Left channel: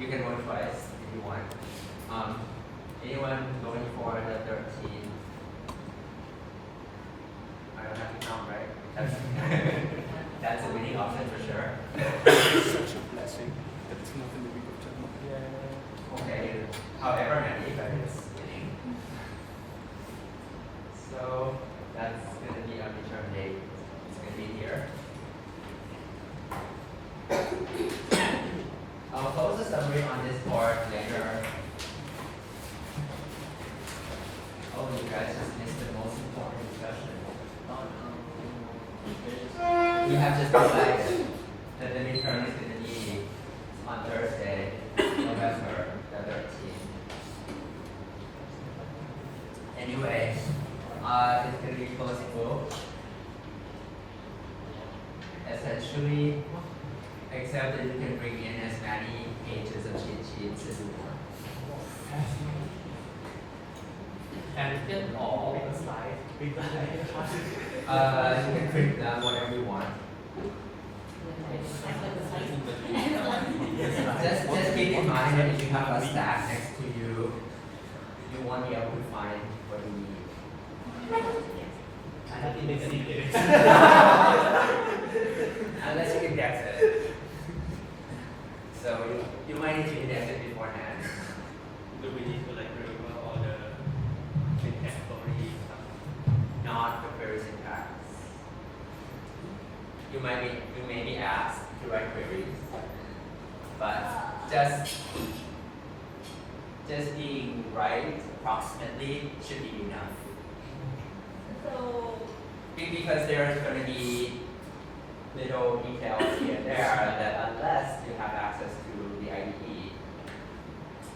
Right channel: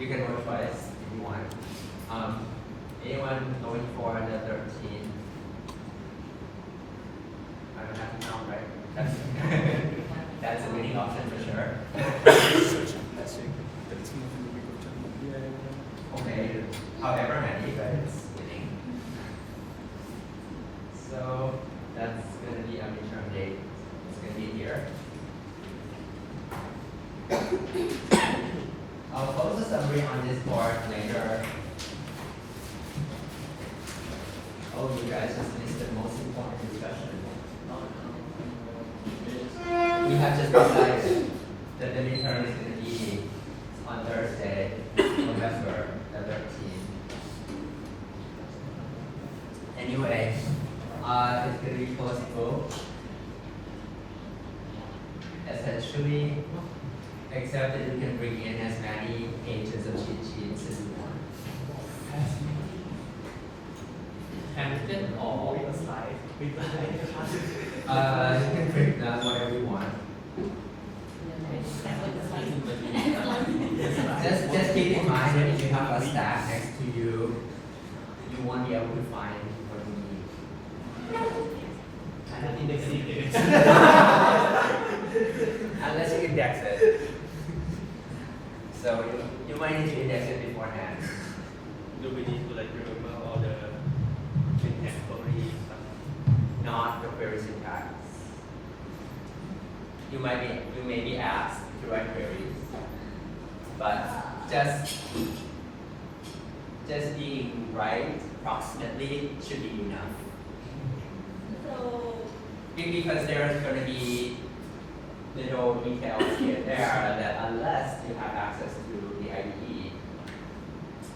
You can vote twice if you want. Anyone going for the 13? I don't have to count, right? That's a winning option for sure. Okay, however many, but it's winning. So that's going to be our midterm date. It's going to be here. I'll post a summary on Discord later. Oh, you guys just missed the most important discussion. We have just decided that the midterm is going to be on Thursday, November the 13th. Anyway, it's going to be closed book. Essentially, except that you can bring in as many pages of cheat sheets as you want. And then all the slides you can print them whatever you want. Just keep in mind that if you have a stack next to you, you won't be able to find what you need. I don't think they see it. Unless you index it. So you might need to index it beforehand. Do we need to remember all the syntax queries stuff? Not the query syntax. You may be asked to write queries, but just being right approximately should be enough. So, Because there's going to be little details here and there that unless you have access to the IDE,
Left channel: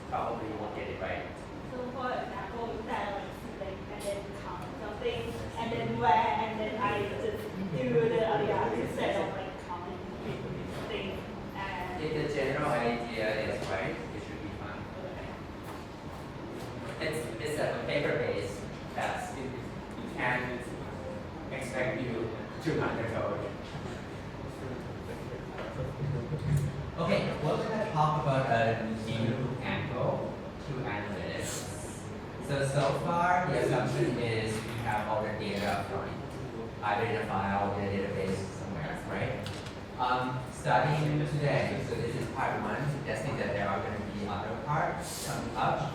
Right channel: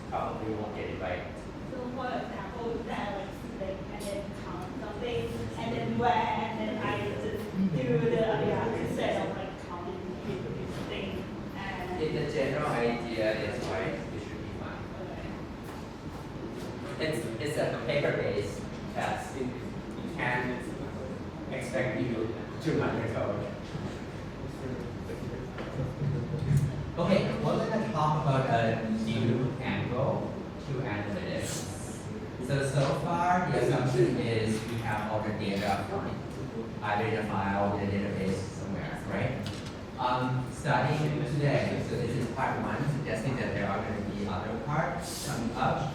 probably you won't get it right. so for example, you can select and then count something, and then where, and then I just do the other instead of counting thing. And If the general idea is right, it should be fine. It's a paper-based test. You can't expect you to undergo it. Okay, we're going to talk about a new angle to analytics. So far, the assumption is we have all the data up front, either in a file or in a database somewhere, right? Starting today, so this is part one, suggesting that there are going to be other parts coming up.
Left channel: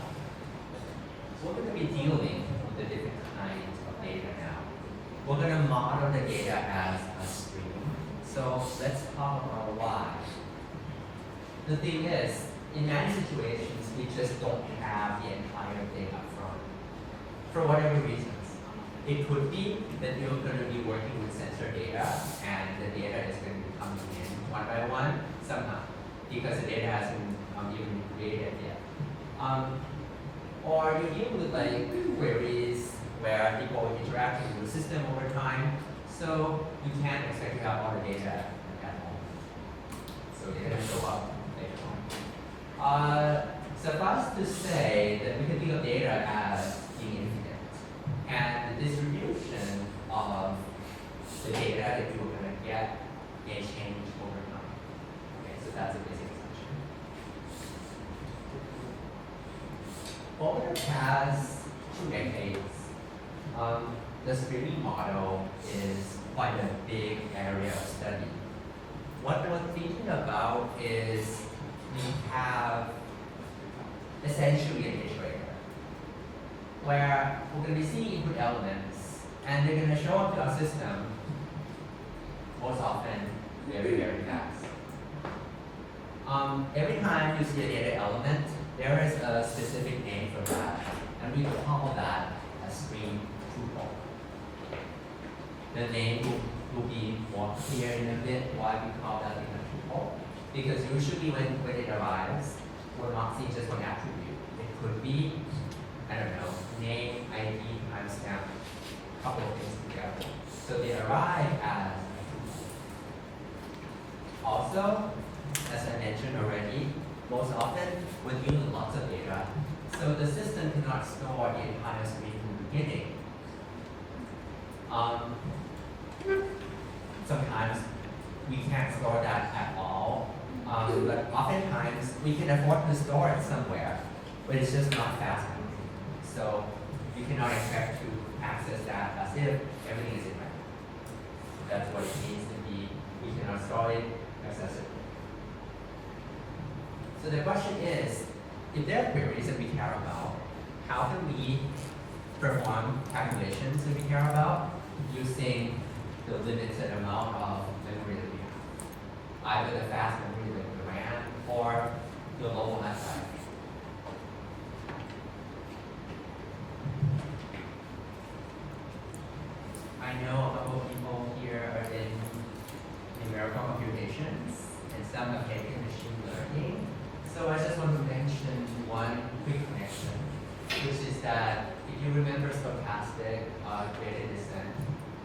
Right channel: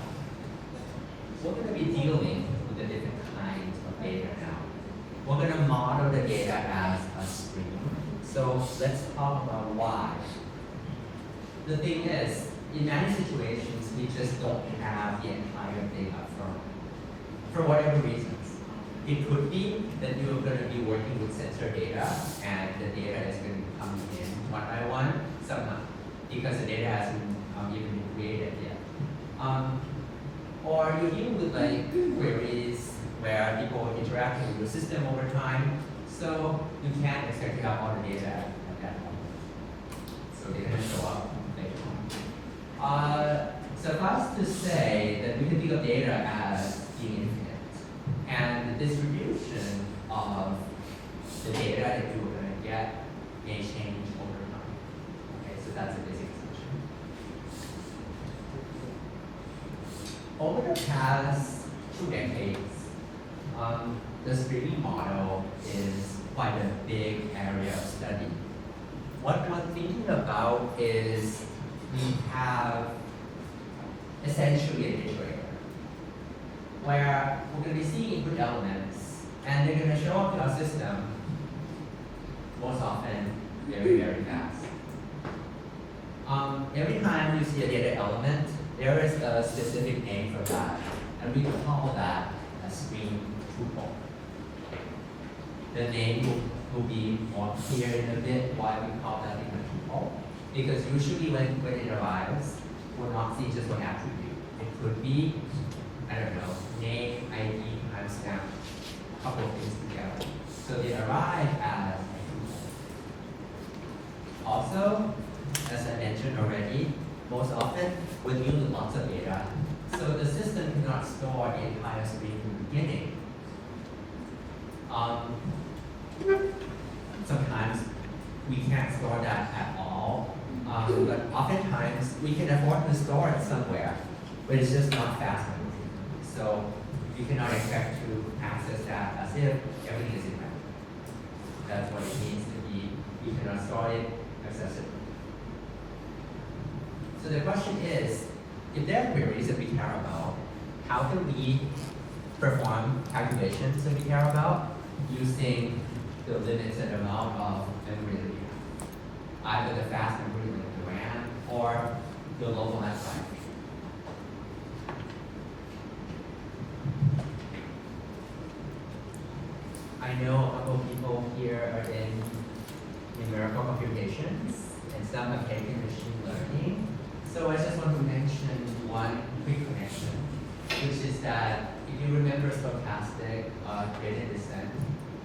We're going to be dealing with the different kinds of data now. We're going to model the data as a stream. So let's talk about why. The thing is, in many situations, we just don't have the entire data for whatever reasons. It could be that you're going to be working with sensor data, and the data is going to be coming in one by one, some not, because the data hasn't even been created yet. Or you're dealing with queries where people are interacting with the system over time, so you can't expect to have all the data at home. So they're going to show up later on. Suffice to say that we can think of data as being infinite, and the distribution of the data that you're going to get may change over time. Okay, so that's a basic assumption. Over the past 2 decades, the streaming model is quite a big area of study. What we're thinking about is we have essentially an iterator, where we're going to be seeing input elements, and they're going to show up in our system most often very, very fast. Every time you see a data element, there is a specific name for that, and we call that a stream tuple. The name will be more clear in a bit why we call that a tuple, because usually when it arrives, we're not seeing just one attribute. It could be, I don't know, name, ID, timestamp, a couple of things together. So they arrive as a tuple. Also, as I mentioned already, most often we're dealing with lots of data, so the system cannot store the entire stream from the beginning. Sometimes we can't store that at all. But oftentimes we can afford to store it somewhere, but it's just not fast enough. So you cannot expect to access that as if everything is in memory. That's what it means to be, you cannot store it accessibly. So the question is, if there are queries that we care about, how can we perform calculations that we care about using the limited amount of memory that we have? Either the fast memory like the RAM or the local network. I know a couple of people here are in numerical computations and some have taken machine learning. So I just want to mention one quick connection, which is that if you remember stochastic gradient descent,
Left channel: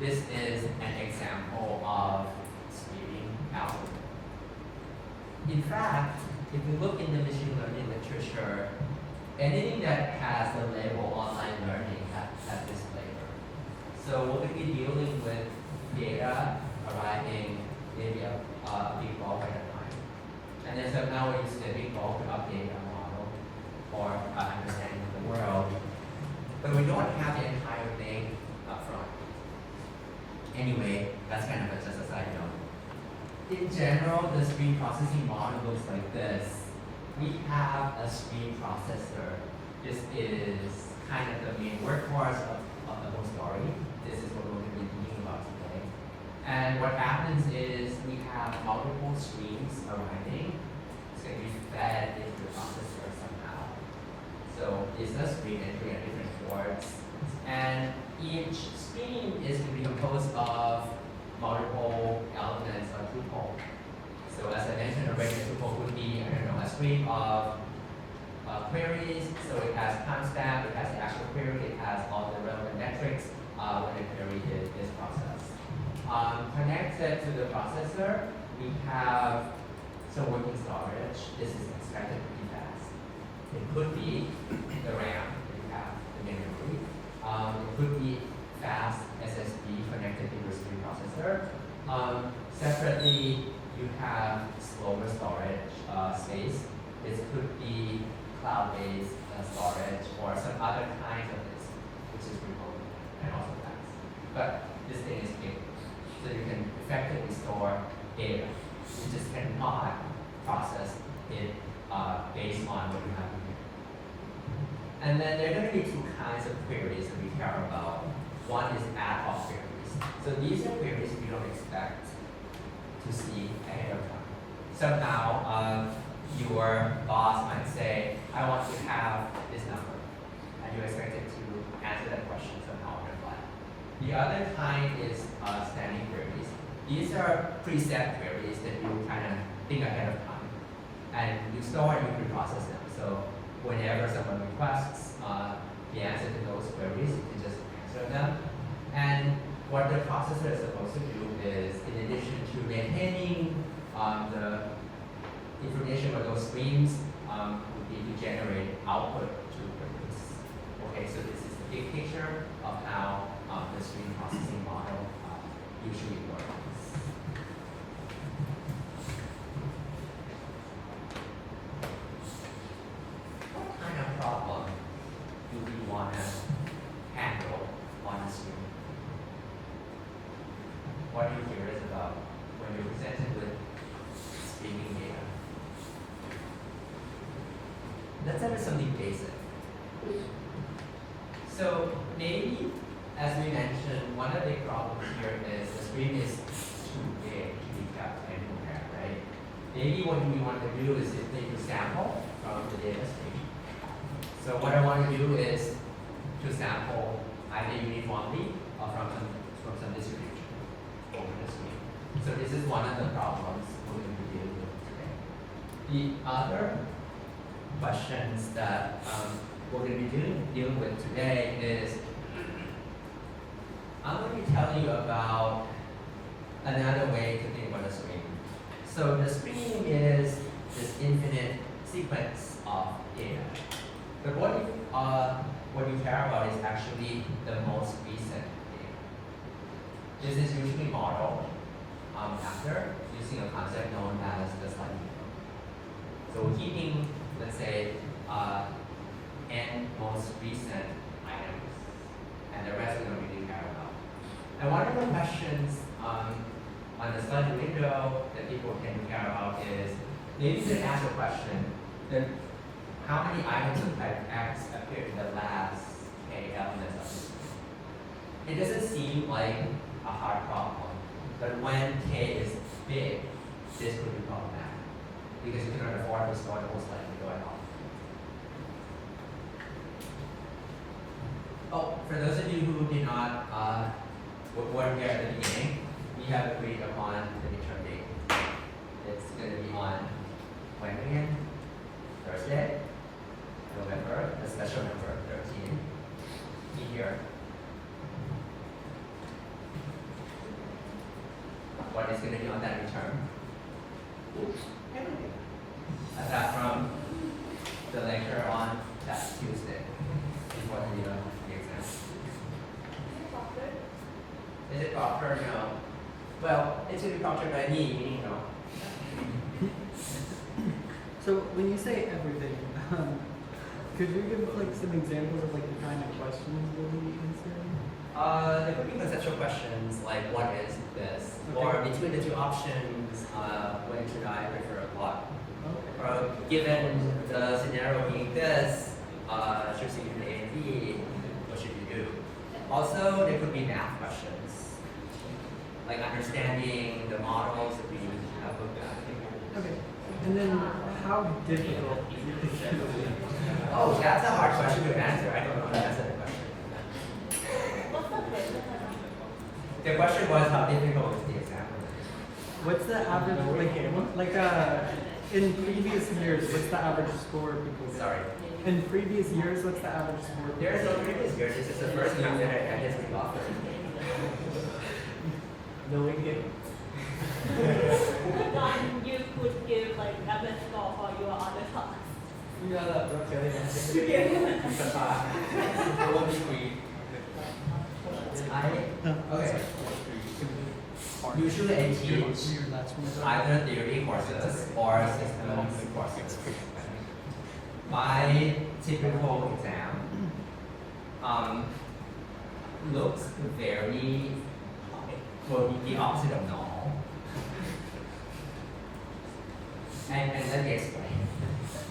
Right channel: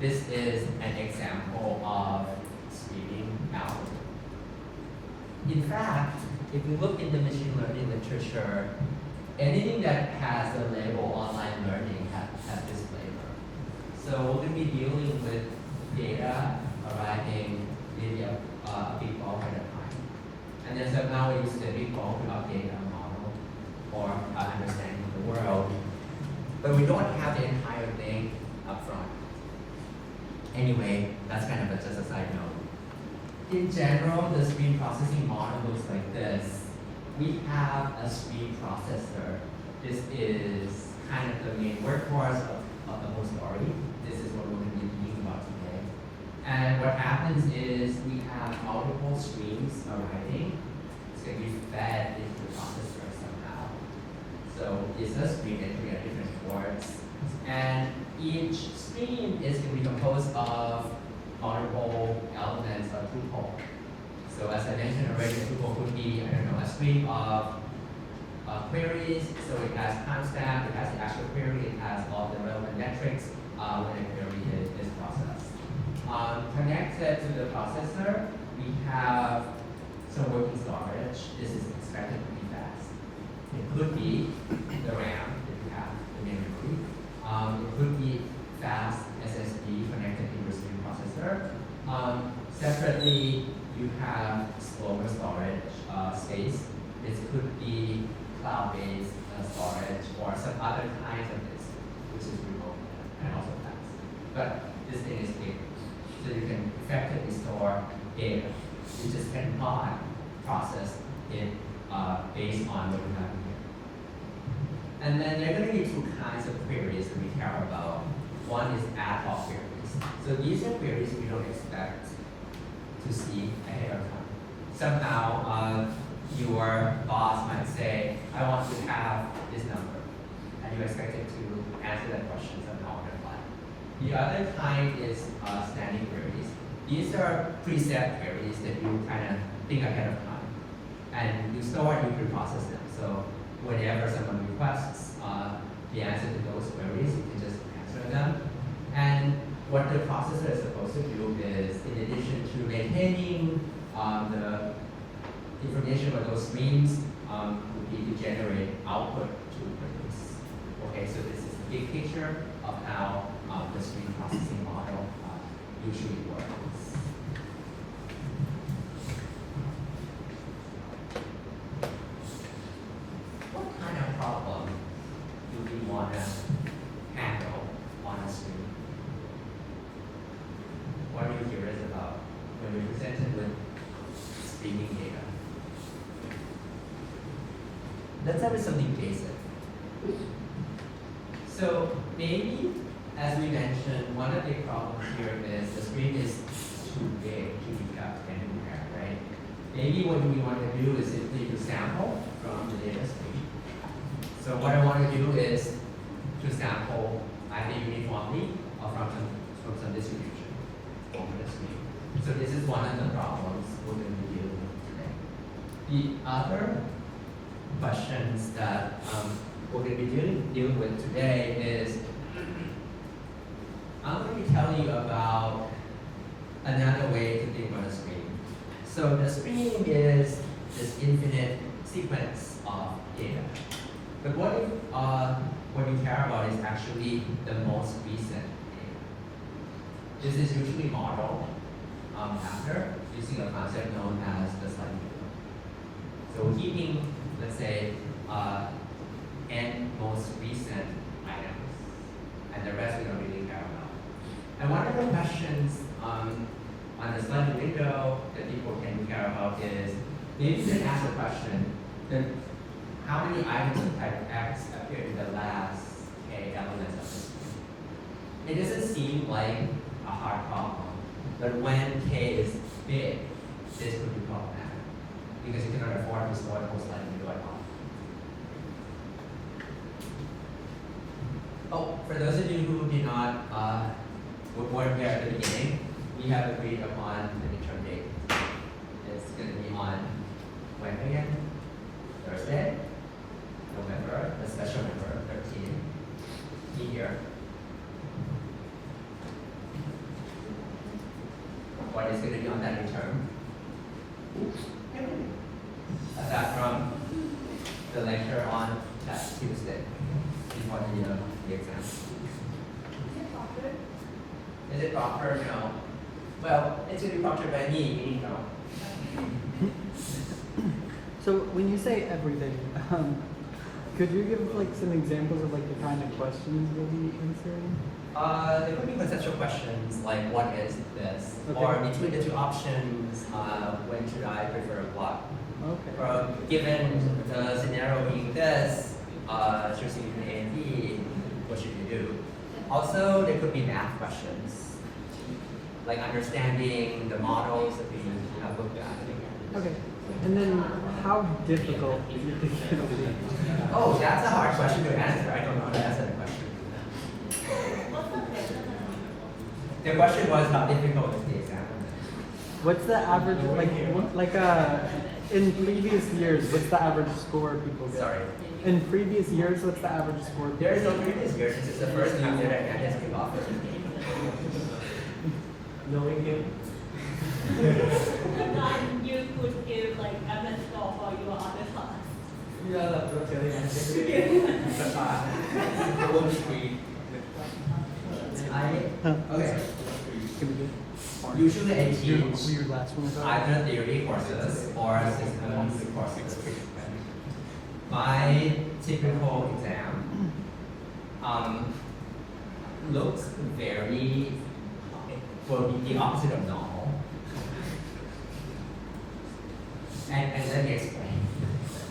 this is an example of streaming algorithm. In fact, if we look in the machine learning literature, anything that has a label online learning has this flavor. So we're going to be dealing with data arriving maybe a big bulk at a time. And then so now we use the big bulk to update our model or understanding the world. But we don't have the entire thing up front. Anyway, that's kind of just a side note. In general, the stream processing model looks like this. We have a stream processor. This is kind of the main workhorse of the whole story. This is what we're going to be thinking about today. And what happens is we have multiple streams arriving. It's going to be fed into the processor somehow. So it's a stream entry at different ports. And each stream is going to be composed of multiple elements of tuple. So as I mentioned already, a tuple could be, a stream of queries. So it has timestamp, it has the actual query, it has all the relevant metrics when the query is processed. Connected to the processor, we have some working storage. This is expected to be fast. It could be the RAM, if you have the memory. It could be fast SSD connected to the stream processor. Separately, you have slower storage space. This could be cloud-based storage or some other kind of this, which is remote and also fast. But this thing is big, so you can effectively store data. You just cannot process it based on what you have here. And then there are going to be two kinds of queries that we care about. One is ad hoc queries. So these are queries we don't expect to see ahead of time. Somehow, your boss might say, I want to have this number, and you expect it to answer that question somehow on the fly. The other kind is standing queries. These are preset queries that you kind of think ahead of time, and you store and you process them. So whenever someone requests the answer to those queries, you can just answer them. And what the processor is supposed to do is, in addition to maintaining the information for those streams, would be to generate output to queries. Okay, so this is the big picture of how the stream processing model usually works. What kind of problem do we want to handle on a stream? What are you curious about when you're presented with streaming data? Let's start with something basic. So maybe, as we mentioned, one of the big problems here is the stream is too big to be kept anywhere, right? Maybe what we want to do is simply to sample from the data stream. So what I want to do is to sample either uniformly or from some distribution over the stream. So this is one of the problems we're going to be dealing with today. The other questions that we're going to be dealing with today is, I'm going to tell you about another way to think about a stream. So the stream is this infinite sequence of data. But what you care about is actually the most recent data. This is usually modeled after using a concept known as the study window. So keeping, let's say, n most recent items, and the rest we don't really care about. And one of the questions on the study window that people can care about is, maybe you can ask a question, that how many items of type X appear in the last k elements of this? It doesn't seem like a hard problem, but when k is big, this would be problematic, because you cannot afford to store it most likely going on. Oh, for those of you who did not weren't here at the beginning, we have agreed upon the midterm date. It's going to be on when again? Thursday, November, a special number 13. Be here. What is going to be on that midterm? Aside from the lecture on that Tuesday before the exam. Is it proctored? No. Well, it's going to be proctored by me, meaning no. So when you say everything, could you give like some examples of like the kind of questions you'll be answering? There could be conceptual questions like what is this? Okay. Or between the two options, when should I prefer a plot? Okay. Or given the scenario being this, choosing between A and B, what should you do? Also, there could be math questions, like understanding the models that we have looked at. Okay. And then how difficult do you think it will be? Oh, that's a hard question to answer. I don't know the answer to the question. The question was how difficult is the exam? What's the average, in previous years, what's the average score people get? Sorry. In previous years, what's the average score? There is no previous year. This is the first time that I just kick off. Knowing it. Then you could give like average score for your other class. Okay. Usually I teach either theory courses or systems courses. My typical exam looks very, will be the opposite of normal. And let me explain.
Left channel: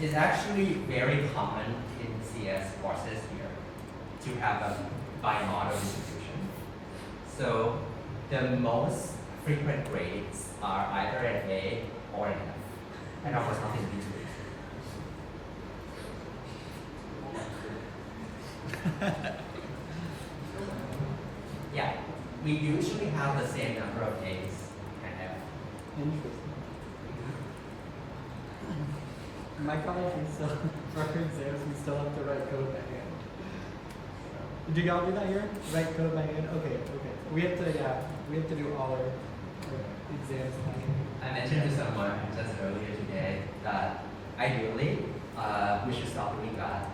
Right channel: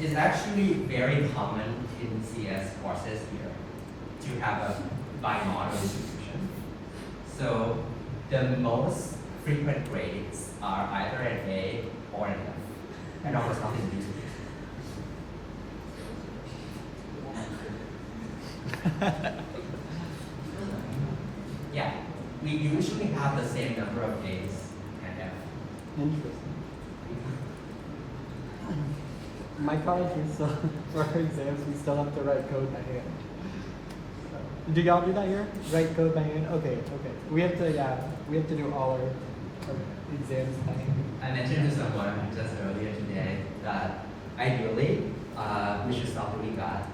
It's actually very common in CS courses here to have a bimodal distribution. So the most frequent grades are either an A or an F, and almost nothing between. Yeah, we usually have the same number of A's and F. Interesting. My college, we still, for our exams, we still have to write code by hand. Do y'all do that here? Write code by hand? Okay, okay. We have to do all our exams by hand. I mentioned to someone just earlier today that ideally we should stop doing that.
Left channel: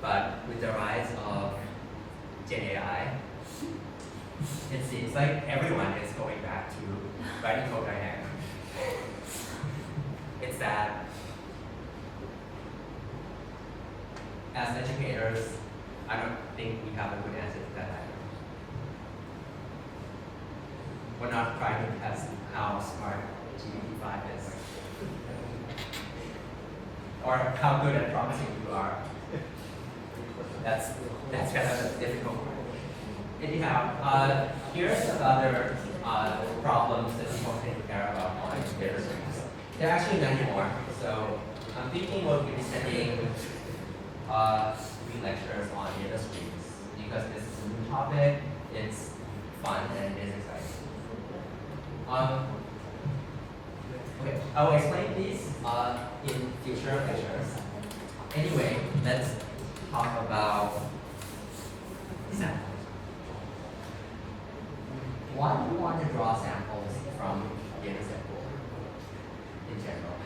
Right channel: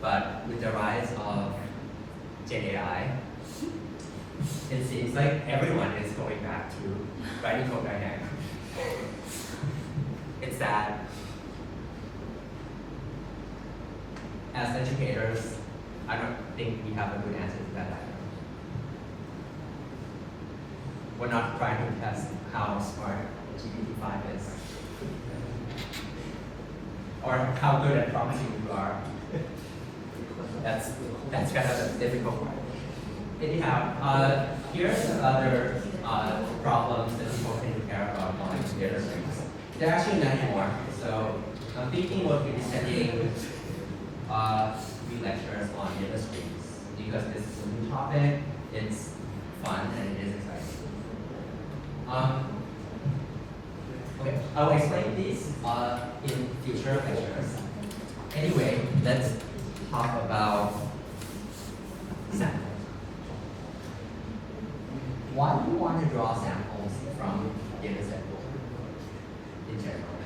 But with the rise of Gen AI, it seems like everyone is going back to writing code by hand. It's sad. As educators, I don't think we have a good answer to that either. We're not trying to test how smart GPT-5 is, or how good at prompting you are. That's kind of a difficult part. Anyhow, here's the other problems that people can care about on data streams. There are actually many more. So I'm thinking we'll be spending 3 lectures on data streams because this is a new topic. It's fun and it is exciting. Okay, I'll explain these in future lectures. Anyway, let's talk about samples. Why do you want to draw samples from data set in general?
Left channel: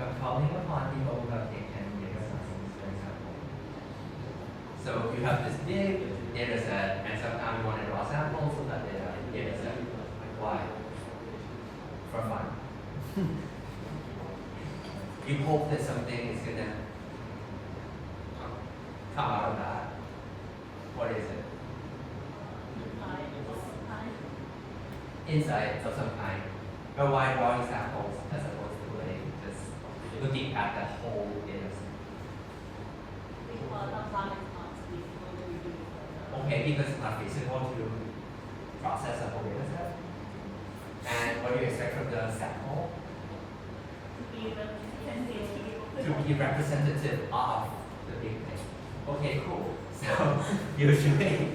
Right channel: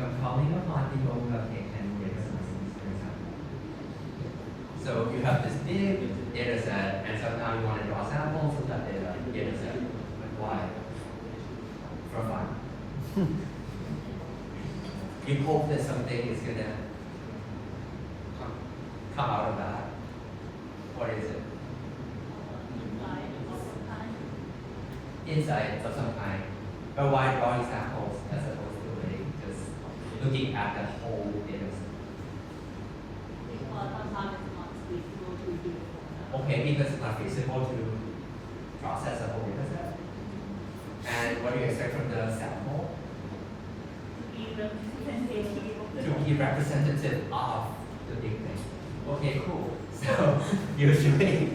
I'm calling upon people who have taken data science, for example. So you have this big sometimes we want to draw samples of that data set. Why? For fun. You hope that something is gonna come out of that. What is it? Insight of some kind. But why drawing samples as opposed to just looking at the whole data set? Because sometimes it's not feasible to do. Okay, because it's not feasible to process a whole data set. And what do you expect from the sample? To be representative of the To be representative of the big thing. Okay, cool. So usually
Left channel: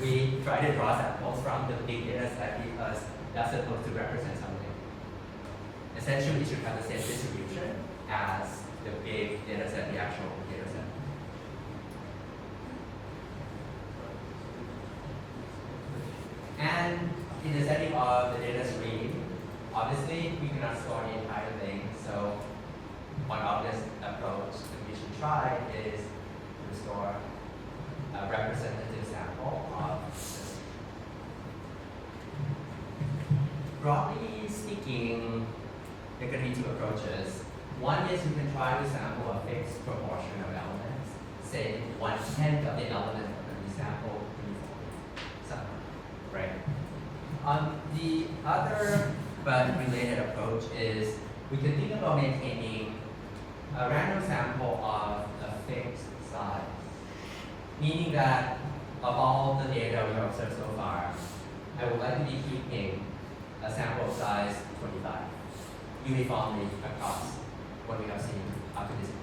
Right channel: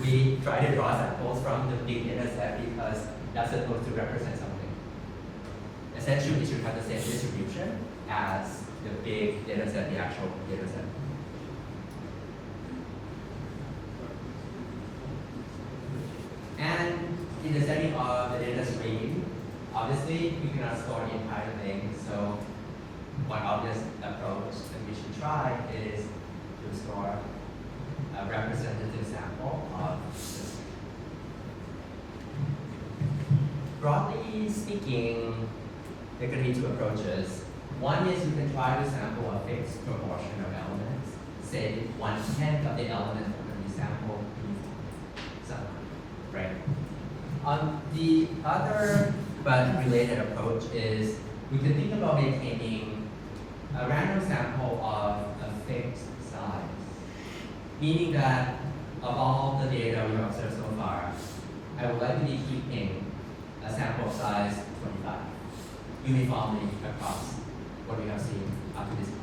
we try to draw samples from the big data set because that's supposed to represent something. Essentially, it should have the same distribution as the big data set, the actual data set. And in the setting of the data stream, obviously you cannot store the entire thing. So one obvious approach that we should try is to store a representative sample of this. Broadly speaking, there can be two approaches. One is you can try to sample a fixed proportion of elements, say 1/10 of the element that you sample somewhere, right? The other but related approach is we can think about maintaining a random sample of a fixed size, meaning that of all the data we have observed so far, I would like to be keeping a sample size 25 uniformly across what we have seen up to this point.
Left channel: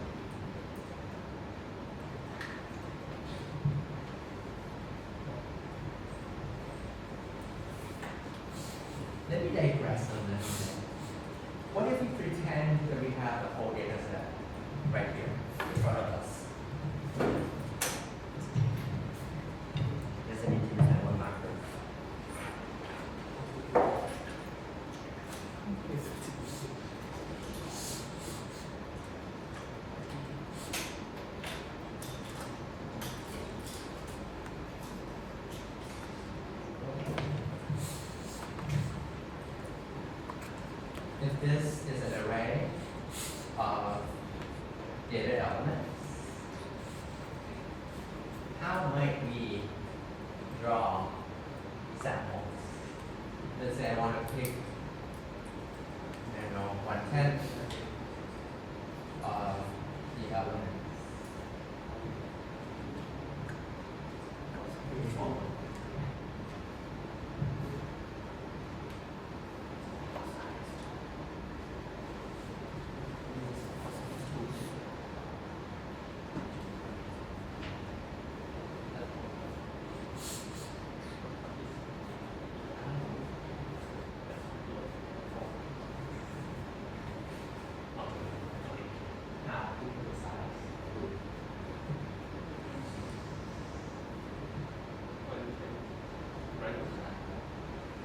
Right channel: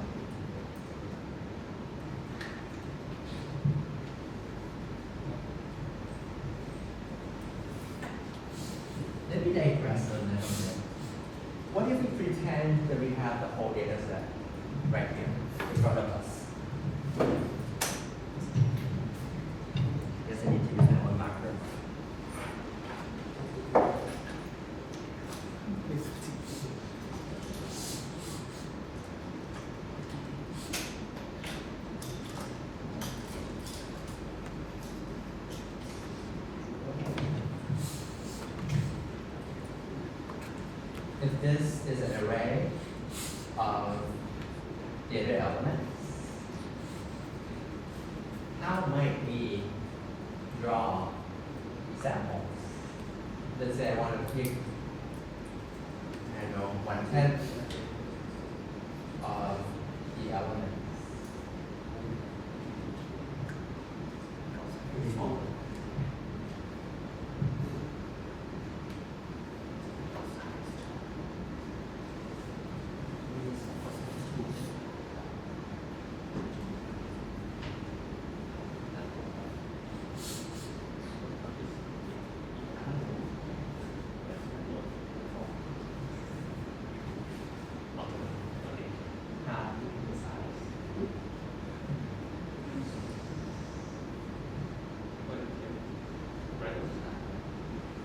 Let me digress a little bit. What if we pretend that we have the whole data set right here in front of us? Does it need to be one marker? If this is an array of data elements, how might we draw samples? Let's say I want to pick, I don't know, 1/10 of the elements.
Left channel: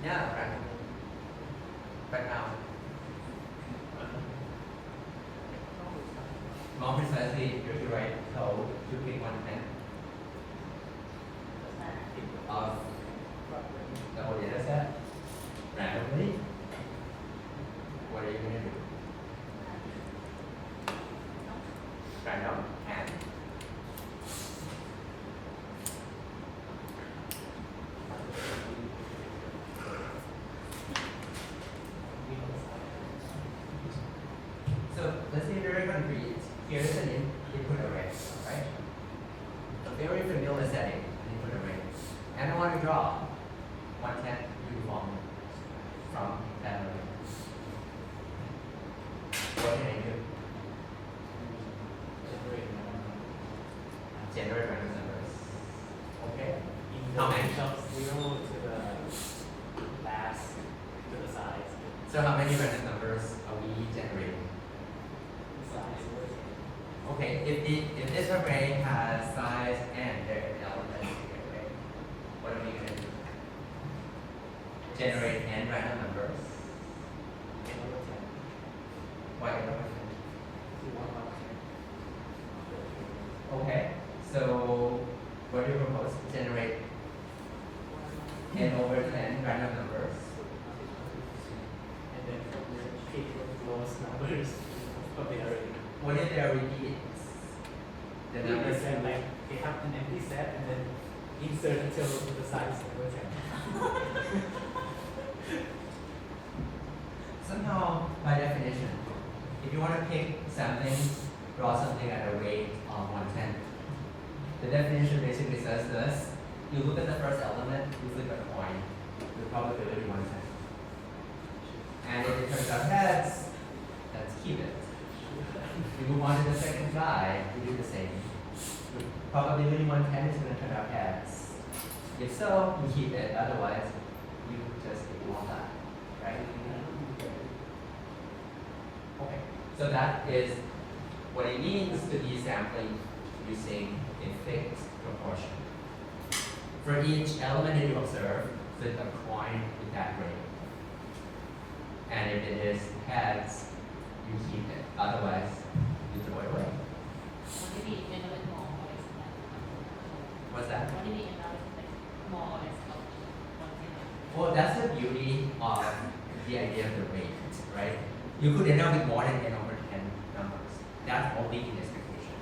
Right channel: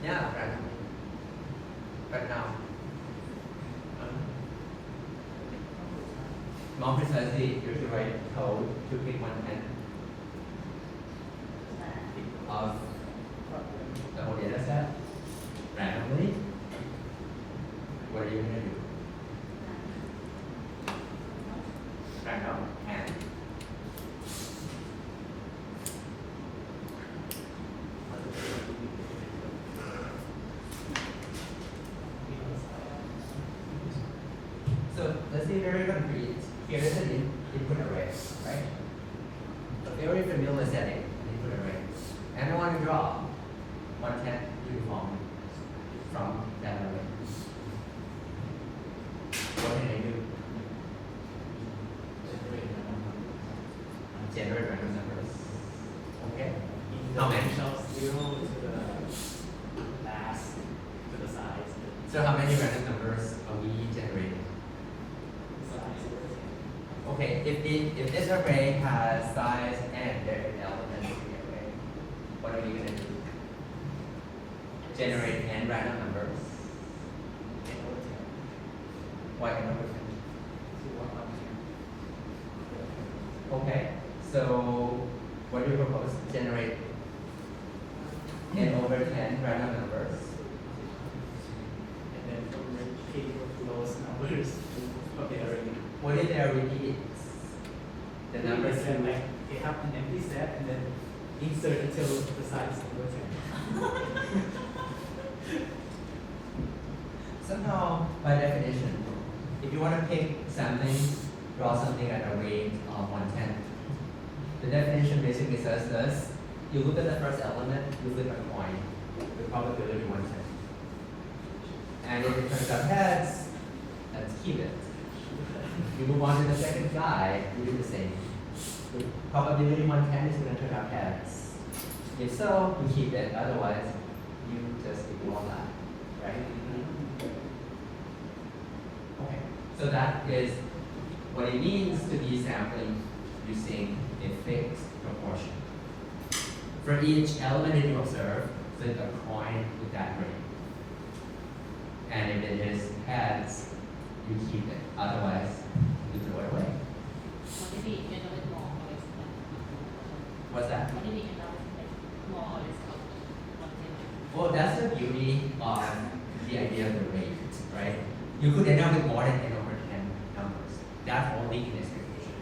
Yeah, right. Right now. More precisely, you should write code to pick 1/10 of the whole data set randomly. What are you going to do? Random and so let's be very concrete. Here is an input array, right? A very familiar setting, input array. And I want to draw 1/10 uniform from that array. What can I do? Generate random numbers. Okay. How many? So how many random numbers are we generating? Okay, if this array has size n, there is elements in the array, what are we going to do? Generate n random numbers. Why n over 10? Okay, so what do you propose? Generate repeats. The number It's 2. like they have an empty set and then insert it till the size goes in. Somehow, by definition, if you want to pick sampling, draw something at a rate of 1/10. The definition basically says this. You look at the first element, you flip a coin with probability 1/10. And if it turns out heads, let's keep it. You move on to the second guy, you do the same. With probability 1/10 is going to turn out heads. If so, you keep it, otherwise, you just ignore that, right? Okay, so that is what it means to be sampling using a fixed proportion. For each element that you observe, flip a coin with that rate. And if it is heads, you keep it. Otherwise, you throw it away. What do you mean end up with more or less? What's that? What do you mean end up with like more or less of one thing? Well, that's the beauty of the idea of the rate, right? You could end up with more than 10 over 10 numbers. That's all leaking expectation.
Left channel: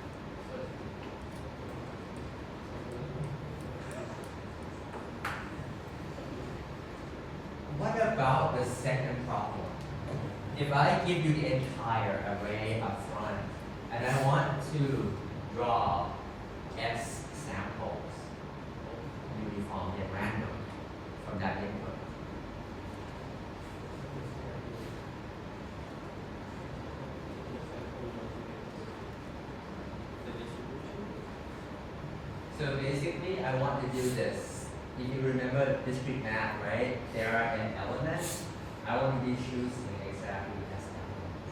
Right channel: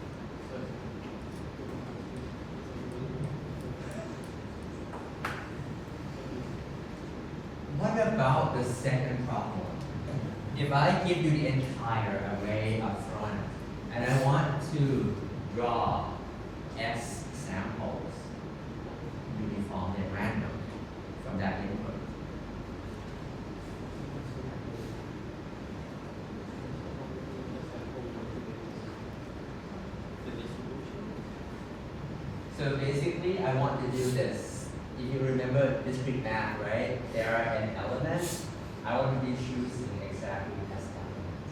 What about the second problem? If I give you the entire array up front, and I want to draw S samples uniformly at random from that input. So basically, I want to do this. If you remember discrete math, right? There are n elements. I want to be choosing exactly S elements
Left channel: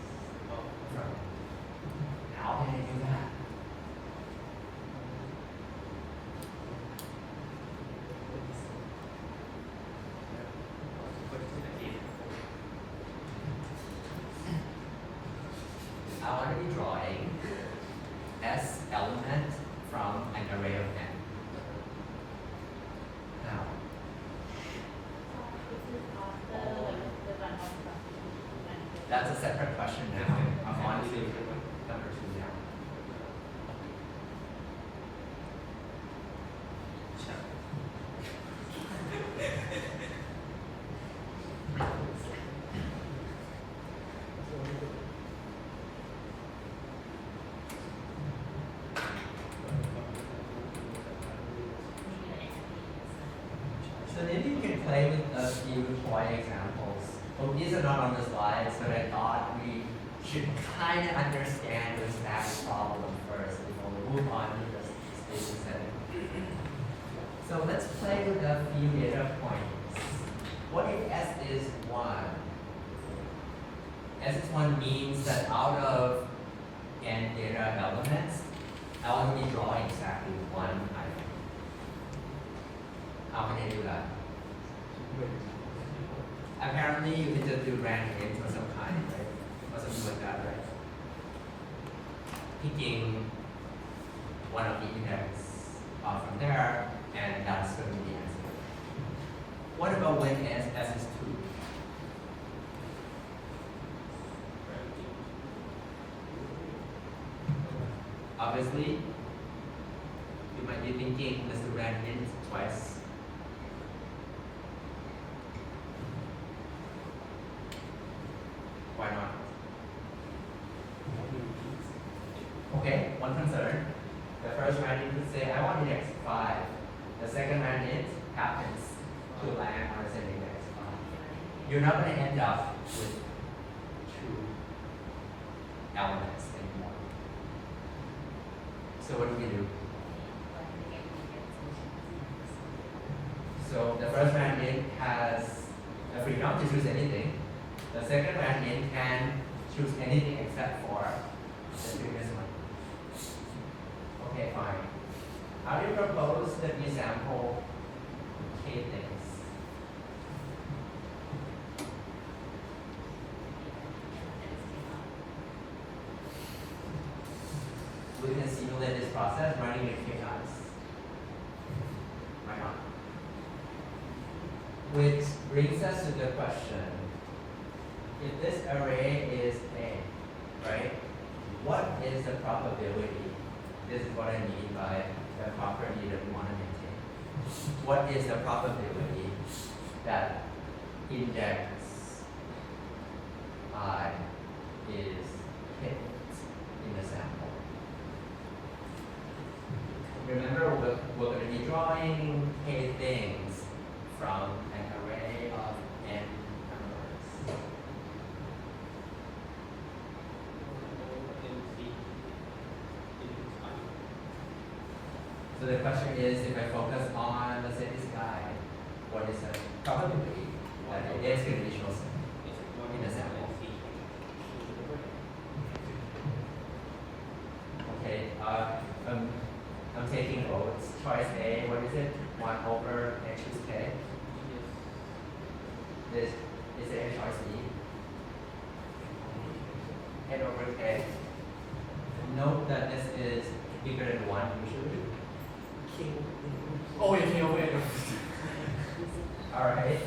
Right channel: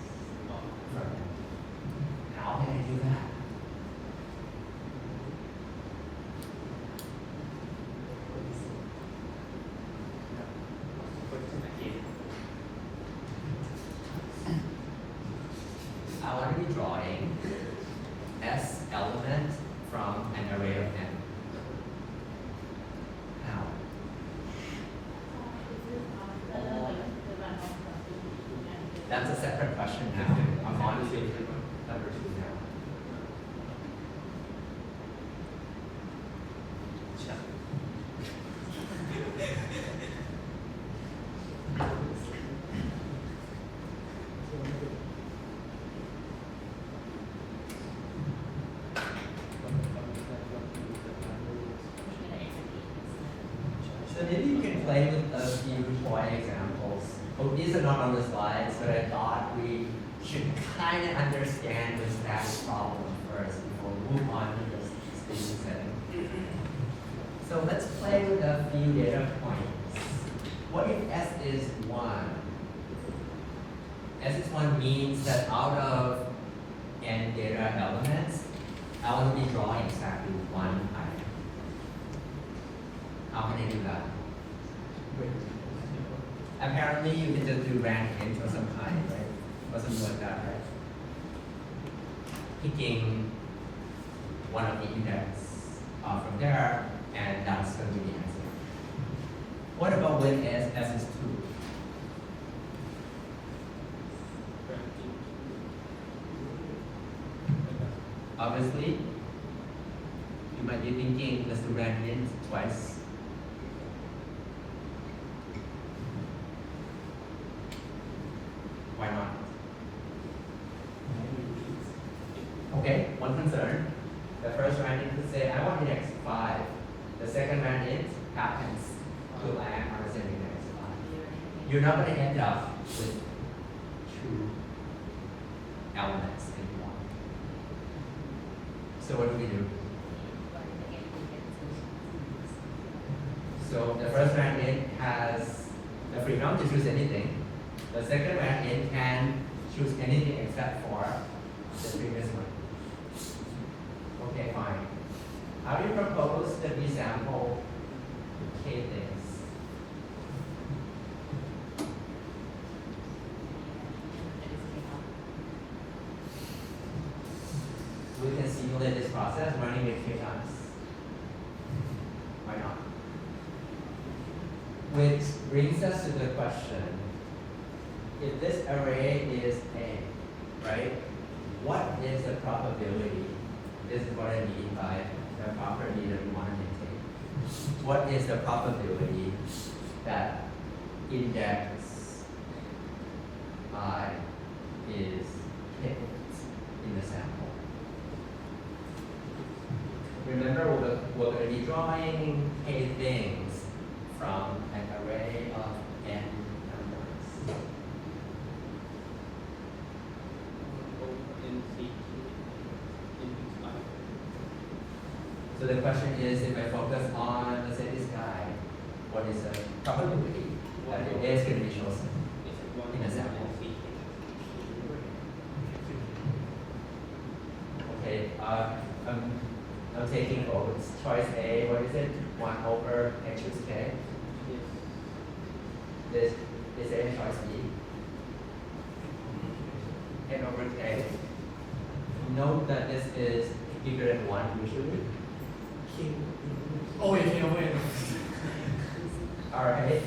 from them. How can I do that? I want to be drawing S element from an array of n. How? That's a separate question now. I'm on to number 2 now. So maybe you can play with a few toy examples. Oh, these are not on the slides, but I thought we should kind of understand the status problem first before we move on to the station setting. So let's play with a few data points. What if S is 1? S is 1 means that out of n data elements, I will be drawing exactly 1 item. How can I do that? Apparently, you can just do random int or some kind, right? Or something like that, right? Picking one of the index from there, and that's going to be answer. What about when S is 2? Obviously, you might be thinking, let's do random int twice. Why not? Okay, one concern. The first random int say, I want index 5. The second random int happens to land on the same index 5. You're not going to end up with 2 elements in one. So what do we do? So the first random int has the freedom to choose anything. The second random int can choose anything except for the previous one. Okay, fine. How do you propose that we sample k things? We can simulate this process running with k times. Why not? Which brings us to the question, if this array is A, right? what is the probability? This is what I mean by the property that we want to maintain. What is the probability that index I is picked in the sample? Remember, we're going to be drawing k things from an array of n numbers. So the question is, if I focus on, let's say, this guy, what is the probability that it is going to be chosen in a sample? Okay, I'm taking votes. Choice A, what is it? 1 over n choose k. This is A choice B. N over k. Note that this is bigger than 1 usually. Oh, yeah, no way. Alright.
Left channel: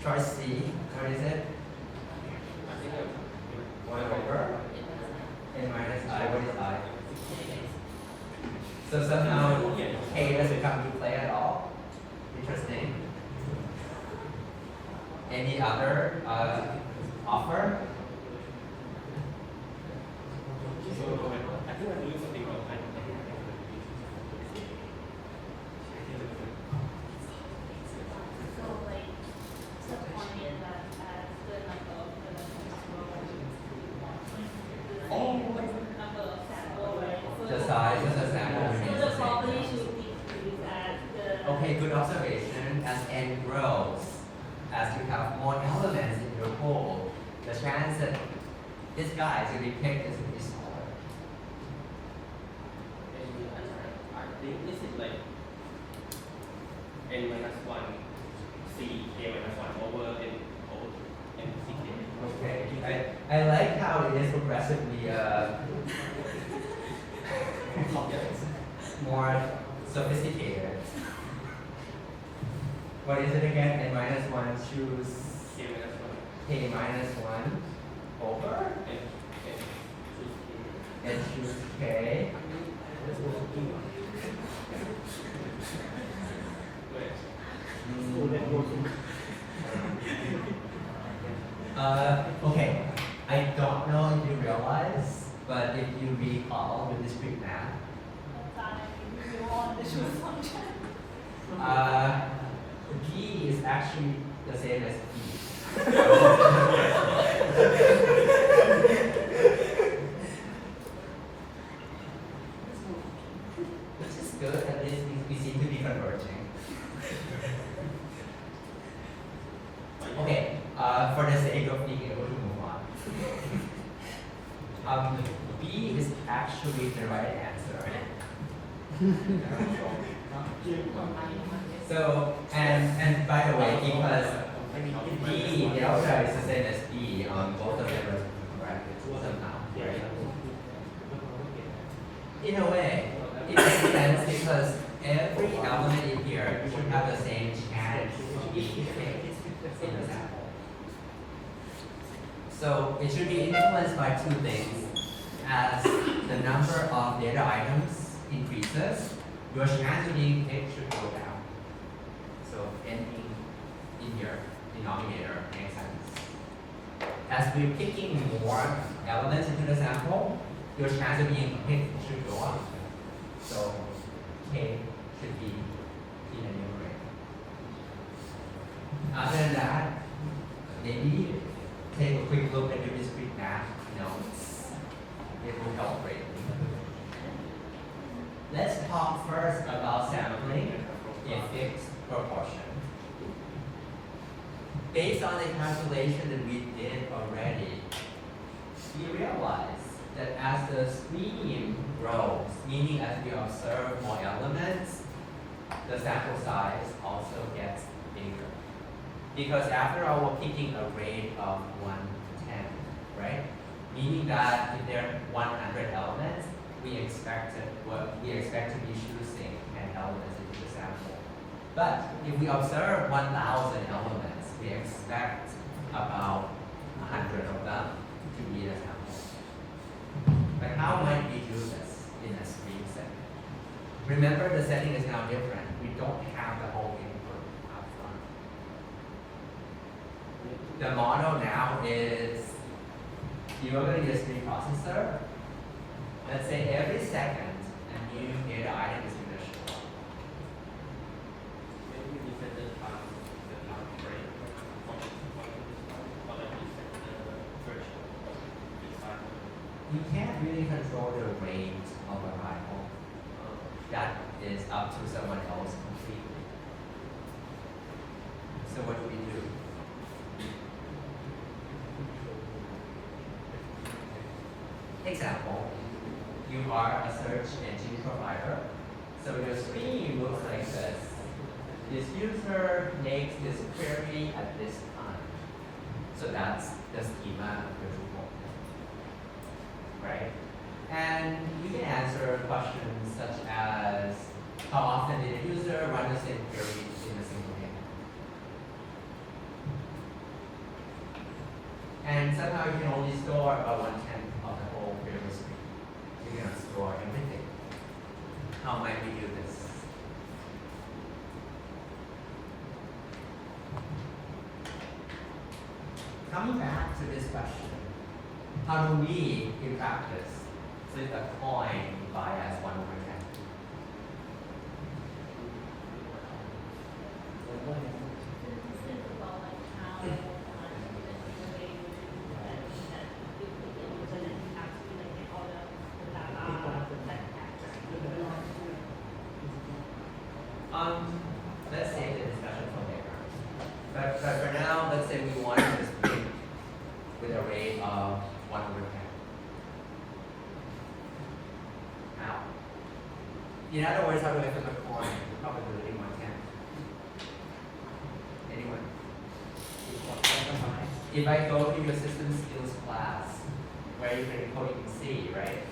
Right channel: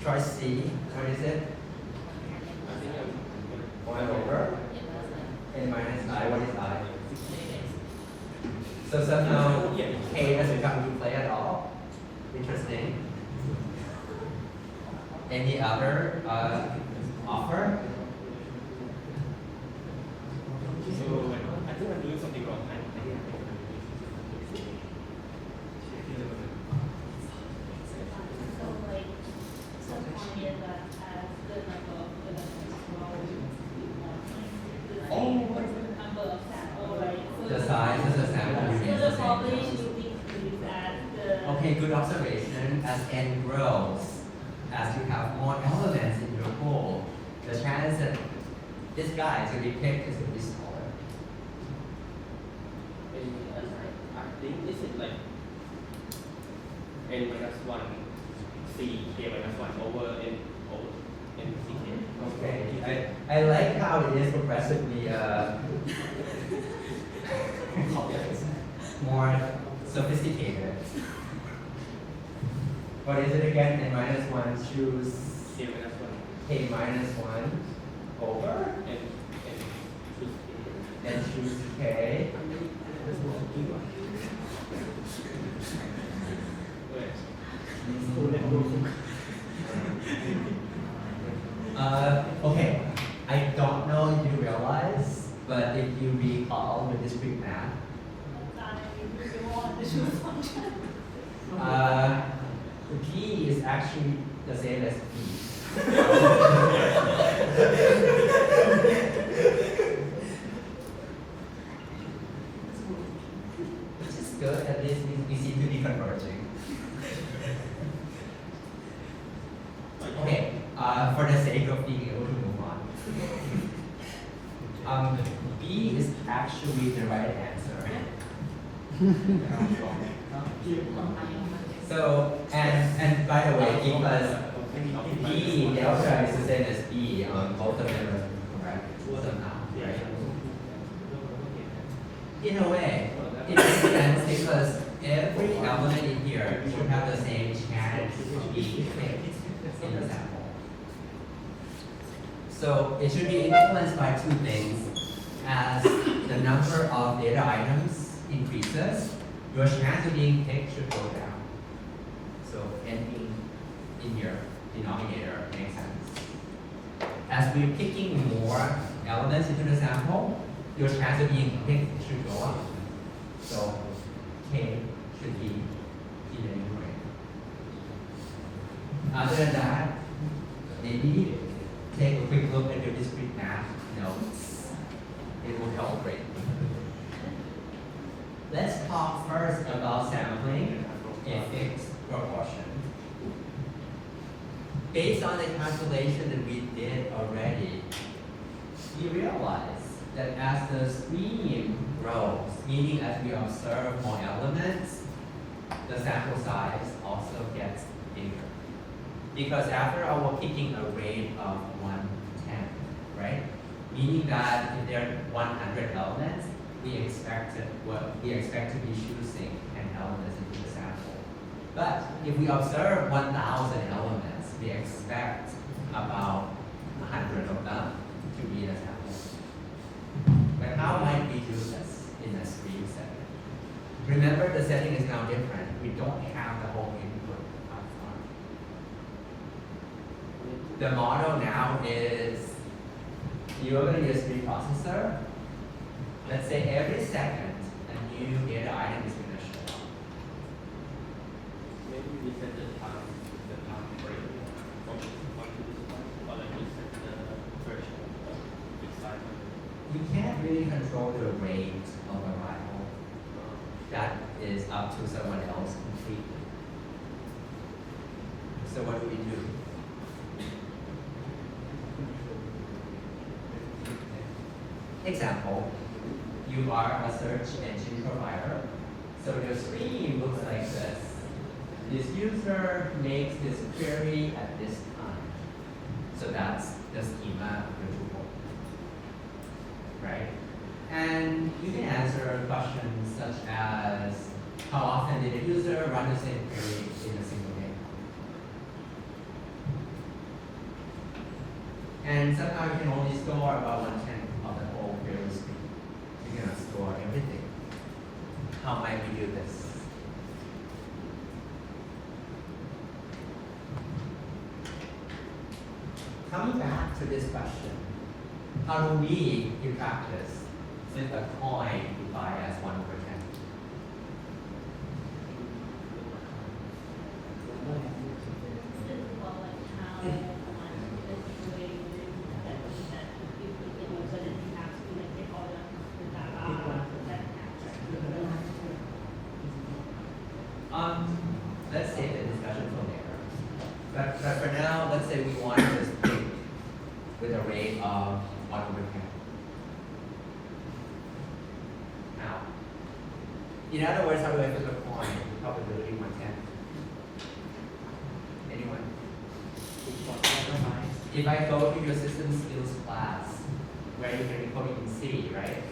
Choice C, what is it? 1 over n minus I, what is I? So somehow k doesn't come into play at all. Interesting. Any other offer? So I think I'm doing something wrong. So like subpointed that as the number of elements row, like the number of sample, right? So The size of the sample So remains the the same. population will decrease as the. Okay, good observation. As n grows, as you have more elements in your pool, the chance that this guy is going to be picked is going to be smaller. I think this is like n minus 1 c k minus 1 over n c k. Okay, I like how it is progressively more sophisticated. What is it again? N minus 1 choose K minus 1 k minus 1 over and choose k. and choose k. Wait. Okay, I don't know if you realize, but if you recall with discrete math, You want the choose function. P is actually the same as P. Which is good, at least we seem to be converging. Okay, for the sake of being able to move on. B is actually the right answer. So, and by the way, because B, the outside is the same as B, both of them are correct somehow, right? In a way, it makes sense because every element in here should have the same chance to be picked in the sample. So it should be influenced by two things. As the number of data items increases, your chance of being picked should go down. So n being in your denominator makes sense. As we're picking more elements into the sample, your chance of being picked should go up. So k should be in the numerator. Other than that, maybe take a quick look at your discrete math notes. It will help greatly. Let's talk first about sampling in fixed proportion. Based on the calculation that we did already, you realize that as the stream grows, meaning as we observe more elements, the sample size also gets bigger. Because after all, we're picking a range of 1 to 10, right? Meaning that if there are 100 elements, we expect to be choosing 10 elements into the sample. But if we observe 1,000 elements, we expect about 100 of them to be the sample. But how might we do this in a stream setting? Remember, the setting is now different. We don't have the whole input up front. The model now is you're going to use a stream processor. Let's say every second, a new data item is going to show up. Maybe we set the time frame from this point to this point, or like we set the threshold inside of it. You can't really control the rate of arrival. That is up to someone else completely. So what do we do? Example, you are a search engine provider. So the screen looks like this. This user makes this query at this time. So that's the schema of the tool. Right? And you can answer questions such as how often did a user run the same query in a single day? And somehow you can only store about 1/10 of the whole query stream. You cannot store everything. How might we do this? Coming back to this question, how do we, in practice, flip a coin to bias 1/10? Think about like how like we're getting that people can use it and have to like get all the data that Let's take the discussion from there. But for now, let's say we want to split with a rate of 1/10. Now, in other words, how do I flip a coin? Probability 1/10. Anyone? If I go to your system skills class, where you can code in C, right?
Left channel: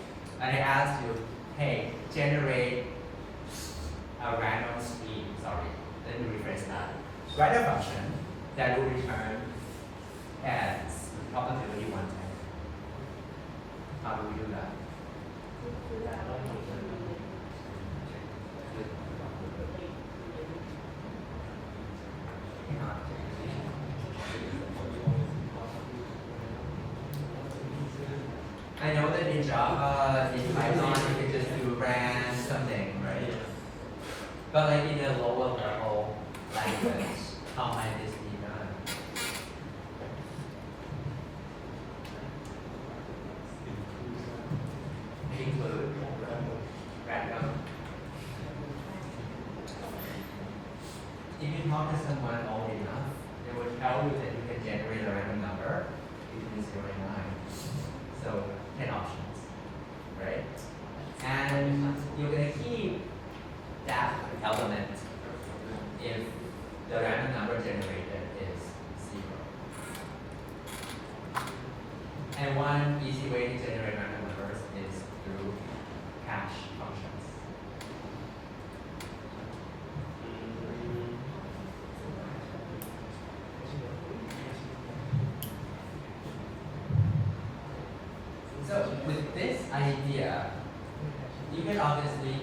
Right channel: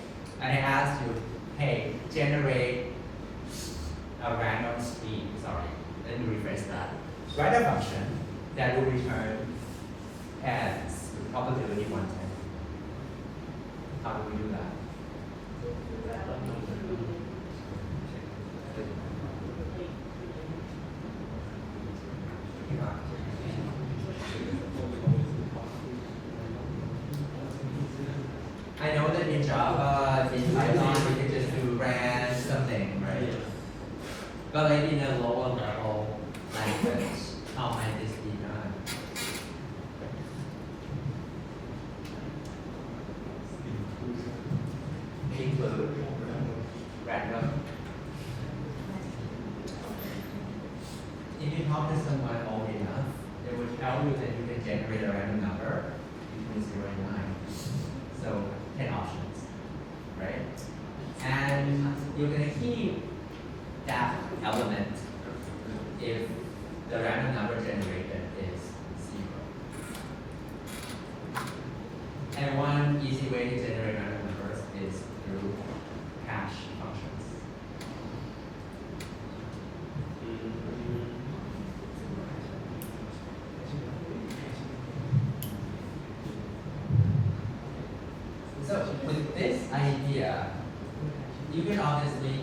And I ask you, hey, generate a random stream, sorry, let me rephrase that. Write a function that will return heads with probability 1/10. How do we do that? Hang on. I know that in Java, in Python, you can just do brand something, right? But like in a lower level language, how might this be done? Include random. If you talk to someone old enough, they will tell you that you can generate a random number between 0 and 9. So 10 options, right? And you're gonna keep that element if the random number generated is 0. And one easy way to generate random numbers is through hash functions. So with this idea, you can obviously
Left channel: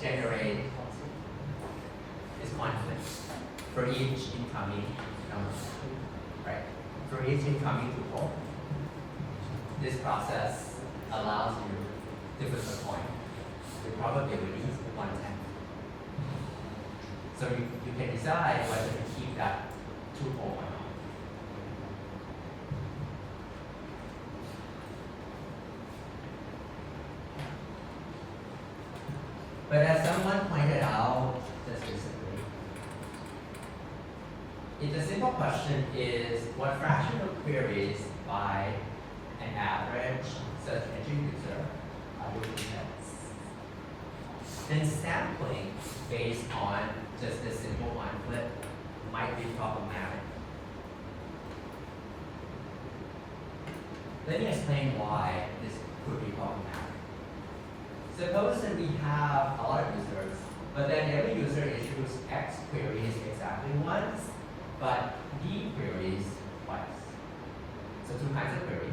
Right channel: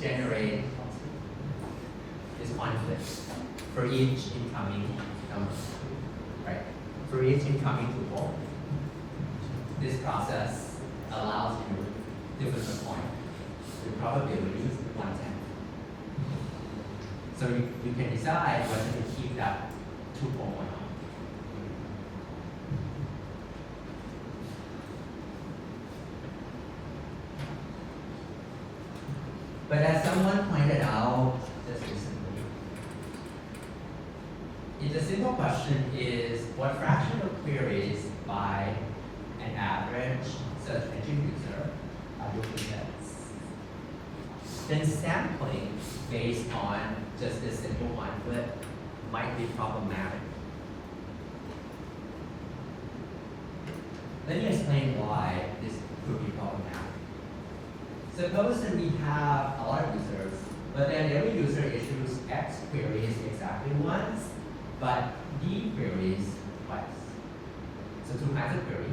generate this conflict for each incoming number, right? For each incoming tuple, this process allows you to flip a coin with probability 1/10. So you can decide whether to keep that tuple or not. But as someone pointed out just recently, if the simple question is what fraction of queries by an average search engine user are duplicates, then sampling based on just this simple one flip might be problematic. Let me explain why this could be problematic. Suppose that we have a lot of users, but then every user issues X queries exactly once, but D queries twice. So two kinds of query,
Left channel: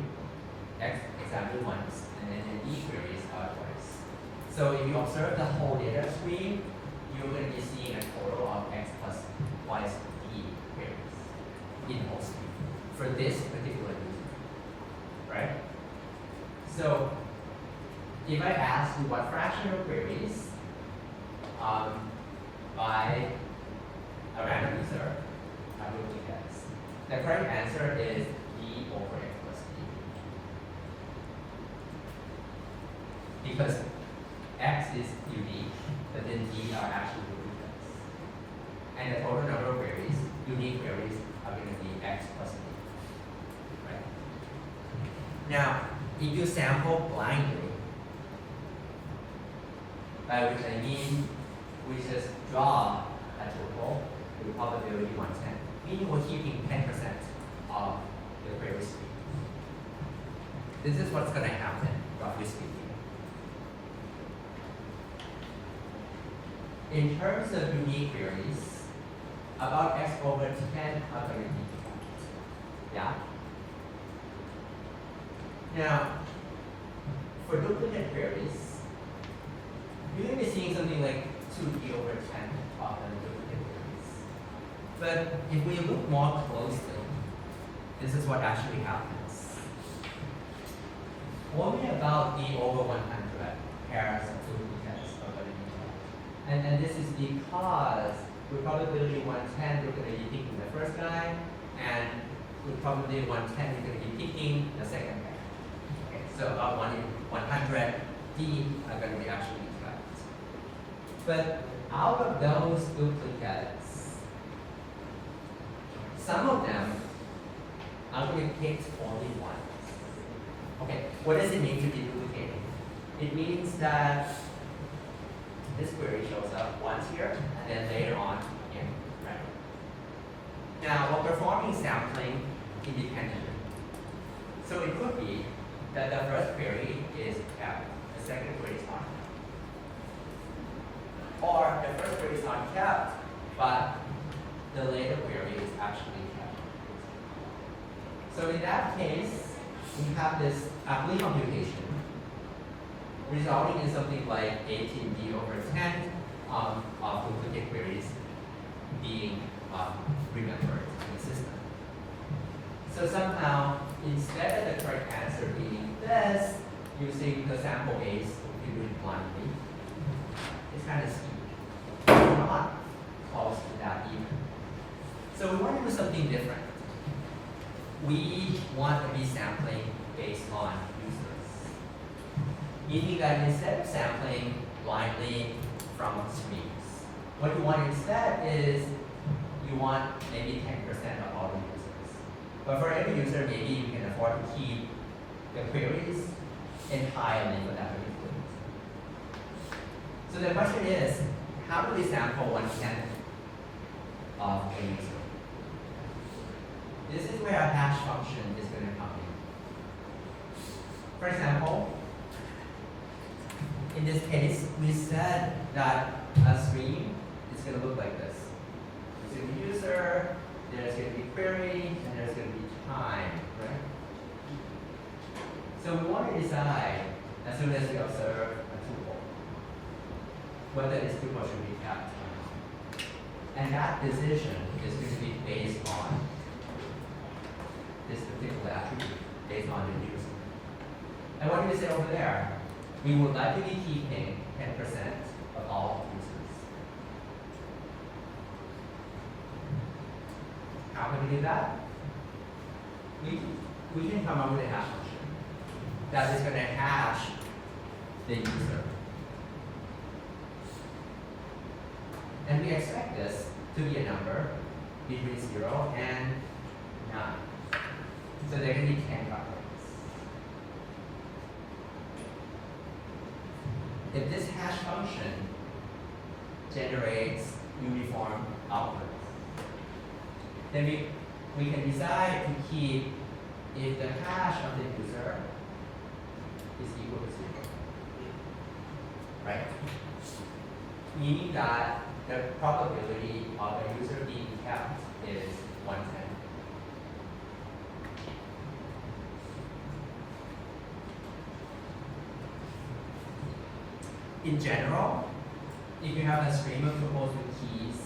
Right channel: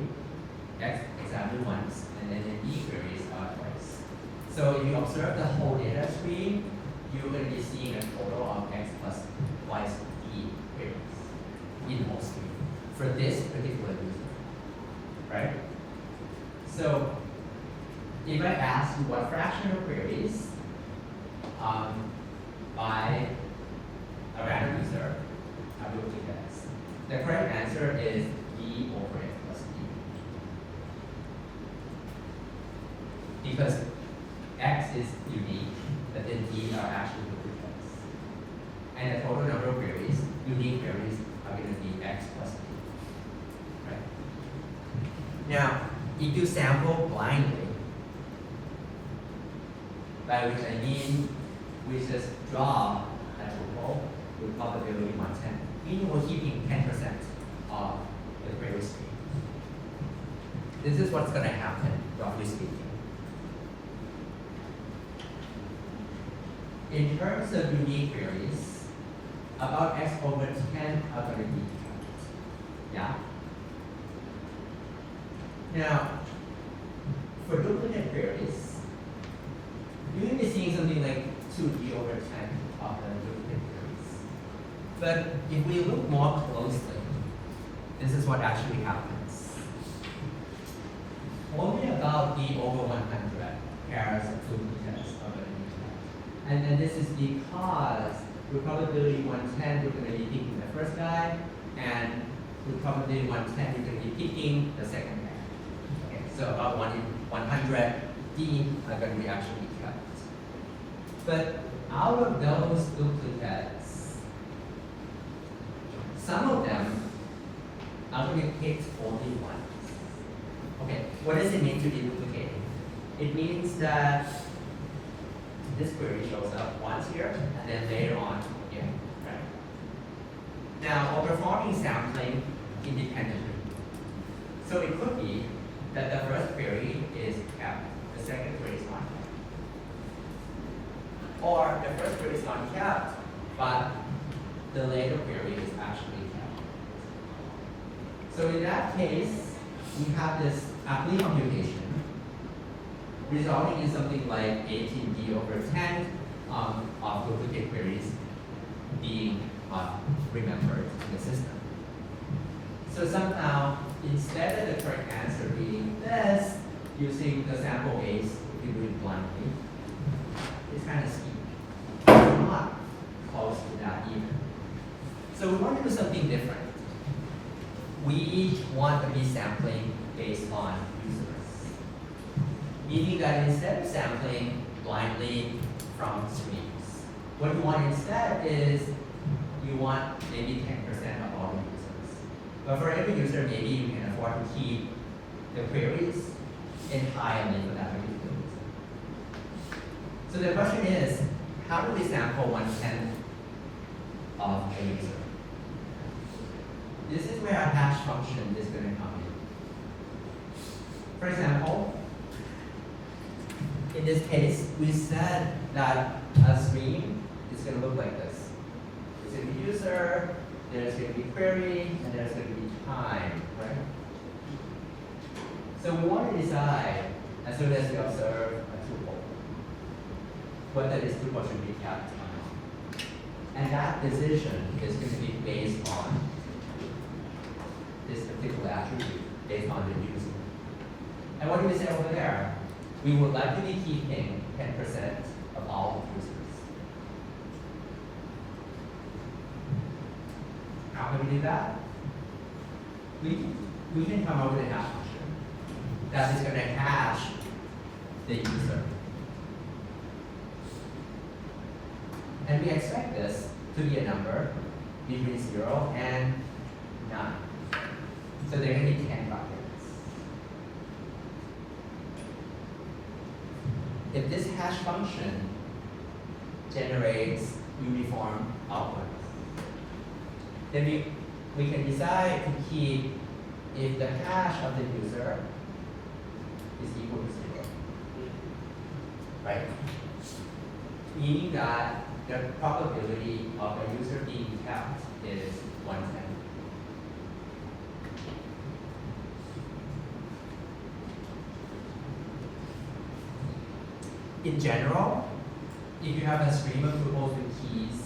X exactly once, and then the D queries are twice. So if you observe the whole data stream, you're going to be seeing a total of X plus twice D queries in the whole stream for this particular user, right? So if I ask you what fraction of queries by a random user are duplicates, the correct answer is D over X plus D. Because X is unique, but then D are actually duplicates. And the total number of queries, unique queries, are going to be X plus D. Right? Now, if you sample blindly, by which I mean we just draw a total with probability 110, meaning we're keeping 10% of the query stream. This is what's going to happen, roughly speaking. In terms of unique queries, about X over 10 are going to be counted. Yeah? Now, for duplicate queries, you may be seeing something like 2D over 10 of the duplicate queries. But if we look more closely, this is what actually happens. Only about D over 100 pairs of duplicates are going to be counted. And this is because with probability 110, we're going to be picking the first guy, and with probability 110, we're going to be picking the second guy. Okay, so about 1 in 100 D are going to be actually cut. But out of those duplicates, some of them are going to pick only once. Okay, what does it mean to be duplicated? It means that this query shows up once here, and then later on again, right? Now, we're performing sampling independently. So it could be that the first query is kept, the second query is not kept. Or the first query is not kept, but the later query is actually kept. So in that case, we have this ugly computation resulting in something like 18D over 10 of duplicate queries being remembered in the system. So somehow, instead of the correct answer being this, using the sample base, if you do it blindly, it's kind of steep. It's not close to that either. So we want to do something different. We want to be sampling based on users. Meaning that instead of sampling blindly from streams, what you want instead is you want maybe 10% of all the users. But for every user, maybe you can afford to keep the queries entirely for that particular user. So the question is, how do we sample 1/10 of a user? This is where a hash function is going to come in. For example, in this case, we said that a stream is going to look like this. There's going to be user, there's going to be query, and there's going to be time, right? So we want to decide, as soon as we observe a tuple, whether this tuple should be kept or not. And that decision is going to be based on this particular attribute, based on the user. And what do we say over there? We would like to be keeping 10% of all users. How can we do that? We can come up with a hash function that is going to hash the user. And we expect this to be a number between 0 and 9. So there can be 10 buckets. If this hash function generates uniform outputs, then we can decide to keep if the hash of the user is equal to 0. Right? Meaning that the probability of a user being kept is 110. In general, if you have a stream of tuples with keys,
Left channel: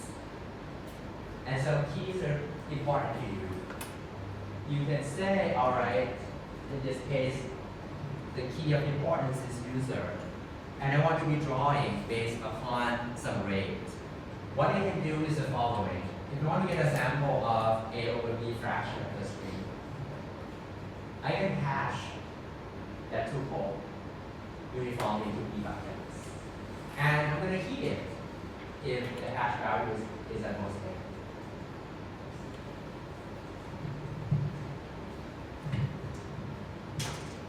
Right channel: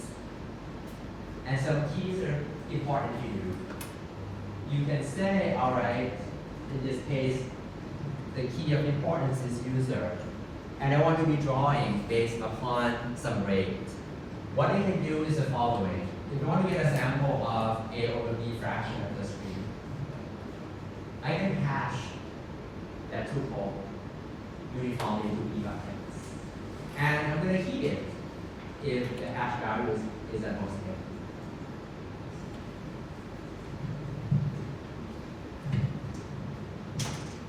and some keys are important to you, you can say, all right, in this case, the key of importance is user, and I want to be drawing based upon some rate. What I can do is the following. If you want to get a sample of A over B fraction of the stream, I can hash that tuple uniformly to B buckets. And I'm going to keep it if the hash value is at most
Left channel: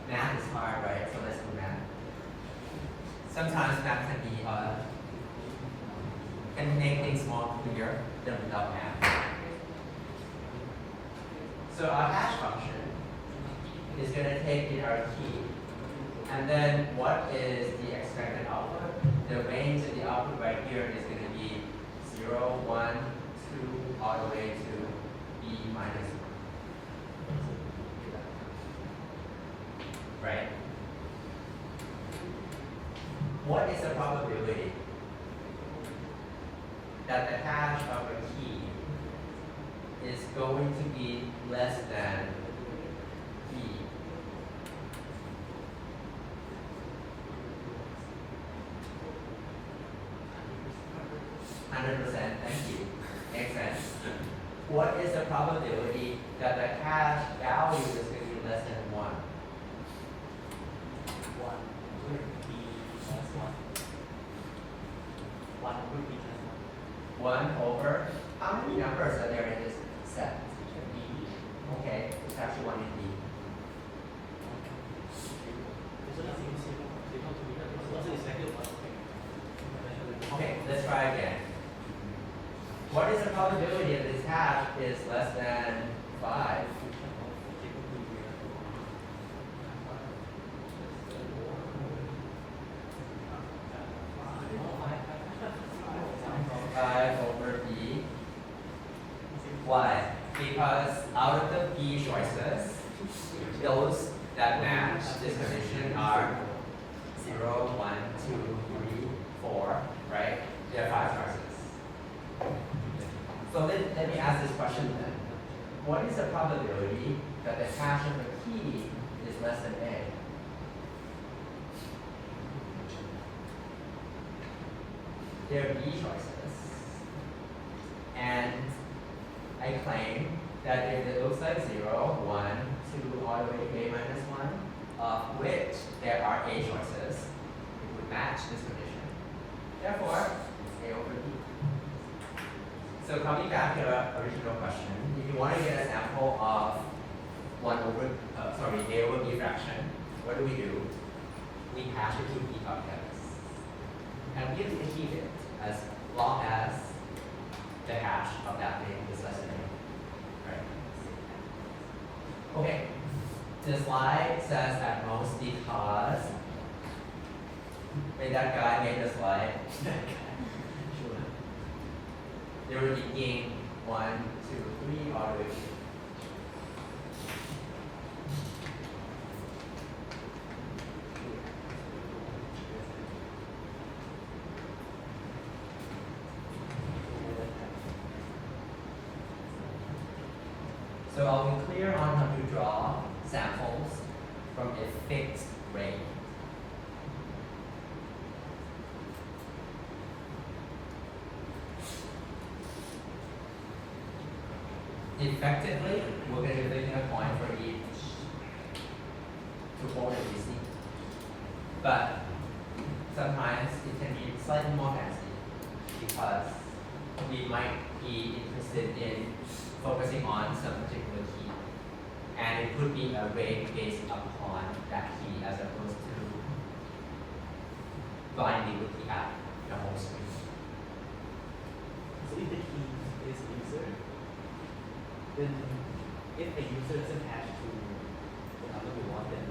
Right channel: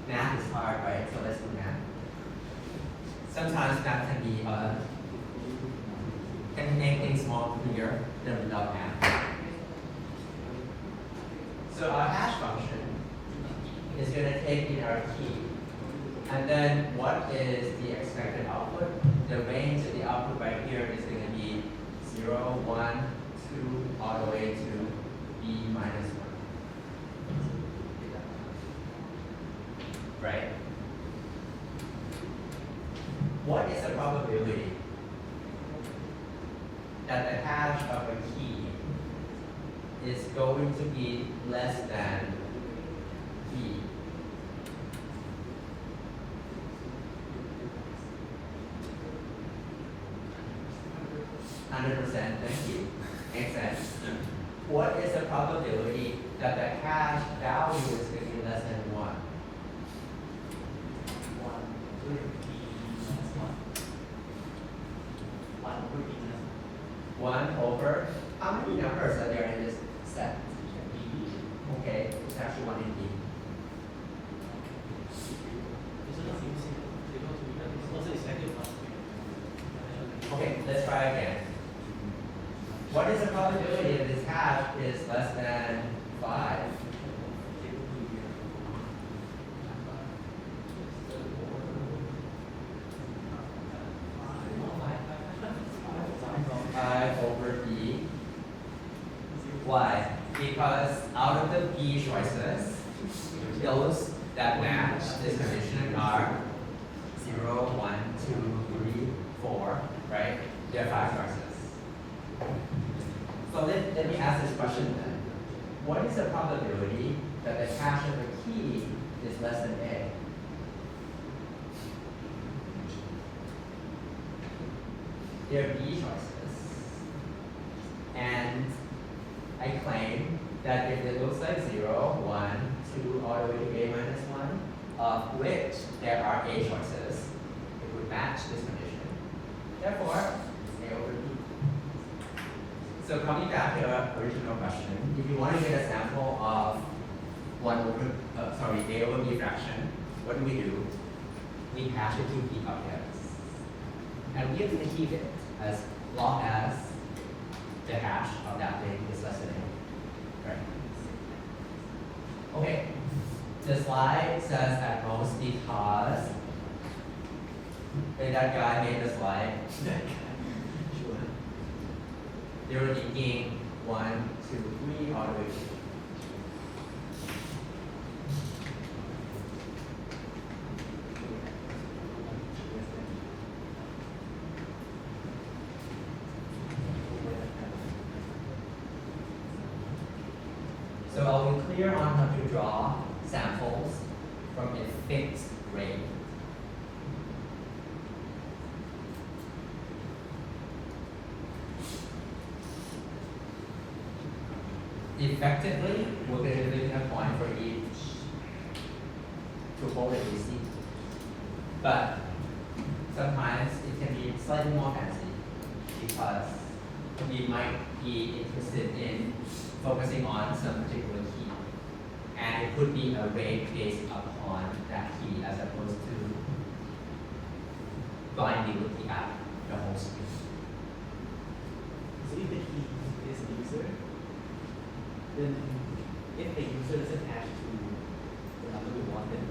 there. Math is hard, right? So let's do math. Sometimes math can make things more clear than without math. So our hash function is going to take in our key, and then what is the expected output? The range of the output right here is going to be 0, 1, 2, all the way to B minus 1. Right? What is the probability that the hash of a key is going to be less than B? Thank you. Makes sense. What is the probability that the hash value is going to be less than 1? 1 over, how many numbers are there in this set? Okay, it's actually 1 in B. Okay, let's try again. What is the probability that this hash is less than 5? Over B. Why? Because out of the B choices, those that match this condition are 0, 1, 2, 3, 4, right? There are 5 choices. So let me ask this question then. What is the probability that the hash of a key is less than A? There are B choices. And I claim that if it looks like 0, 1, 2, all the way to A minus 1, of which there are A choices, it would match this condition. Therefore, A over B. So coming back to our original question, if you want to get a sample of A over B fraction, what do? We hash it to B buckets. And we have to keep it as long as the hash of that thing is less than A. Right? Okay. The slide says at most because when that guy made the slide, they were thinking 1, 2, 3 all the way to. So I'll be clear on how to draw samples from a fixed rate. Effectively, we're going to be leaving a point for each tuple that we see. But sometimes it can be slightly more fancy because we might be interested in focusing on some particular key. And it could be a rate based upon that key as opposed to blindly looking at the whole stream. So if the key is user, then if the user doesn't hash to the number we want, then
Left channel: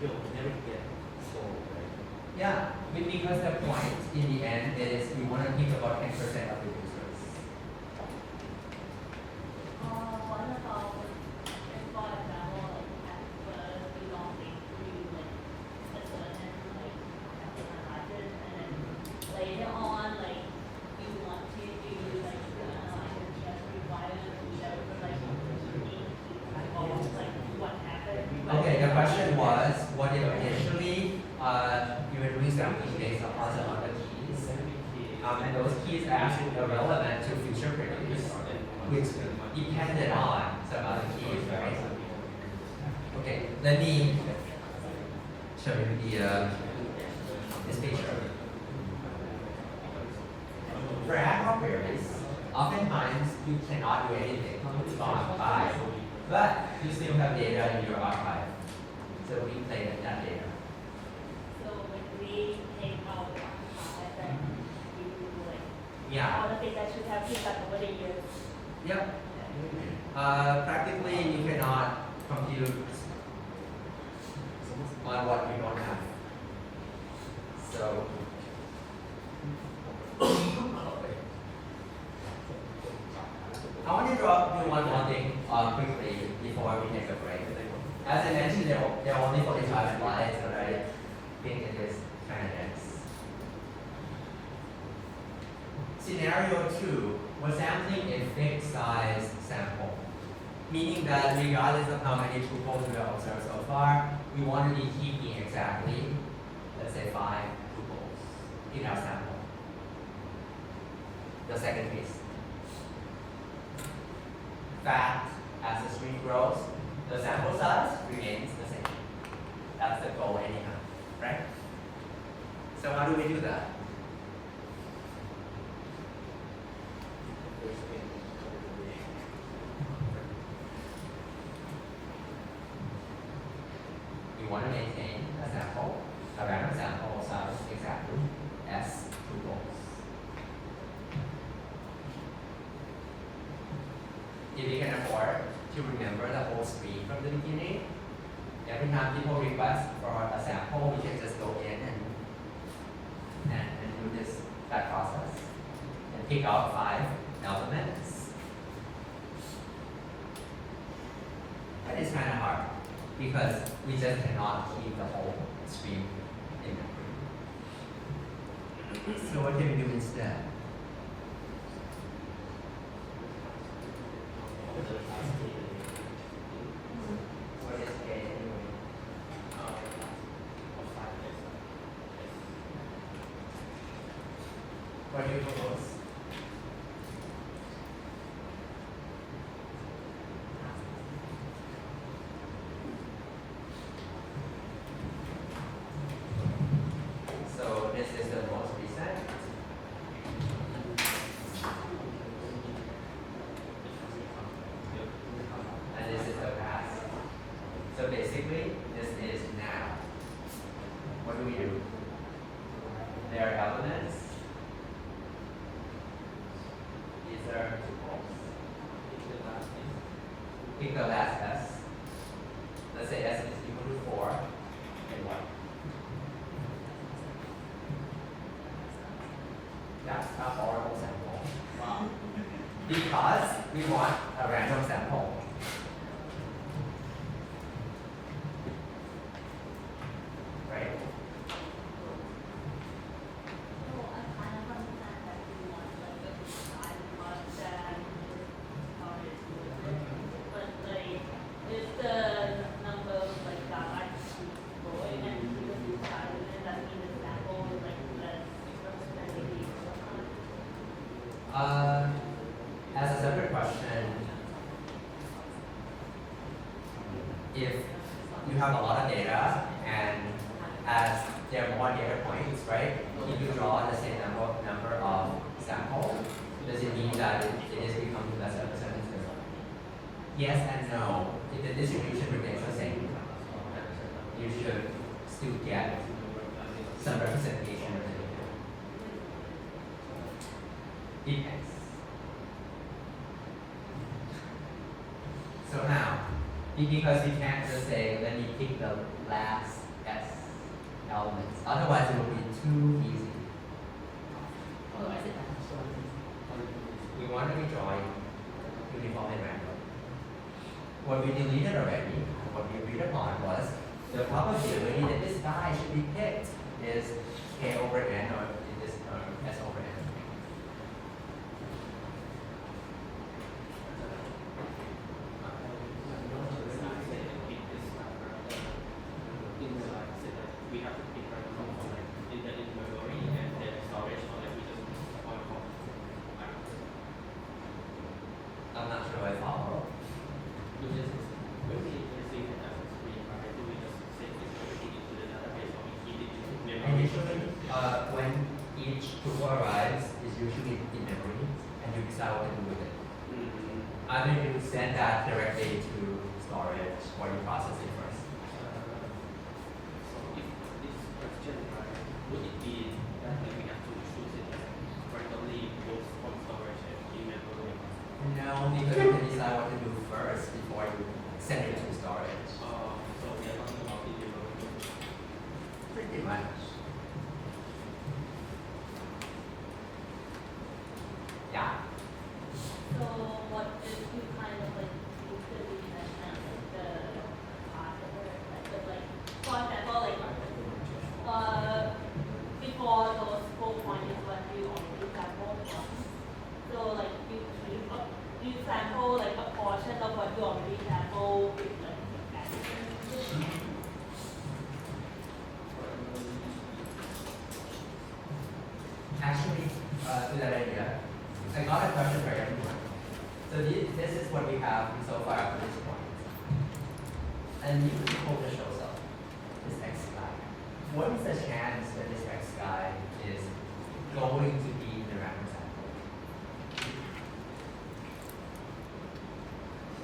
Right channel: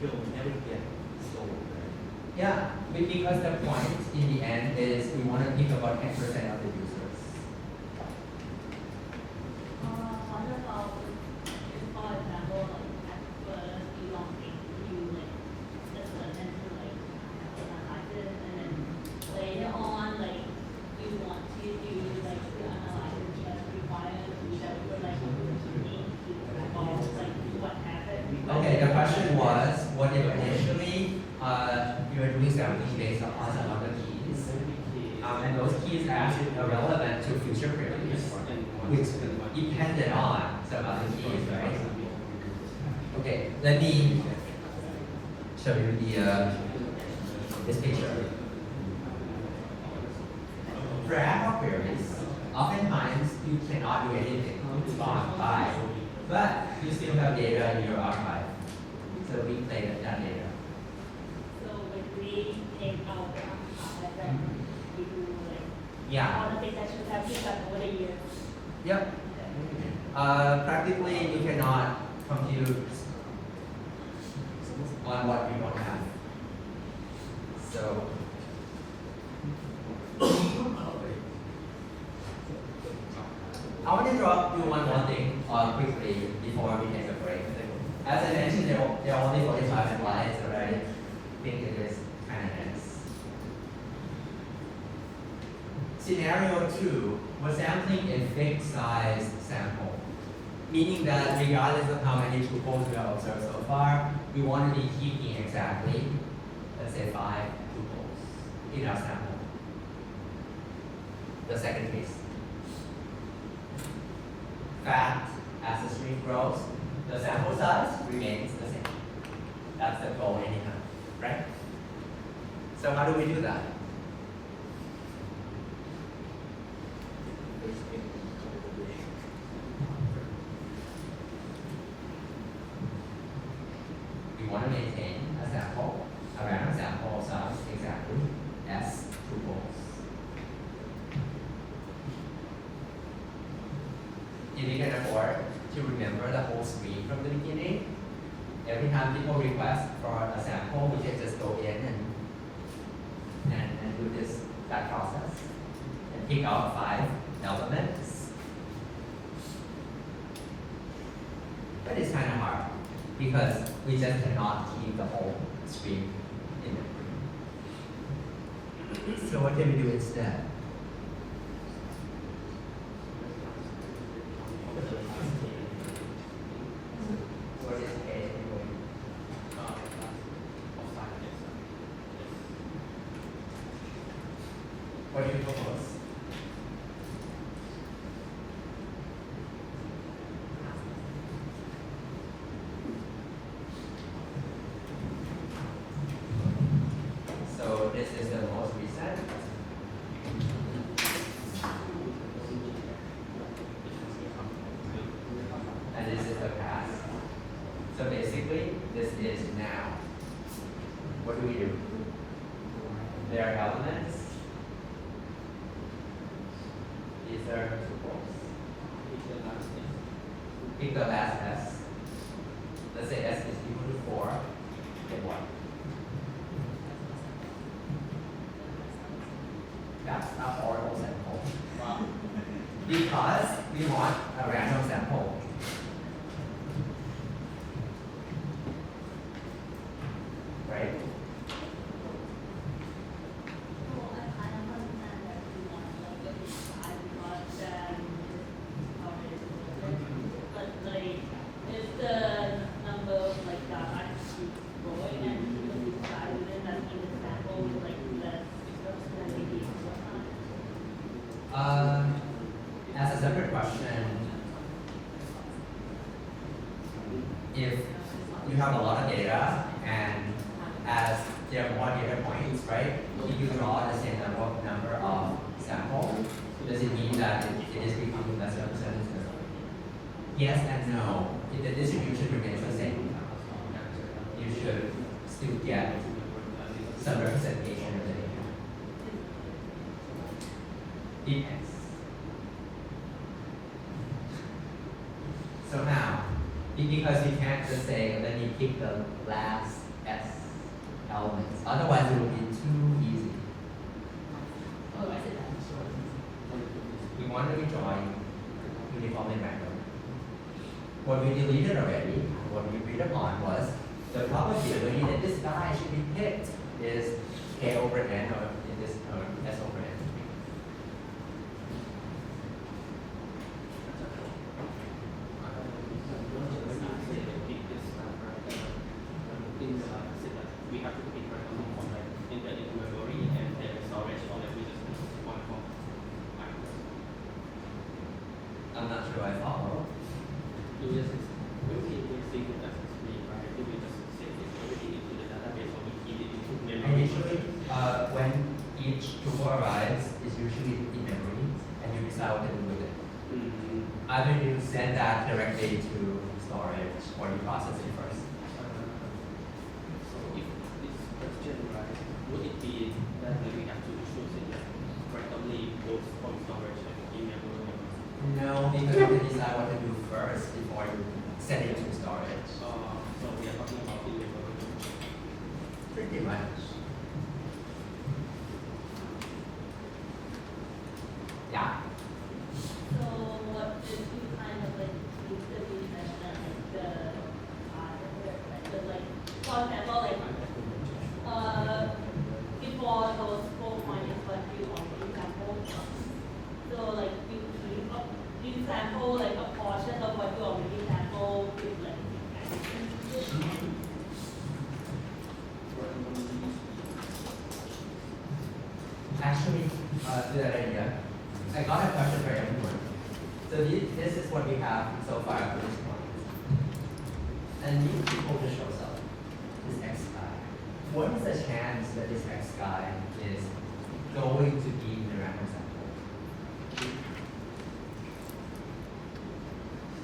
he'll never get sold. Right? Yeah, because the point in the end is we want to pick about 10% of the users. you are doing sampling based upon some other keys. And those keys are actually relevant to future queries, which depended on some other keys, right? Okay, let me show you this picture. For ad hoc queries, oftentimes you cannot do anything, it's gone by, but you still have data in your archive. So we play with that data. So like we take out the archive and we do like Yeah. all the things that you have picked up over the years. Yep. Practically, you cannot compute on what we don't have. So, I want to drop you one more thing quickly before we take a break. As I mentioned, there are only 45 slides, but I think it is kind of nice. Scenario 2, we're sampling a fixed size sample, meaning that regardless of how many tuples we have observed so far, we want to be keeping exactly, let's say 5 tuples in our sample. The second case. Fact, as the stream grows, the sample size remains the same. That's the goal anyhow, right? So how do we do that? We want to maintain a sample, a random sample size exactly as tuples. If we can afford to remember the whole stream from the beginning, every time people request for a sample, we can just go in and do that process and pick out 5 elements. But it's kind of hard because we just cannot keep the whole stream in memory. So what can we do instead? What is A anyway? What do you propose? So this is the most recent. And this is the past. So basically, this is now. What do we do? There are elements. These are tuples. Pick the last S. Let's say S is equal to 4. Then what? That's a horrible sample. Wow. Because we want a random sample. Right? Well, I kind of understand that we want like a size, but then but like if the number of like that actually going and the size within that sample is like less representative. As a separate question, if you have a lot of data and as there are more data points, right? If you draw the same number of samples, does it mean that it is becoming less representative? Yes and no. If the distribution remains the same, you should still get some representation of the data. Depends. So now, because you can't just say, let me pick the last S elements. Otherwise, it would be too easy. We want to rejoin uniform and random. What we deleted already, and what we agreed upon was the probability that this guy should be picked is K over N, or in this term, S over N. We have to pick each tuple arrives is usually in memory, and you decide what to do with it. Either you send that directly to storage, or you process it first. So if this question, right, would it be that we have to choose it like randomly both from storage and in memory? No, because you can decide what to do first before you send it to storage. So we are talking about in memory. Pretty much. Yeah. So what is you kind of like use the reason and like the like for example like before those scope one is what you already sample. So like you sample like a portion of what you already sample with like Actually, to that idea, I got a question for everyone. So this is what we have so far up to this point. A new tuple just shows up, this X guy. What is the chance that this X guy is going to be in the random sample?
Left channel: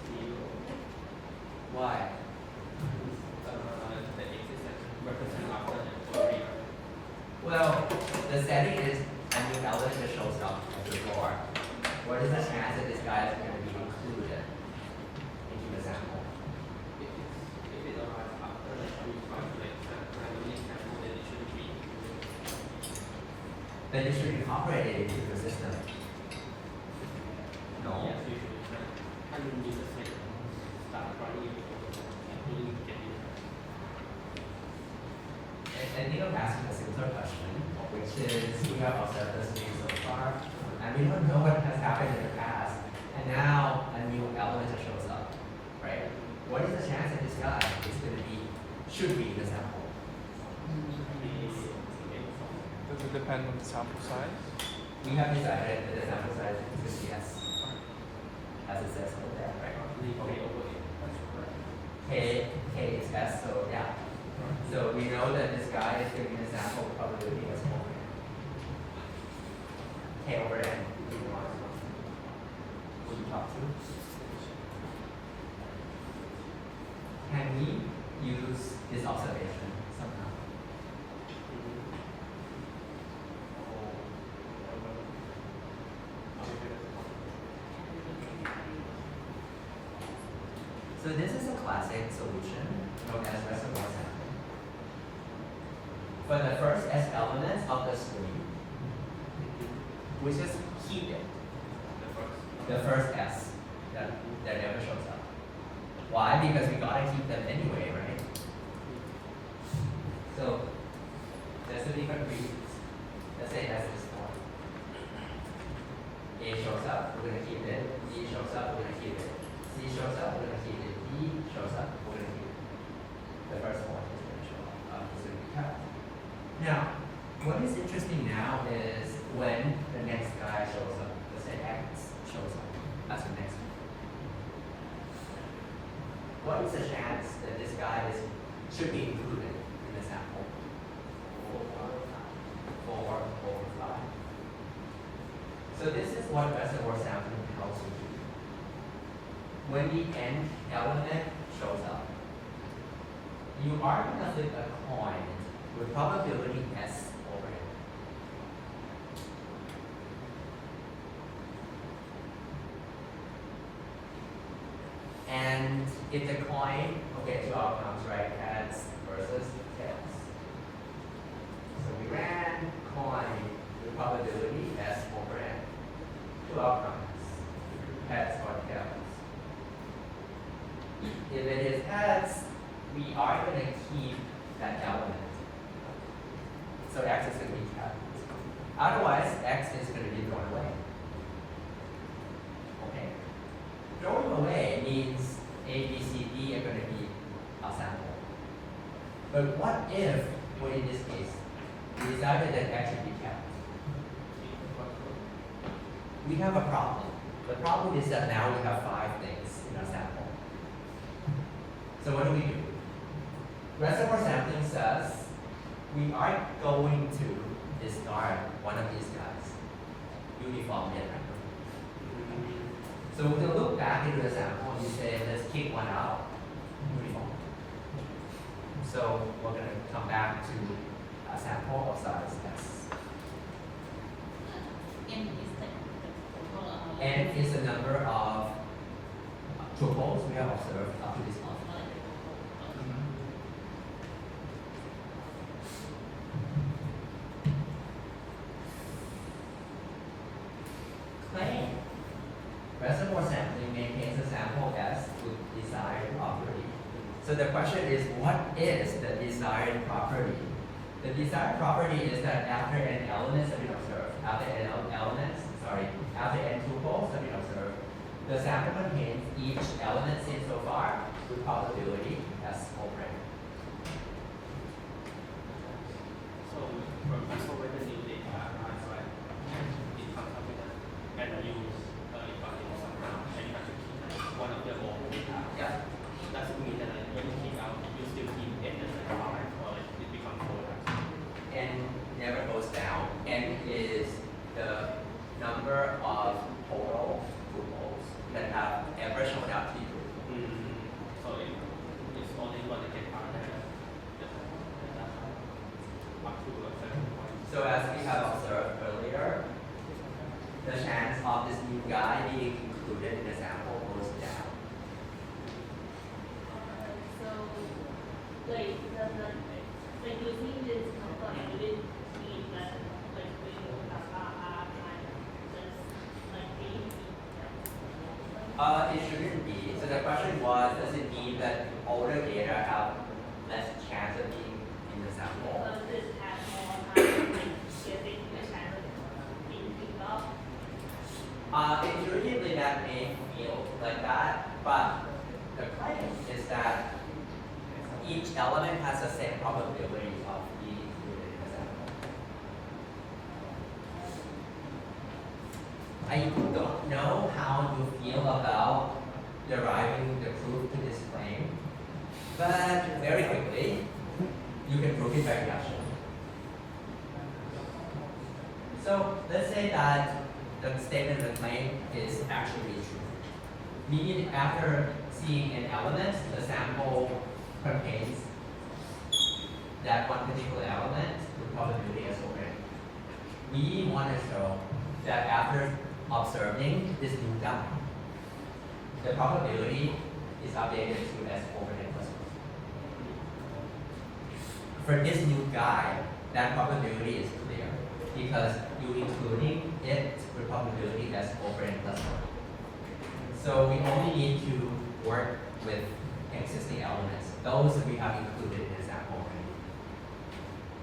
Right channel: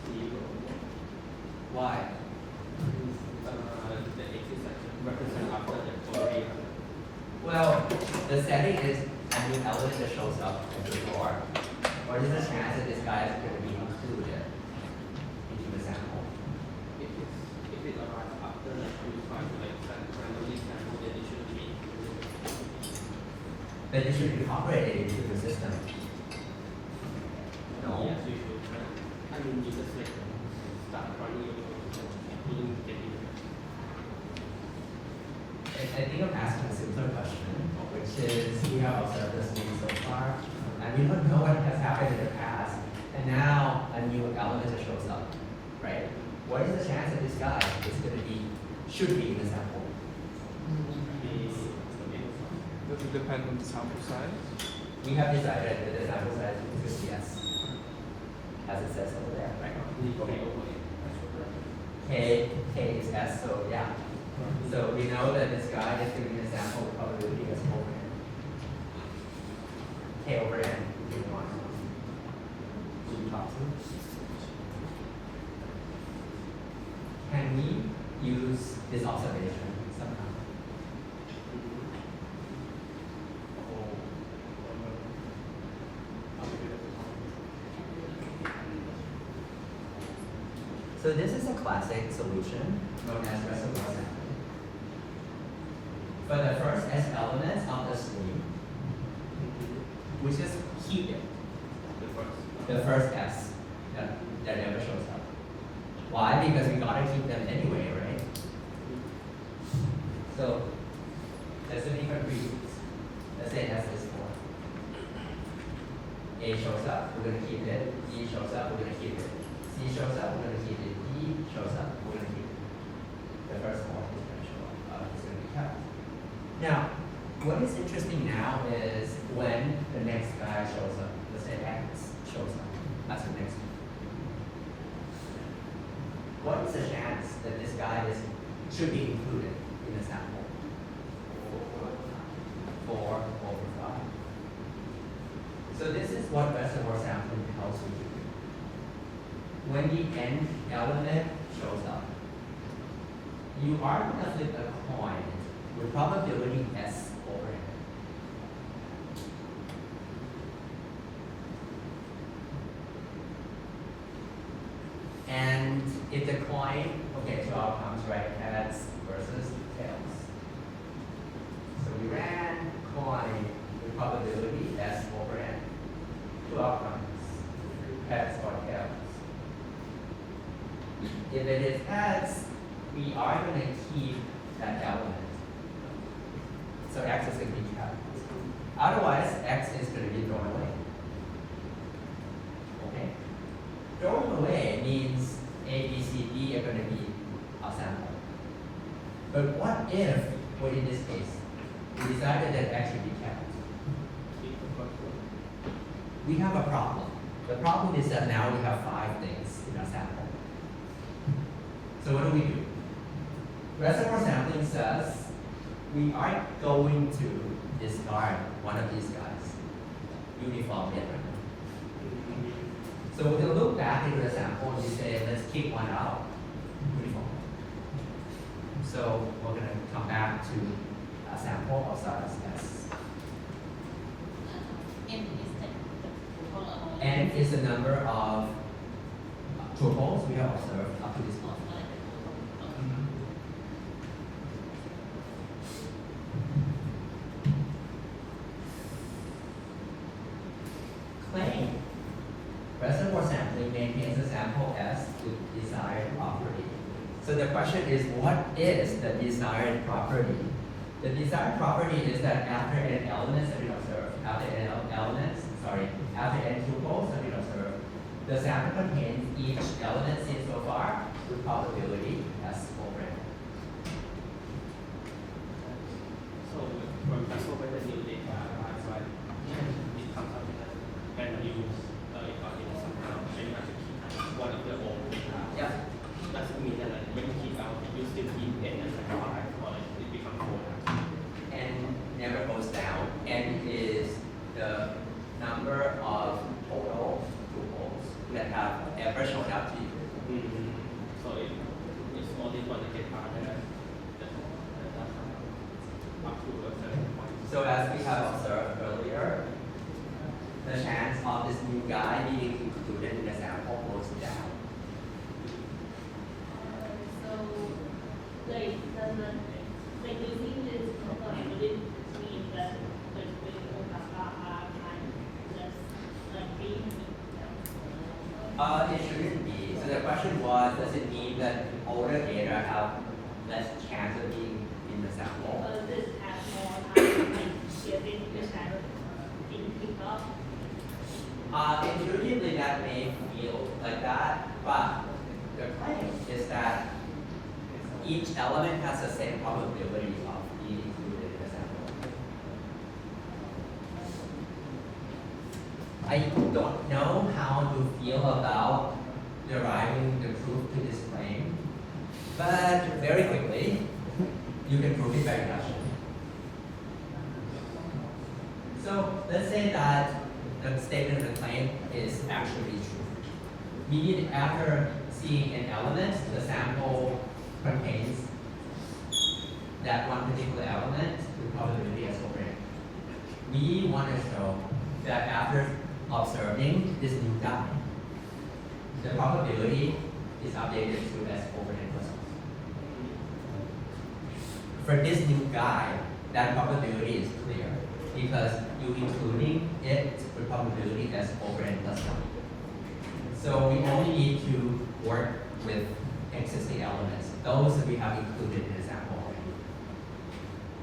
Zero. Why? The X is like represent after the already. Well, the setting is a new element that shows up at the door. What is the chance that this guy is going to be included into the sample? If it arrives after we try to like randomly sample, then it should be. Then you should incorporate it into the system. No. Yes, you should. I mean, you just like start running it, including get it. I think I'm asking a similar question, which is we have observed this movie so far, and we don't know what has happened in the past, and now a new element that shows up, right? What is the chance that this guy is going to be, should be in the sample? Does it depend on the sample size? We have decided that the sample size is 50s, as it says over there, right? K is S, so yeah. So we know that this guy is giving a sample probability as over n. K over n. Will you talk to? Can we use this observation somehow? So this is a classic solution known as reservoir sampling. For the first S elements of the string, we just keep it. The first S that never shows up. Why? Because we gotta keep them anyway, right? So there's some different reasons. Let's say that's this one. A shows up, we're gonna keep it. B shows up, we're gonna keep it. C shows up, we're gonna keep it. D shows up, we're gonna keep it. The first one is gonna show up. It's gonna be kept. Now, what is interesting now is when the next guy shows up. Let's say X shows up. That's the next one. What is the chance that this guy should be included in the sample? 4 over 5. So this is what reservoir sampling tells you. When the n element shows up, you are going to flip a coin with probability S over n. And if the coin, okay, two outcomes, right? Heads versus tails. So we ran coin with probability S over n. Two outcomes, heads or tails. If it is heads, we are going to keep that element. So X is going to be kept. Otherwise, X is going to be thrown away. Okay? Thrown away means A, B, C, D are going to be our sample. But what if, well, in this case, we decided that X should be kept? We have a problem. The problem is that now we have 5 things in our sample. So what do? Reservoir sampling says we are going to discard one of these guys, uniformly at random. So we're going to look back into the sample and we say, let's kick one out, uniform. So we're going to come back to a sample of size S. N is the total amount. N is the number of tuples we have observed up to this point. Claim reservoir sampling maintains a sample S with desired property. So the question is, what is the desired property? The desired property is that after n elements have been observed, after n tuples have been observed, the sample contains each element seen so far with probability S over n. So, for example, when the new data arrives, right, it comes up with a and use it got in somehow, and you have to keep one of the old data. Yeah. Does it mean that like when you keep out, you still keep n as a 5, or like it becomes 4? N never goes down. N is the number of total tuples that have ever shown up to you. So it's only going to get out there up to a certain point. So as we have observed earlier, the chance of this new guy being included in the sample goes down. So, like using this component, it didn't mean that like we have just like being. It shouldn't be. So the question was, does it mean that older data have less chance of being in the sample? This has more time and getting the channel being picked up. Intuitively that may feel like that, but the claim is that each element has the same probability of being included in the sample. I don't know how you feel about deriving the proof to this claim, but very quickly, you can prove it by induction. So let's say that the statement of the claim is actually true. Meaning after seeing an element, the sample contains that one particular element with probability as over n. We want to show that after observing this new guy, the probability is updated to S over n plus 1. For this new guy, that probability is clear because you're including it with probability S over n plus 1. So we only need to work with existing elements. Those we have included in the sample already.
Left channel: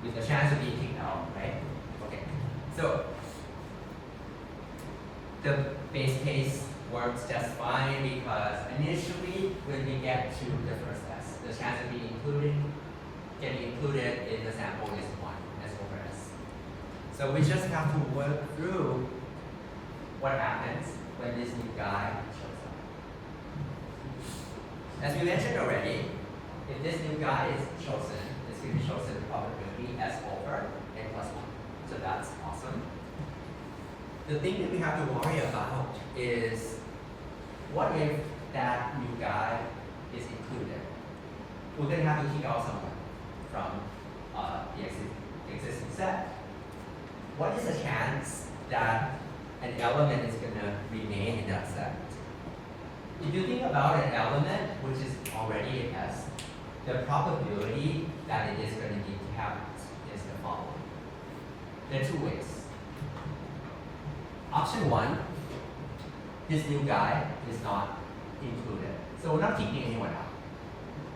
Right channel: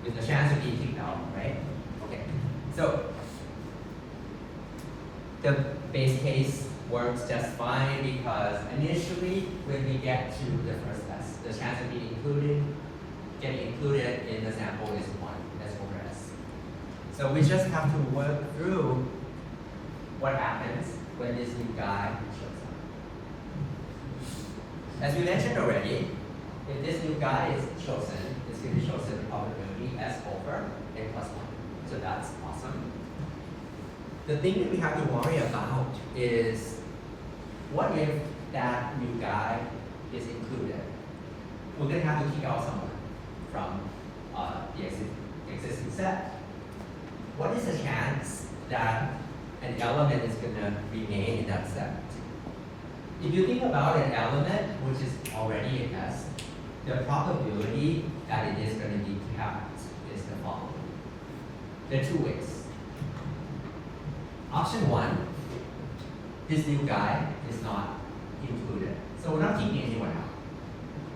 With the chance of being kicked out, right? Okay. So the base case works just fine because initially when we get to the first test, the chance of being getting included in the sample is 1, S over S. So we just have to work through what happens when this new guy shows up. As we mentioned already, if this new guy is chosen, it's going to be chosen with probability S over n plus 1. So that's awesome. The thing that we have to worry about is what if that new guy is included? We're going to have to kick out someone from the existing set. What is the chance that an element is going to remain in that set? If you think about an element which is already in S, the probability that it is going to be kept is the following. There are two ways. Option 1, this new guy is not included. So we're not kicking anyone out.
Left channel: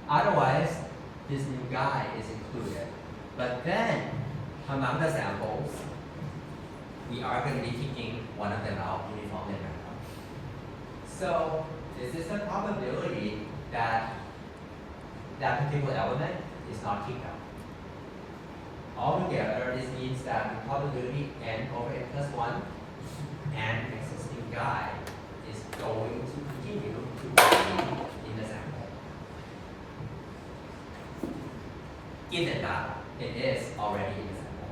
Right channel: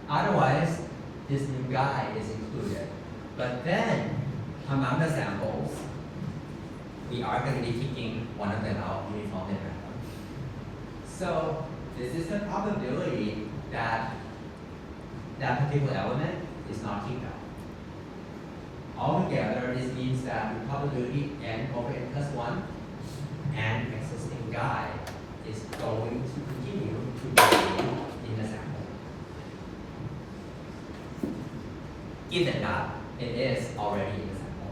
Otherwise, this new guy is included. But then, among the samples, we are going to be kicking one of them out uniformly random. So this is the probability that that particular element is not kicked out. Altogether, this means that the probability n over n plus 1 and existing guy is going to continue to be in the sample. Given that it is already in the sample.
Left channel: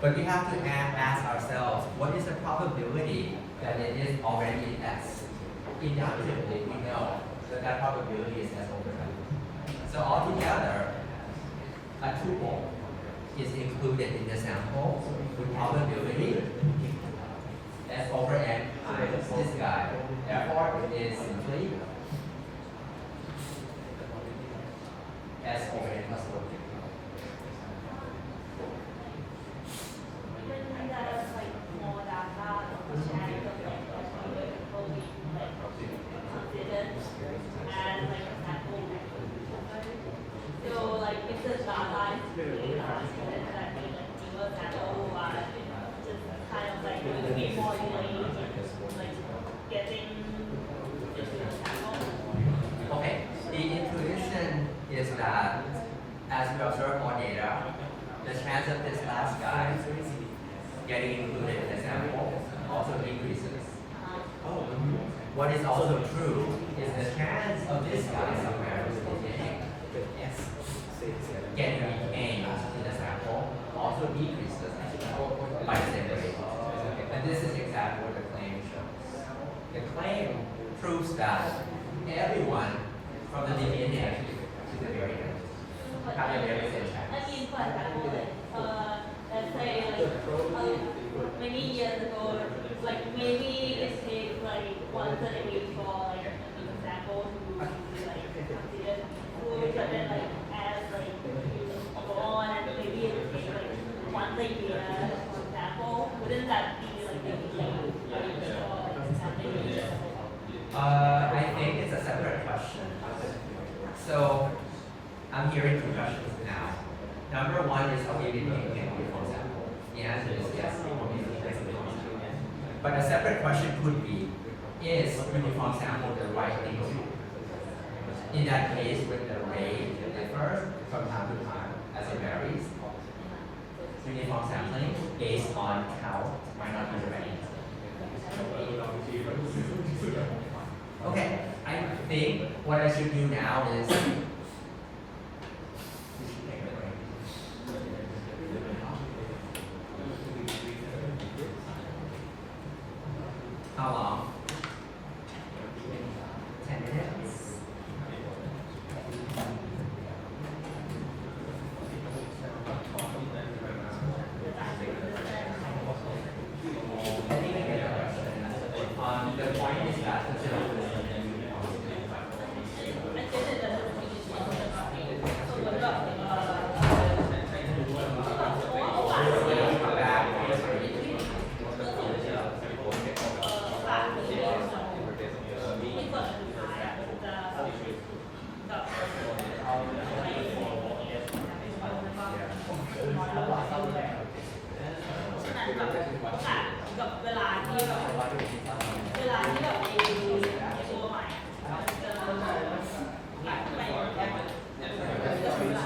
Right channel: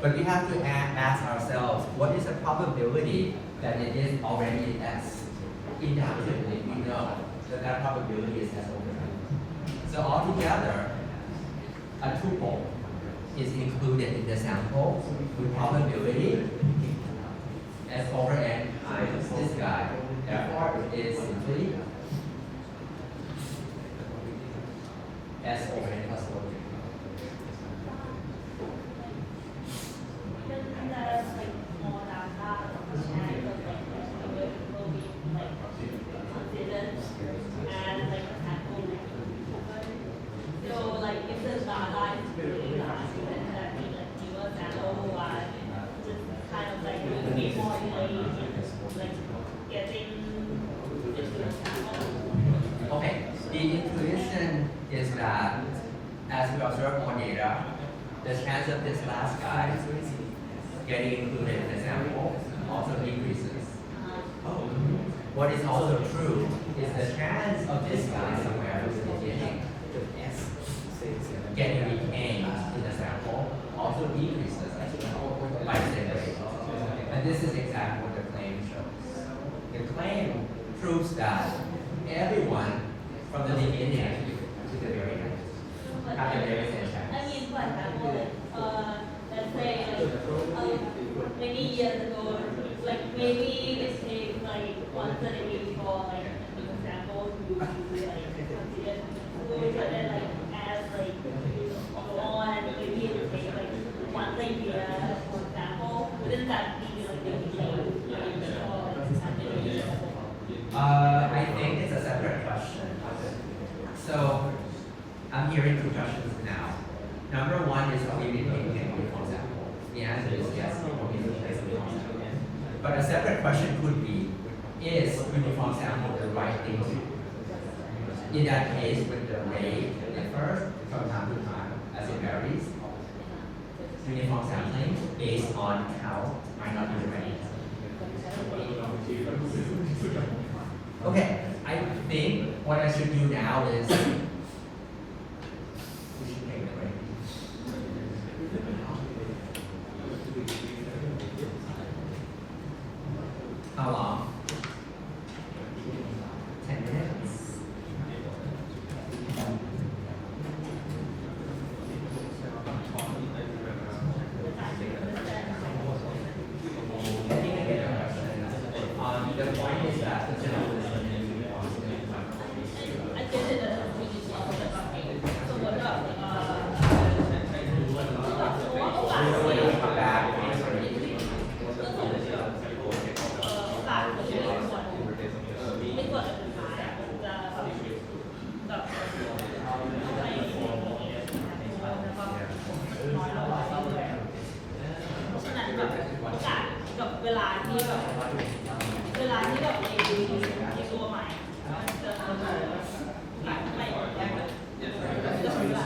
But we have to ask ourselves, what is the probability that it is already S? Intuitively, we know that that probability is S over N. So altogether, a tuple is included in the sample with probability S over N times this guy. Therefore, it is simply S over N plus 1. When there's like more data, and will be like considered and like a sample. So like if the data is really large, then that means like fewer sample are just kind of like will be more delayed in like getting into the sample. Okay, the intuition is that as we observe more data, the chance of this last guy getting included in the sample also decreases. What is also true is the chance of this guy somewhere in the beginning getting retained in the sample also decreases by the same rate. And this is exactly what the claim shows. The claim proves that everyone from the beginning to the very end have the very same chance. I mean, for example, like, let's say, like, many years ago, like, maybe it takes, like, once a day for, like, for example, to, like, consider food, but then, like, as, like, you go on, and maybe it takes, like, once a year, for example, wouldn't that be, like, I think it's a separate question. So, I'm hearing two questions now. Number one is, are we retaining a uniform sample? The answer is yes, we replace the uniform sample. But a separate question could be, is uniform sample the right thing to do? In that case, with the rate differ from time to time as it varies, uniform sampling based on how might not be the right answer. Okay, I think what I should do now is we should take a break. How long? 10 minutes. I think I get a question. The point is that the general is I guess it doesn't really so what about,โอกาสที่โอกาสที่ไม่ควรจะสุดท้ายอ่ะมันจะแบบไม่แล้วก็มันน้อยลงเรื่อยๆเพราะฉะนั้นแบบโอกาสกับเวลาที่แบบไอ้ตัวใหม่มันจะหายไปก็ใช้เวลา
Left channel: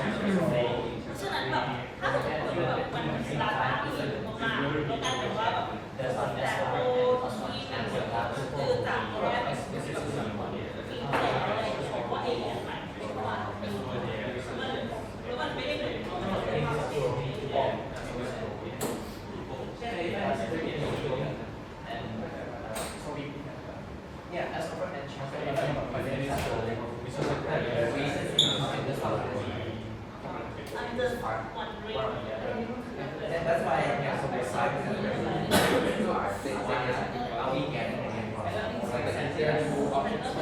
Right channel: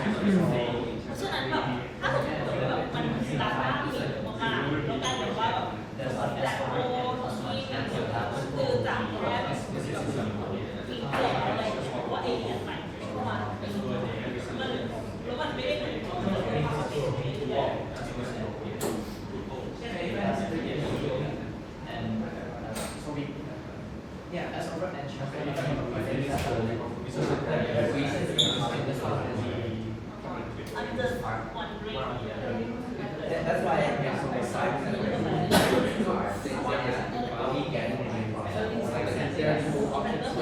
เพราะฉะนั้นแบบถ้าสมมติแบบมันดาต้าที่มีมากๆแล้วกลายเป็นว่าแบบจากโลที่คือจากแค่แบบปีที่แล้วอะไรเพราะว่าไอ้เนี่ยใหม่เพราะว่ามันไม่ได้เหมือนที่เราเป็นเรื่อยๆ Yeah, as a front end the reason in this I'm just wondering. that's why I have so many sides. One is we get it like there are two options.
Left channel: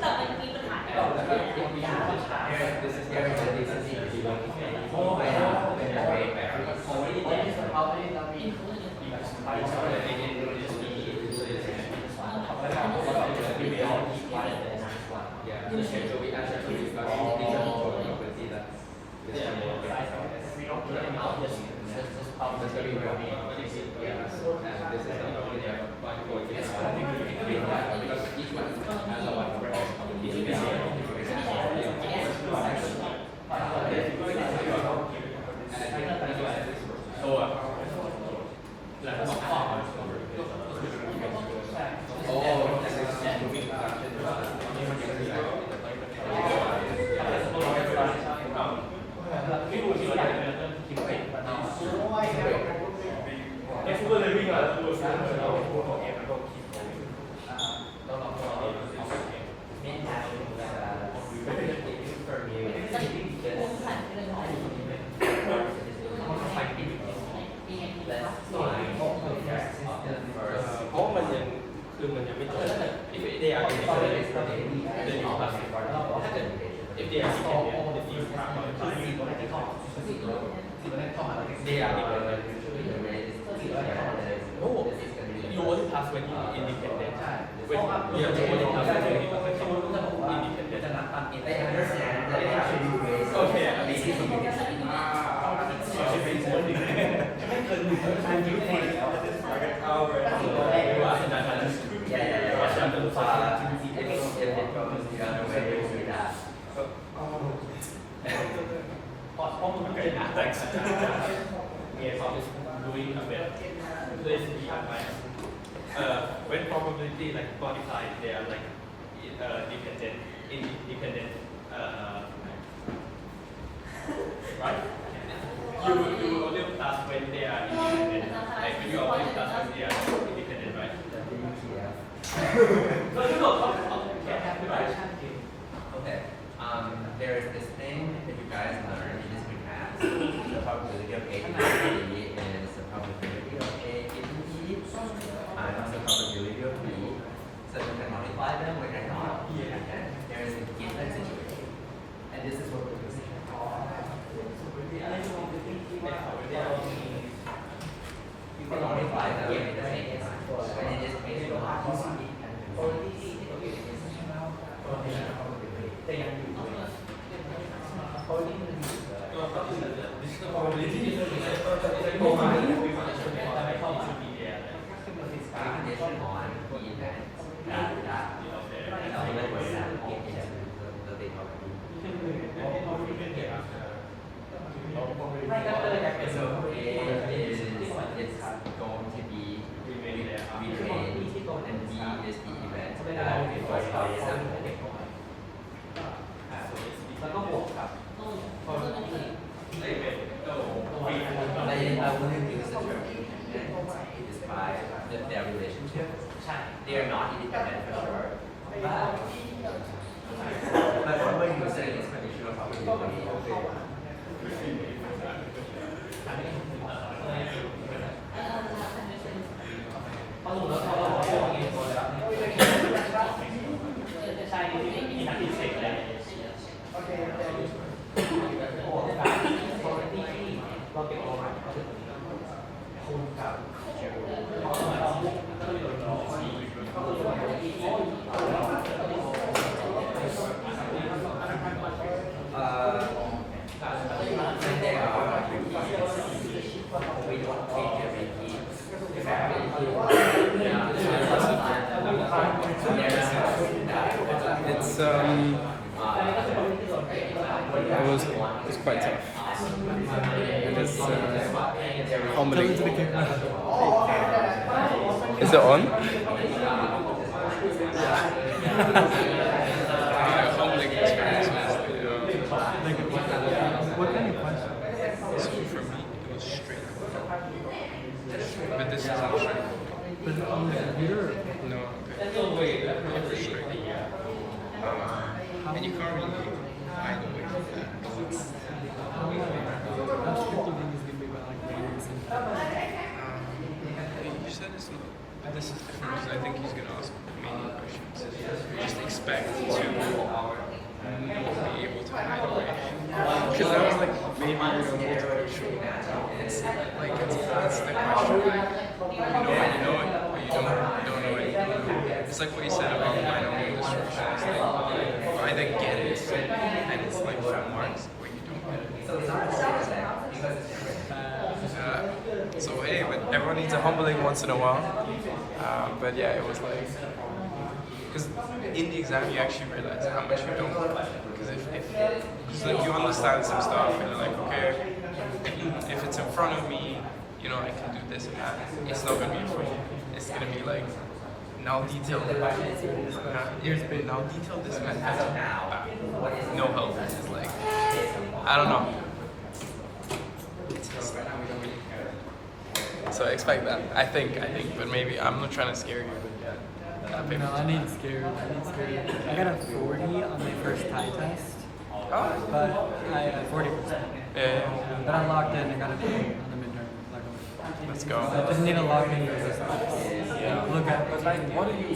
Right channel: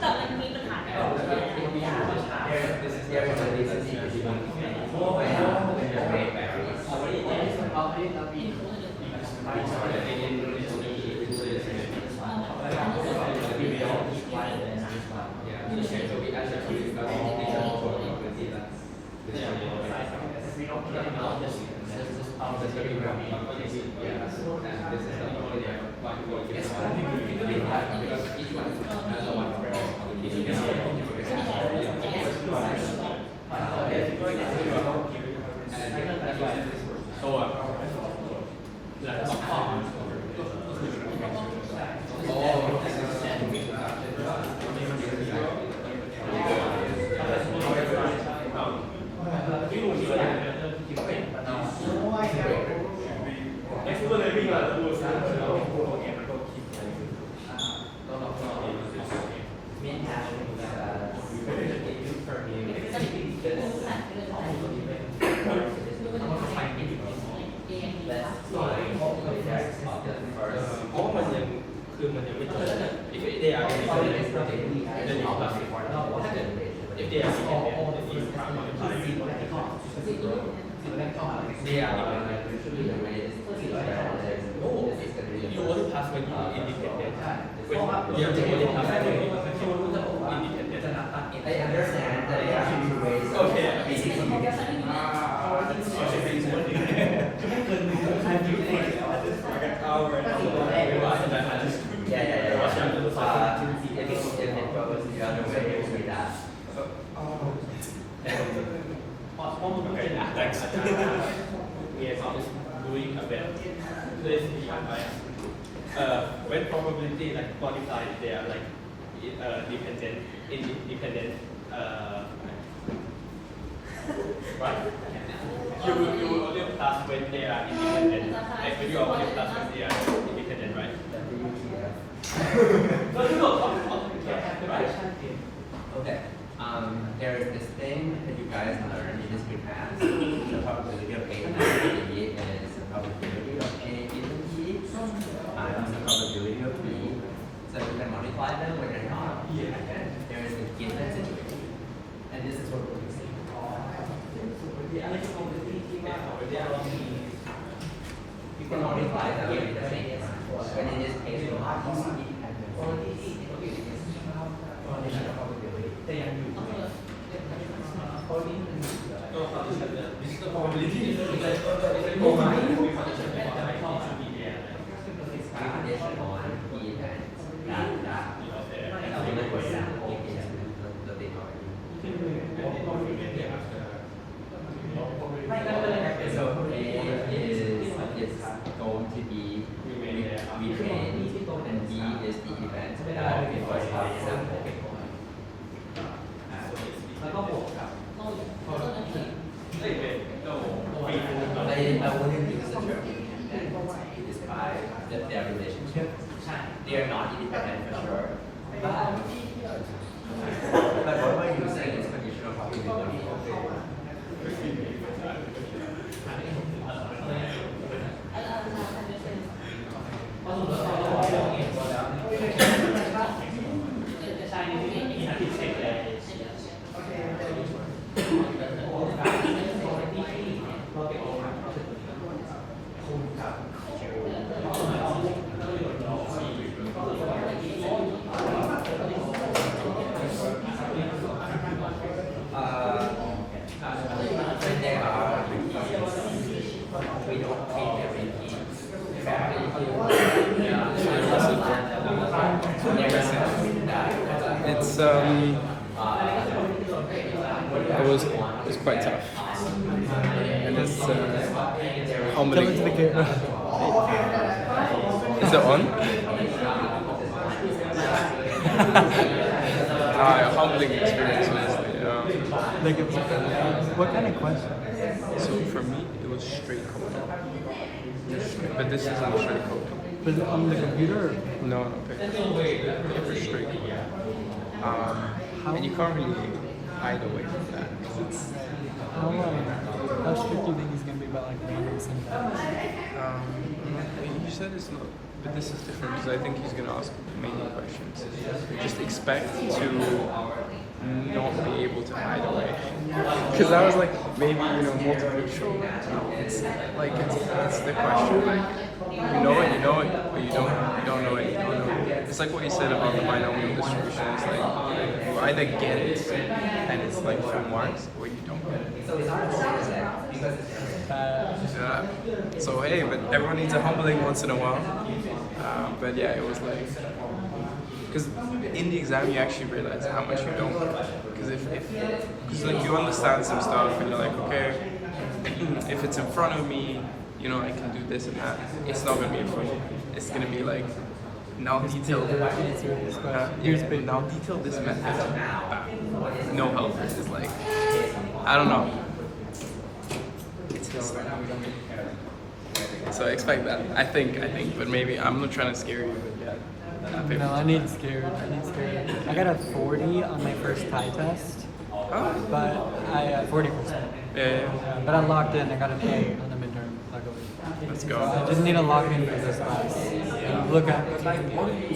แต่มันมีปัญหาก่อน There is a reason more when the rate varies. Meantime, if you permute let's find the first เพราะมันยังคือมันยังไม่จบ if they are then it's classic if they are then it's they are usually the way is oh you only pass when you are independent when you only pass when you are independent I understand that there are two ways of okay I'm doing like an hour if it goes the other way, you do that. okay thanks we are doing a bit let's be when probability like quantified they are like dependent independent right you will only pass when they are independent like when you are only pass when they are independent right no right Okay. There is this thing that you guys learned in history class. The probability of A given B is the probability of A given B times the probability of B. So you can multiply them when they're not dependent. There is a given situation. And this is what we're using. You can multiply them in the same time. But in this case, you're not using So A is going to be retained, and B is the event that we first got example. I wouldn't use the term independent to describe their relationship. They are not independent for sure, but what we're using is conditional probability. When there are repeats, we don't treat the repeats. It's it was quite tough, and it's humbling. Is it on? Humbling experience, honestly. What kind of question? So for me, it was straight coding. But this is not straight coding. Does it on the computer? No, paper straight coding. And you can't really hide away from that. How strict do you think he's going to be about like accuracy? You said it's not, but this is different because I think he's going to ask many questions. Just expect to not be able to hide away. Because I was like, it's like it's the question like you know it, or you don't know it, you don't know it. It's like what you said about the binomial distribution. It's like you either get it and it's like full marks, or you don't get it. Yeah. So hey, but everyone needs a humbling once in a while. But yeah, it was like. Because in the exam you actually realize how much you don't. Because if like you understand some stuff and you're like, okay, if it's in front of me, you know, I can do this and that. It's not gonna be in front of me. It's gonna be like now detail. Now detail this method. No help. It's like I don't know. So right now we don't really care. So expect that. I think, but maybe I'm not trying to scare you. No, I need scared. I got a 40 on my first tie test, Oh. but I 40%. Yeah. But I logged in. I got a K in the midterm. Let's I go. just need to log in for this class. Look at. But like, what do you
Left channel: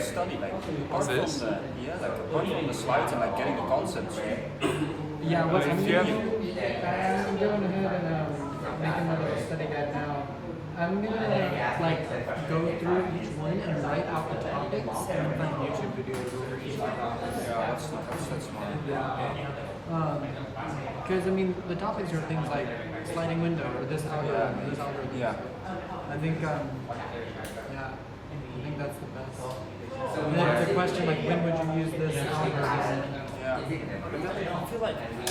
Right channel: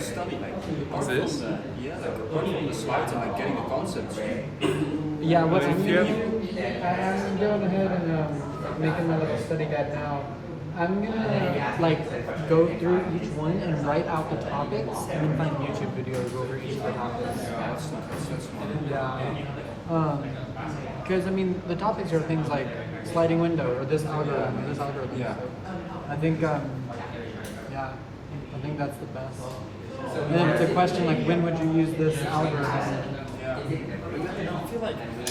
study? Like, apart from this? apart from the slides and like getting the concepts. Yeah, what's I'm doing? I'm going ahead and making my study guide now. I'm gonna like go through each one and write out the topics and then make YouTube videos for each topic. Yeah, that's smart. Because I mean, the topics are things like sliding window or this program or these algorithms. Yeah. I think, yeah, I think that's the best. And then it's a question like, when would you use this algorithm? Yeah. I feel like it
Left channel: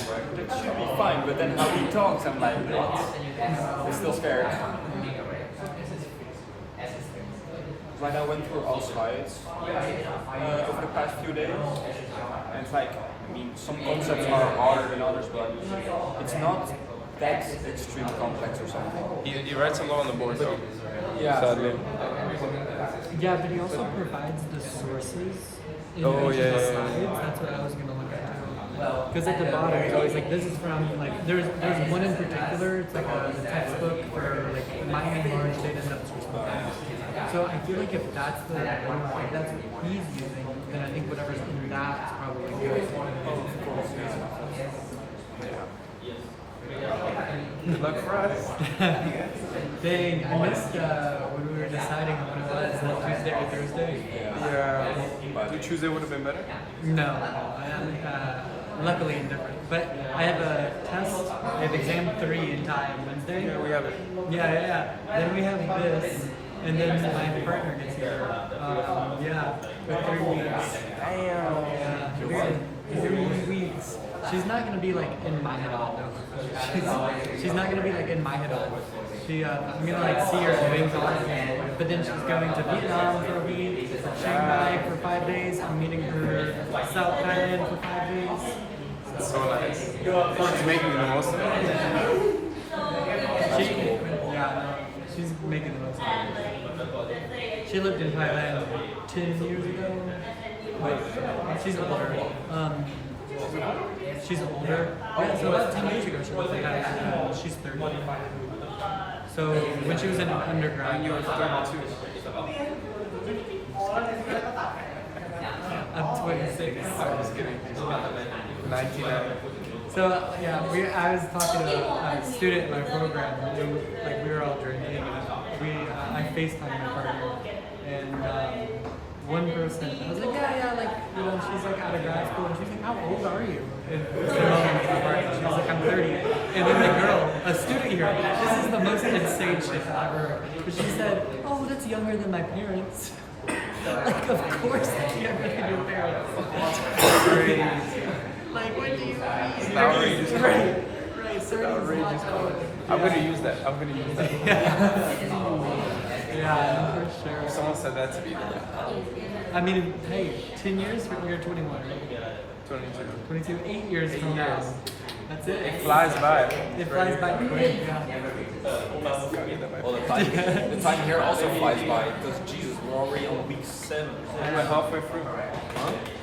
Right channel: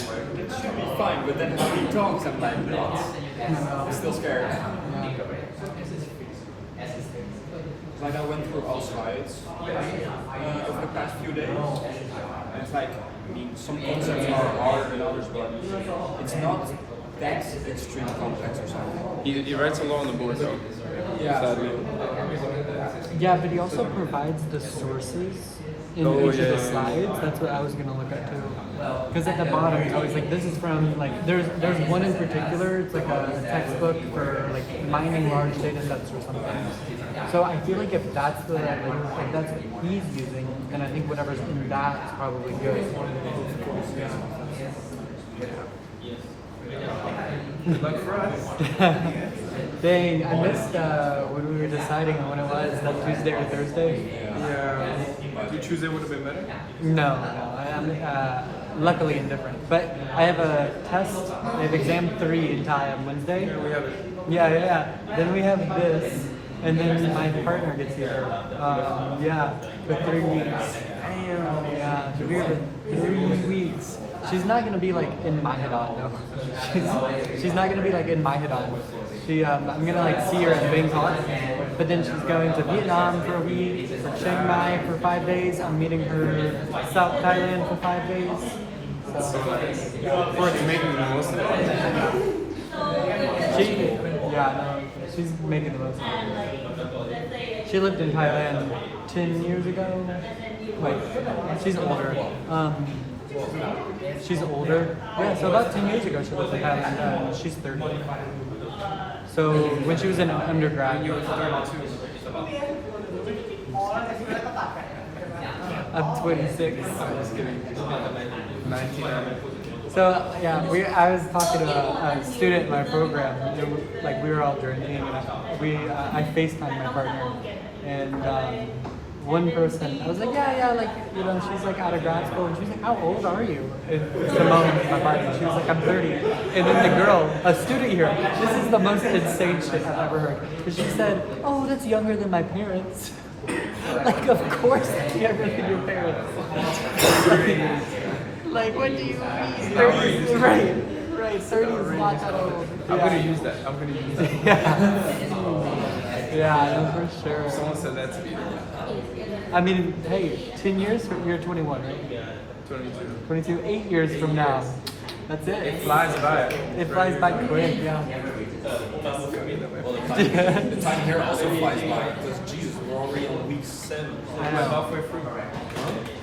should be fine, but then how he talks, I'm like, what? I'm still scared. Like I went through all slides over the past few days, and it's like, I mean, some concepts are harder than others, but it's not that extremely complex or something. He writes a lot on the board though. Yeah. Yeah, but he also provides the sources in each of the slides. That's what I was going to look at too. Because at the bottom, it's always like, this is from, like, there's one in particular, it's like a textbook for like mining large data sets or something. So I feel like if that's the like, if that's what he's using, then I think whatever's in that is probably very Dang, I missed when we were deciding when it was, like Tuesday or Thursday. Yeah. Tuesday would have been better? No, luckily it's different. But I have a test, I have exam 3 in time Wednesday. Yeah. Then we have this, and then my partner gets here. For 3 weeks. Yeah, 3 weeks. She's not gonna be like in my head all. She's not gonna be like in my head all. I'm gonna like see her doing something, but then she's going to Vietnam for a week, Chiang Mai for 5 days. I'm meeting her in South Thailand for 5 days. You're making the most of it. She's making the most of it. She lived in Thailand 10 years ago. She's older. She's older. Yeah, so about 10 years ago she lived in Thailand. She's 30. So when she was in undergrad, I'm 26. So yeah, I was talking about a student in my program. We were all drinking. I FaceTimed my partner, and one person, I was like, she's like out of grad school, and she's like, how old are you? And she's like, I'm 30. And then the girl, a student here, this is the most insane shit I've ever heard. But she said, oh, that's younger than my parents. Like, of course it's younger than your parents. Like, what do you mean? Right, 30 is not old. I'm gonna use that. Yeah, for sure. Someone said that to me. I mean, hey, 10 years from you're 21, right? 22, 8 years from now. That's it. It flies by. It flies by quick. Well, the time here also flies by because Jesus, we're already on week 7. We're halfway through. Huh?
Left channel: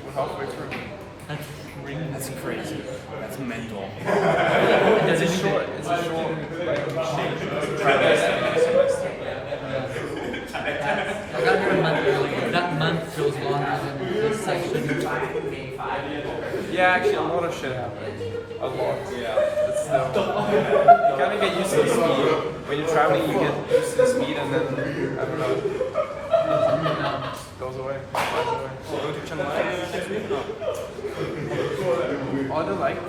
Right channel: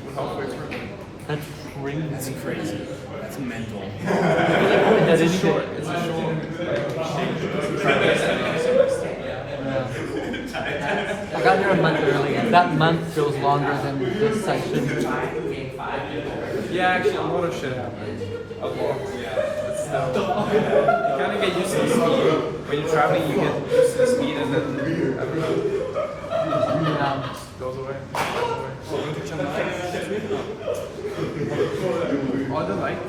We're halfway through. That's crazy. That's crazy. That's mental. That is shit. I got here a month early. That month feels longer than this section. Yeah, actually, motor should. You kind of get used to the speed. When you're traveling, you get used to the speed and then goes away. Oh, the light.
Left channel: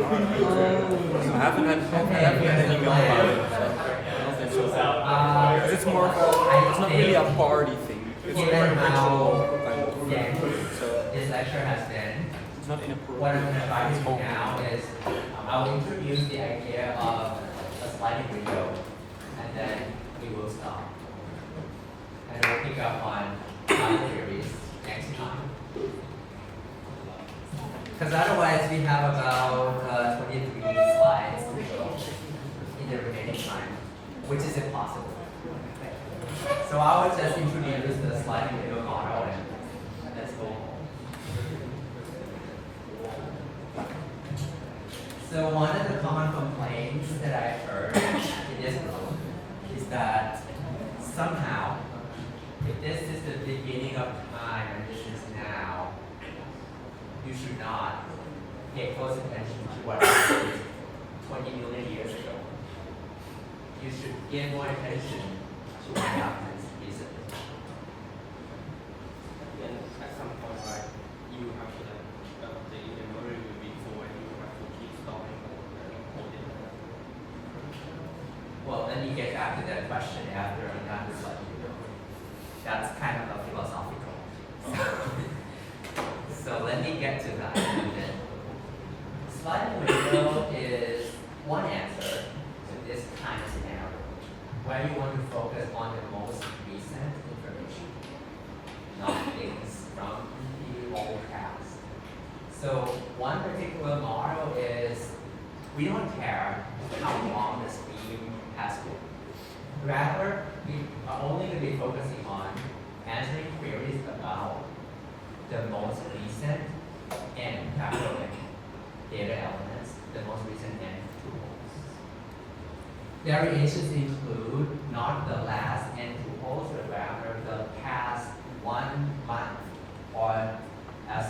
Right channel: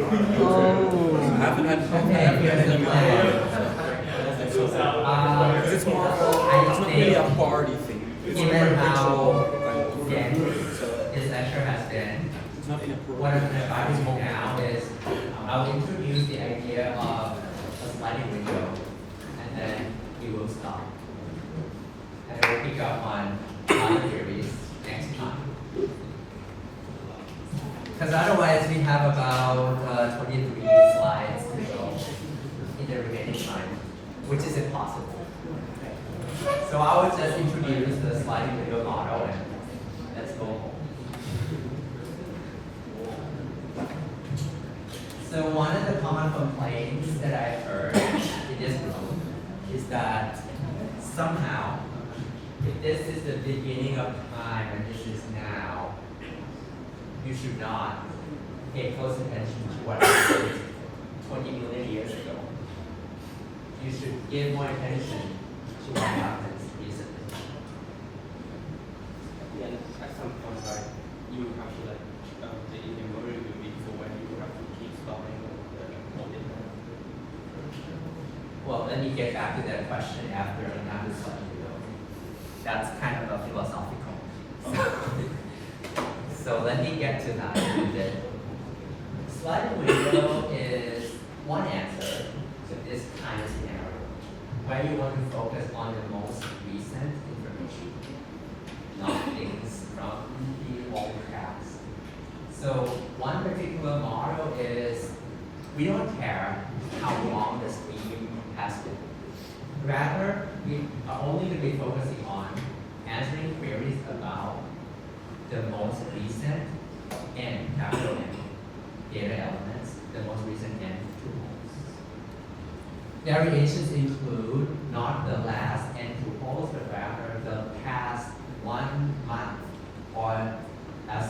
I haven't had it's more, it's not really a party thing. It's more Given a how ritual. dense So this lecture has been, it's not what I'm inappropriate. going to advise you now is I will introduce the idea of a sliding window, and then we will stop. And we'll pick up on theories next time. Because otherwise we have about 23 slides to go. which is impossible. So I would just introduce the sliding window model and let's go home. So one of the common complaints that I heard in this room is that somehow, if this is the beginning of time and this is now, you should not pay close attention to what happened 20 million years ago. You should give more attention to what happens recently. Yeah, at some point, right, you have to like, the in-memory will be full and you have to keep storing the data. Well, let me get back to that question after another slide. That's kind of a philosophical. So let me get to that in a bit. Sliding window is one answer to this kind of scenario, where you want to focus on the most recent information, not things from the older past. So one particular model is we don't care how long the stream has been. Rather, we are only going to be focusing on answering queries about the most recent and capital N data elements, the most recent N tuples. Variations include not the last N tuples, but rather the past 1 month, or as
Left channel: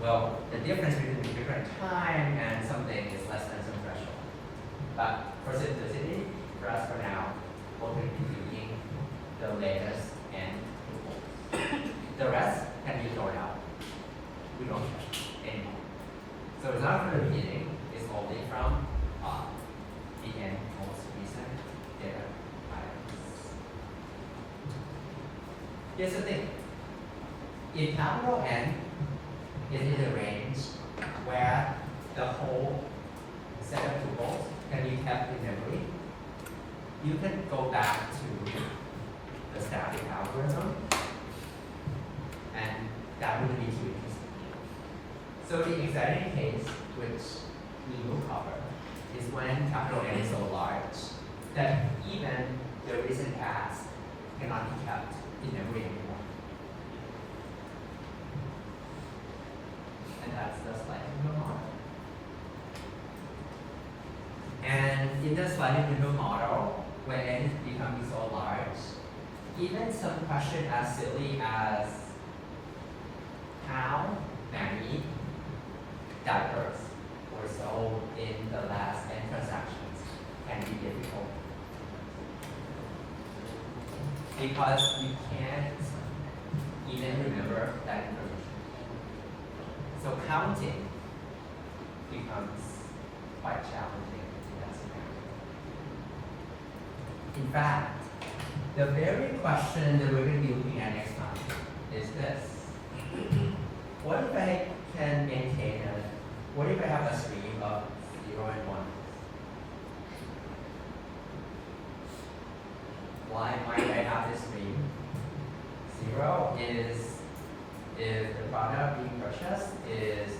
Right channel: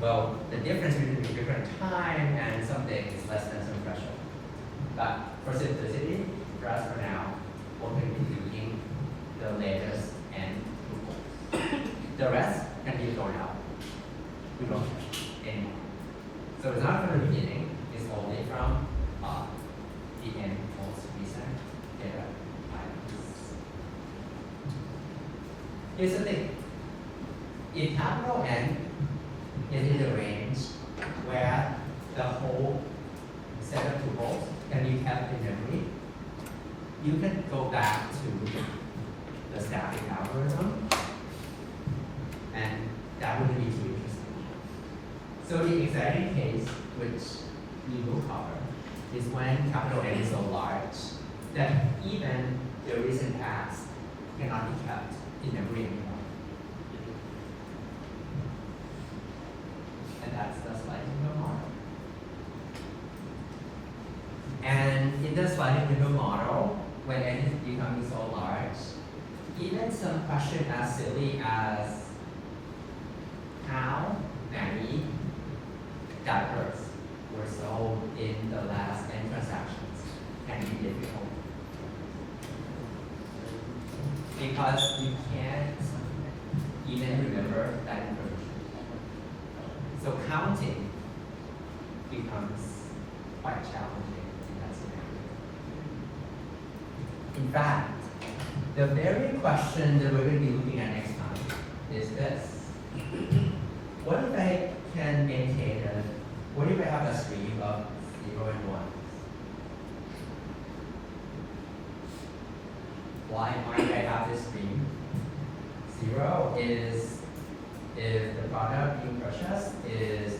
well, the difference between the different time and something is less than some threshold. But for simplicity, for us for now, we're going to be doing the latest N tuples. The rest can be thrown out. We don't care anymore. So it's not from the beginning, it's only from the N most recent data items. Here's the thing. If capital N is in the range where the whole set of tuples can be kept in memory, you can go back to the static algorithm, and that wouldn't be too interesting. So the exciting case, which we will cover, is when capital N is so large that even the recent past cannot be kept in memory anymore. And that's the sliding window model. And in the sliding window model, when N is becoming so large, even some question as silly as how many diapers were sold in the last N transactions can be difficult. Because we can't even remember that information. So counting becomes quite challenging in that scenario. In fact, the very question that we're going to be looking at next time is this. What if I can maintain what if I have a stream of 0 and 1? Why might I have this stream? 0 is if the product being purchased is,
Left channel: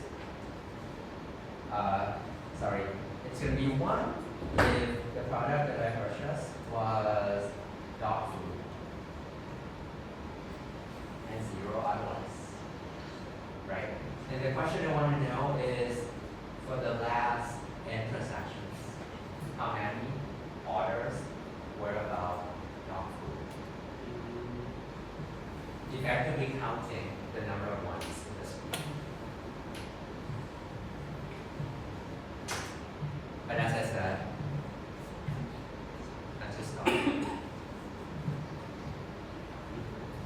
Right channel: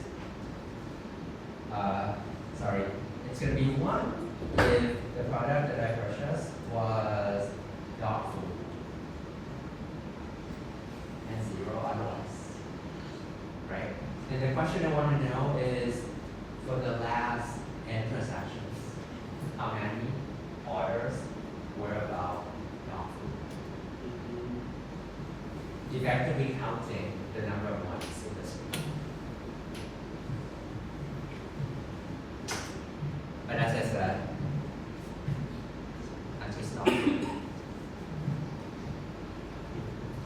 it's going to be 1 if the product that I purchased was dog food, and 0 otherwise, right? And the question I want to know is, for the last N transactions, how many orders were about dog food? Effectively counting the number of ones in the stream. But as I said, I'm just not.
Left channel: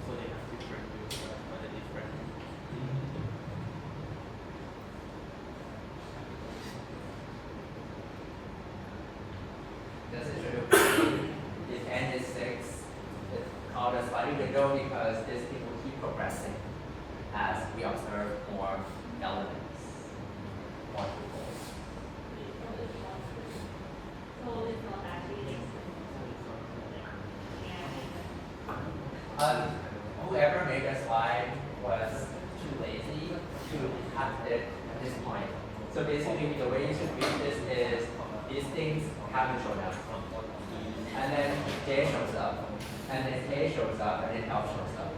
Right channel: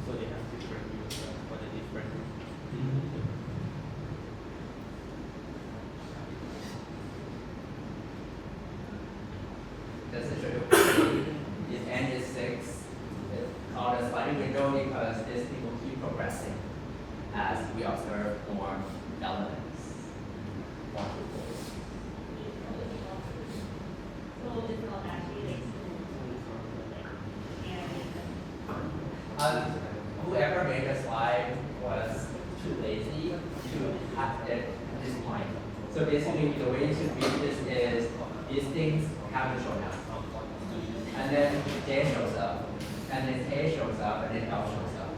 So they have different views for the different. That's the true. If N is 6, it's called a sliding window because this thing will keep progressing as we observe more elements, more tuples. So it's not actually like Whoever made a slide was too lazy to have it at this point. So basically, the way you should read this is these things have to show that. And then J shows up, and then K shows up, and then L shows up.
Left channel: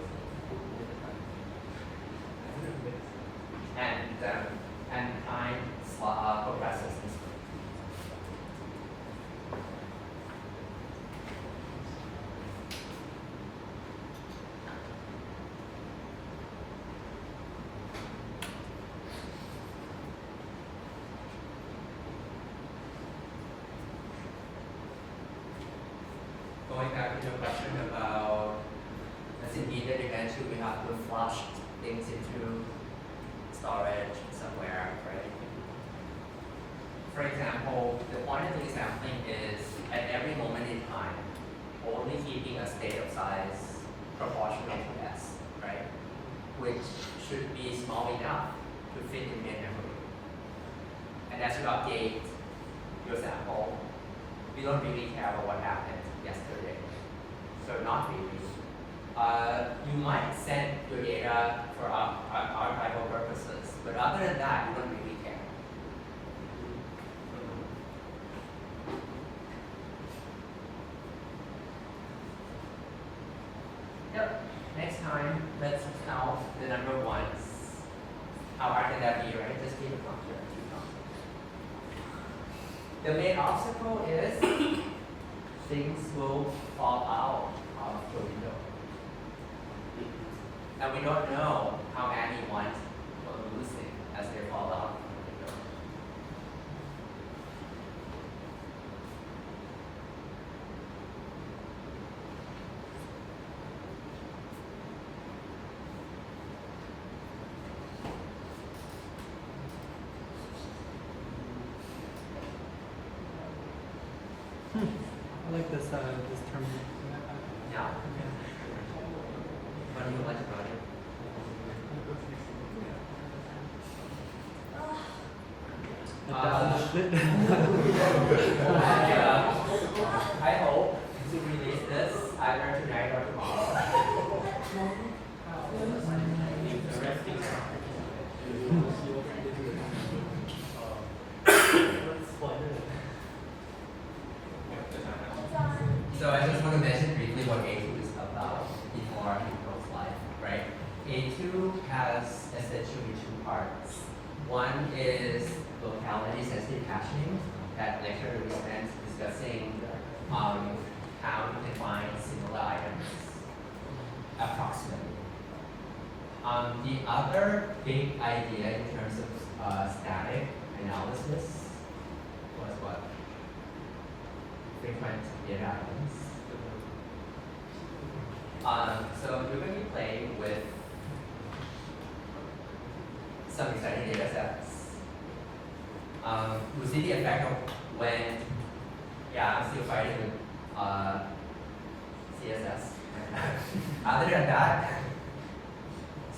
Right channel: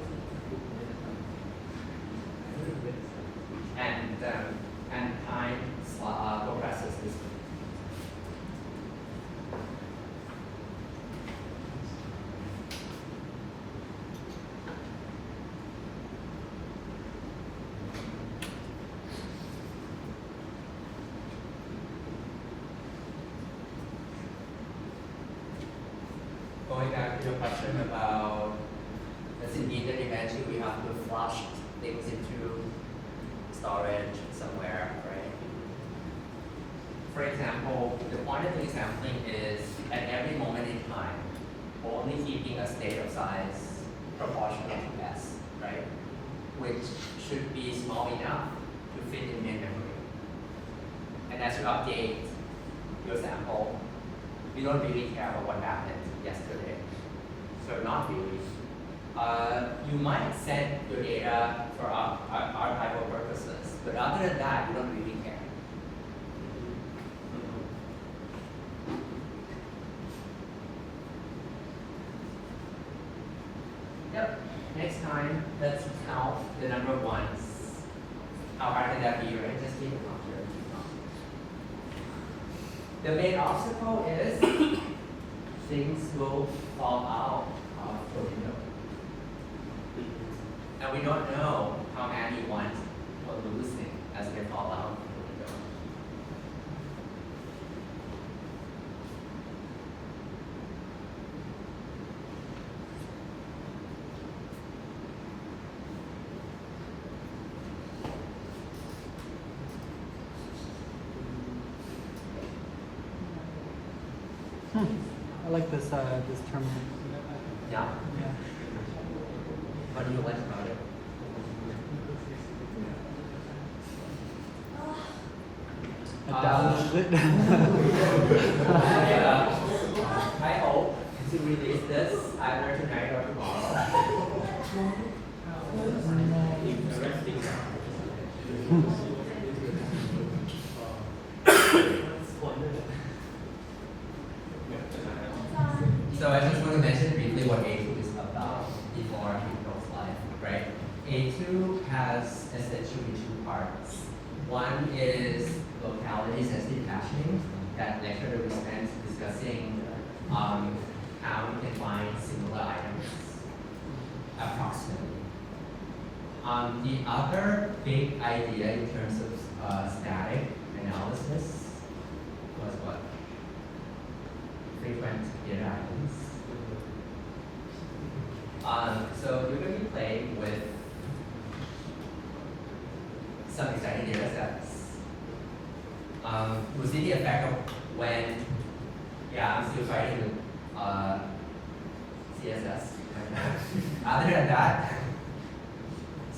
And time progresses this way. Going back to your question about, as in either dimension, we have to flush things into storage somewhere, right? For example, the quantitative sampling is at every moment in time, only keeping a state of size proportional to S, right? Which should be small enough to fit in main memory. And as you update your sample, you don't really care about what happened yesterday. So not really. You might set your data for archival purposes, but other than that, you don't really care. Yep. Next time, let's count the number of ones. How hard can that be, right? Just keep it comfortable. The main obstacle is things will fall out of the window. And we don't know how many ones we're losing as they fall out of the window. I like this this term. Yeah. Yeah. What do you like about it? I hope to release this either tonight or tomorrow. So I just want to mention briefly what A2 is about before I go slide, right? A2 has essentially two parts. One is locality sensitive caching. That lecture we spent discussing how you can find similar items approximately. The other big idea in terms of static analysis was what? Frequent data items. So you're going to be playing with some exciting data sets. We'll see the effect of when, yeah, I'm still fighting CSS. Other than that,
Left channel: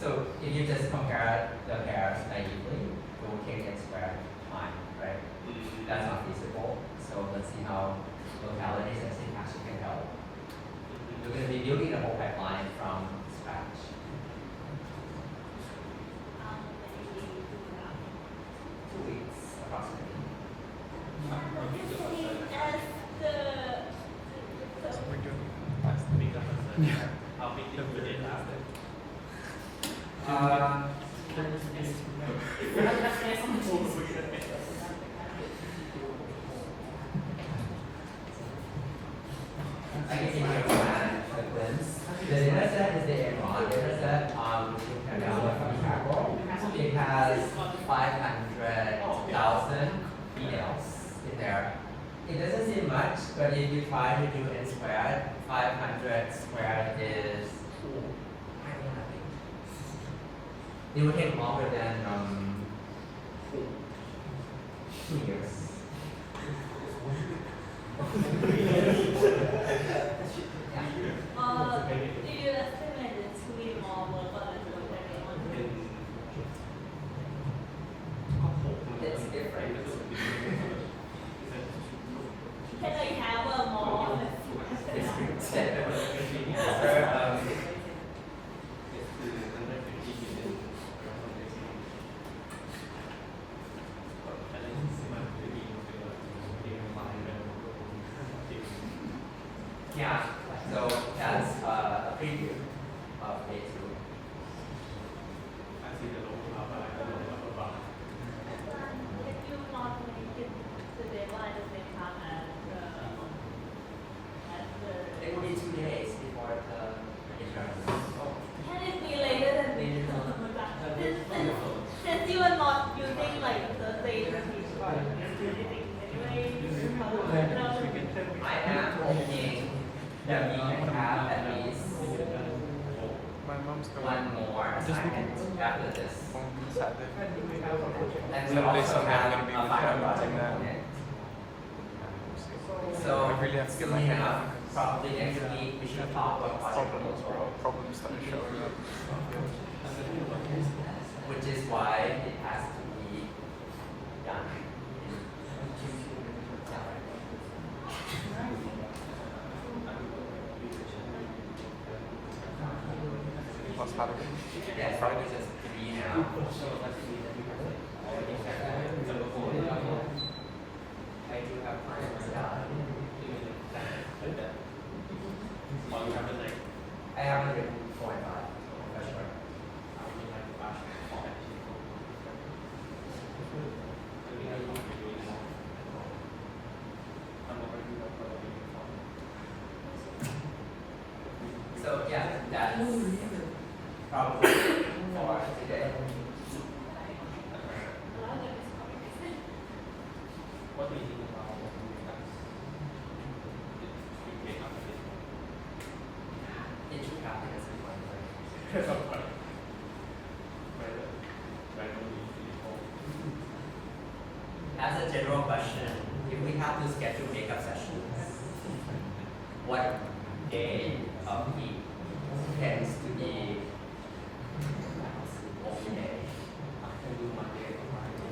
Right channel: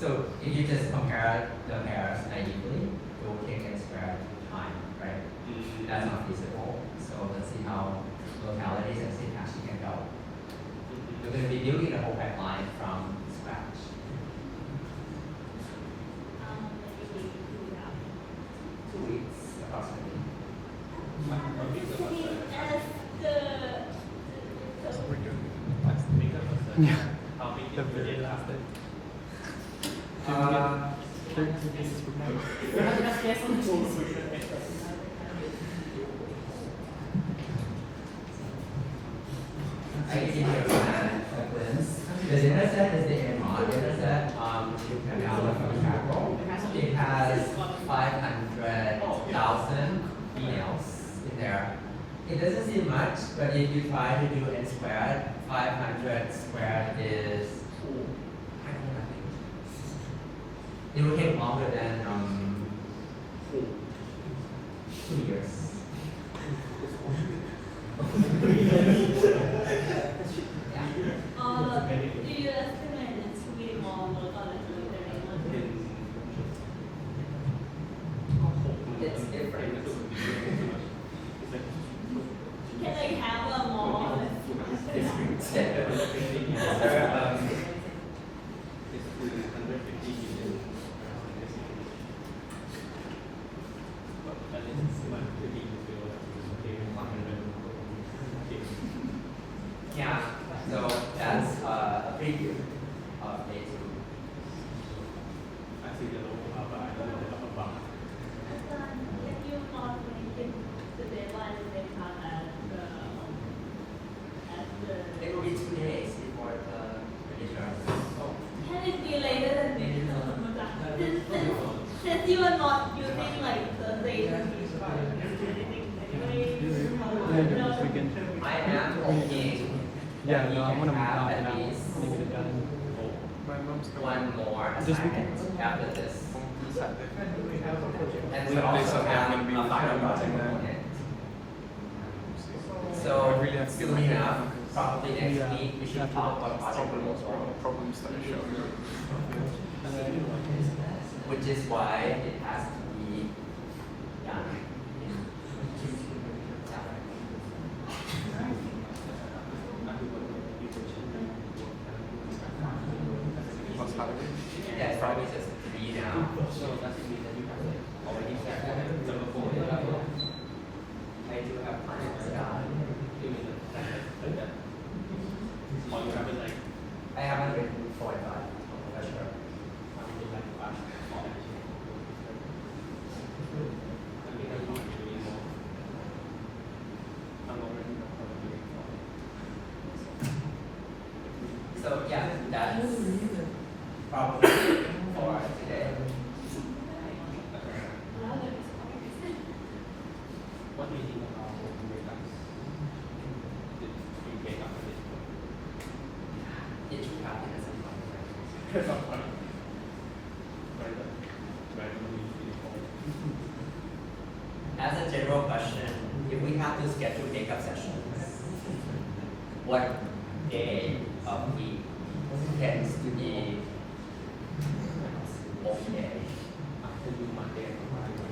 so if you just compare the pairs naively, it will take n squared time, right? That's not feasible. So let's see how localities and syntax can help. You're going to be building the whole pipeline from scratch. 2 weeks approximately. How big is your data? I can give you a glimpse. The data set is the Enron data set, which you can download from the macro. It has 500,000 emails in there. It doesn't seem much, but if you try to do n squared, 500 squared is, I don't know, I think. It will take longer than 2 years. Do you recommend it to be more work or It's different. can I have a more? Yeah, so that's a preview of day 2. I see the logo but I don't know the upper bar. If you not make it the demo at the same time as the It will be 2 days before the midterm. can it be later than we since you are not using like Thursday to teach or anything anyway, I am hoping that we can have at least one more assignment after this. And we also have a final project component. So soon enough, probably next week, we should talk about project proposal. Which is why it has to be done. Yeah, it's probably just 3 now. Already set that. I do have plans. Or you have the like I haven't written 4 and 5 for sure. So yeah, that's probably for today. what do you think about makeups? You get up It should happen at some point. at some point. Right. As a general question, if we have to schedule makeup sessions, what day of week tends to be okay? I can do Monday and Friday.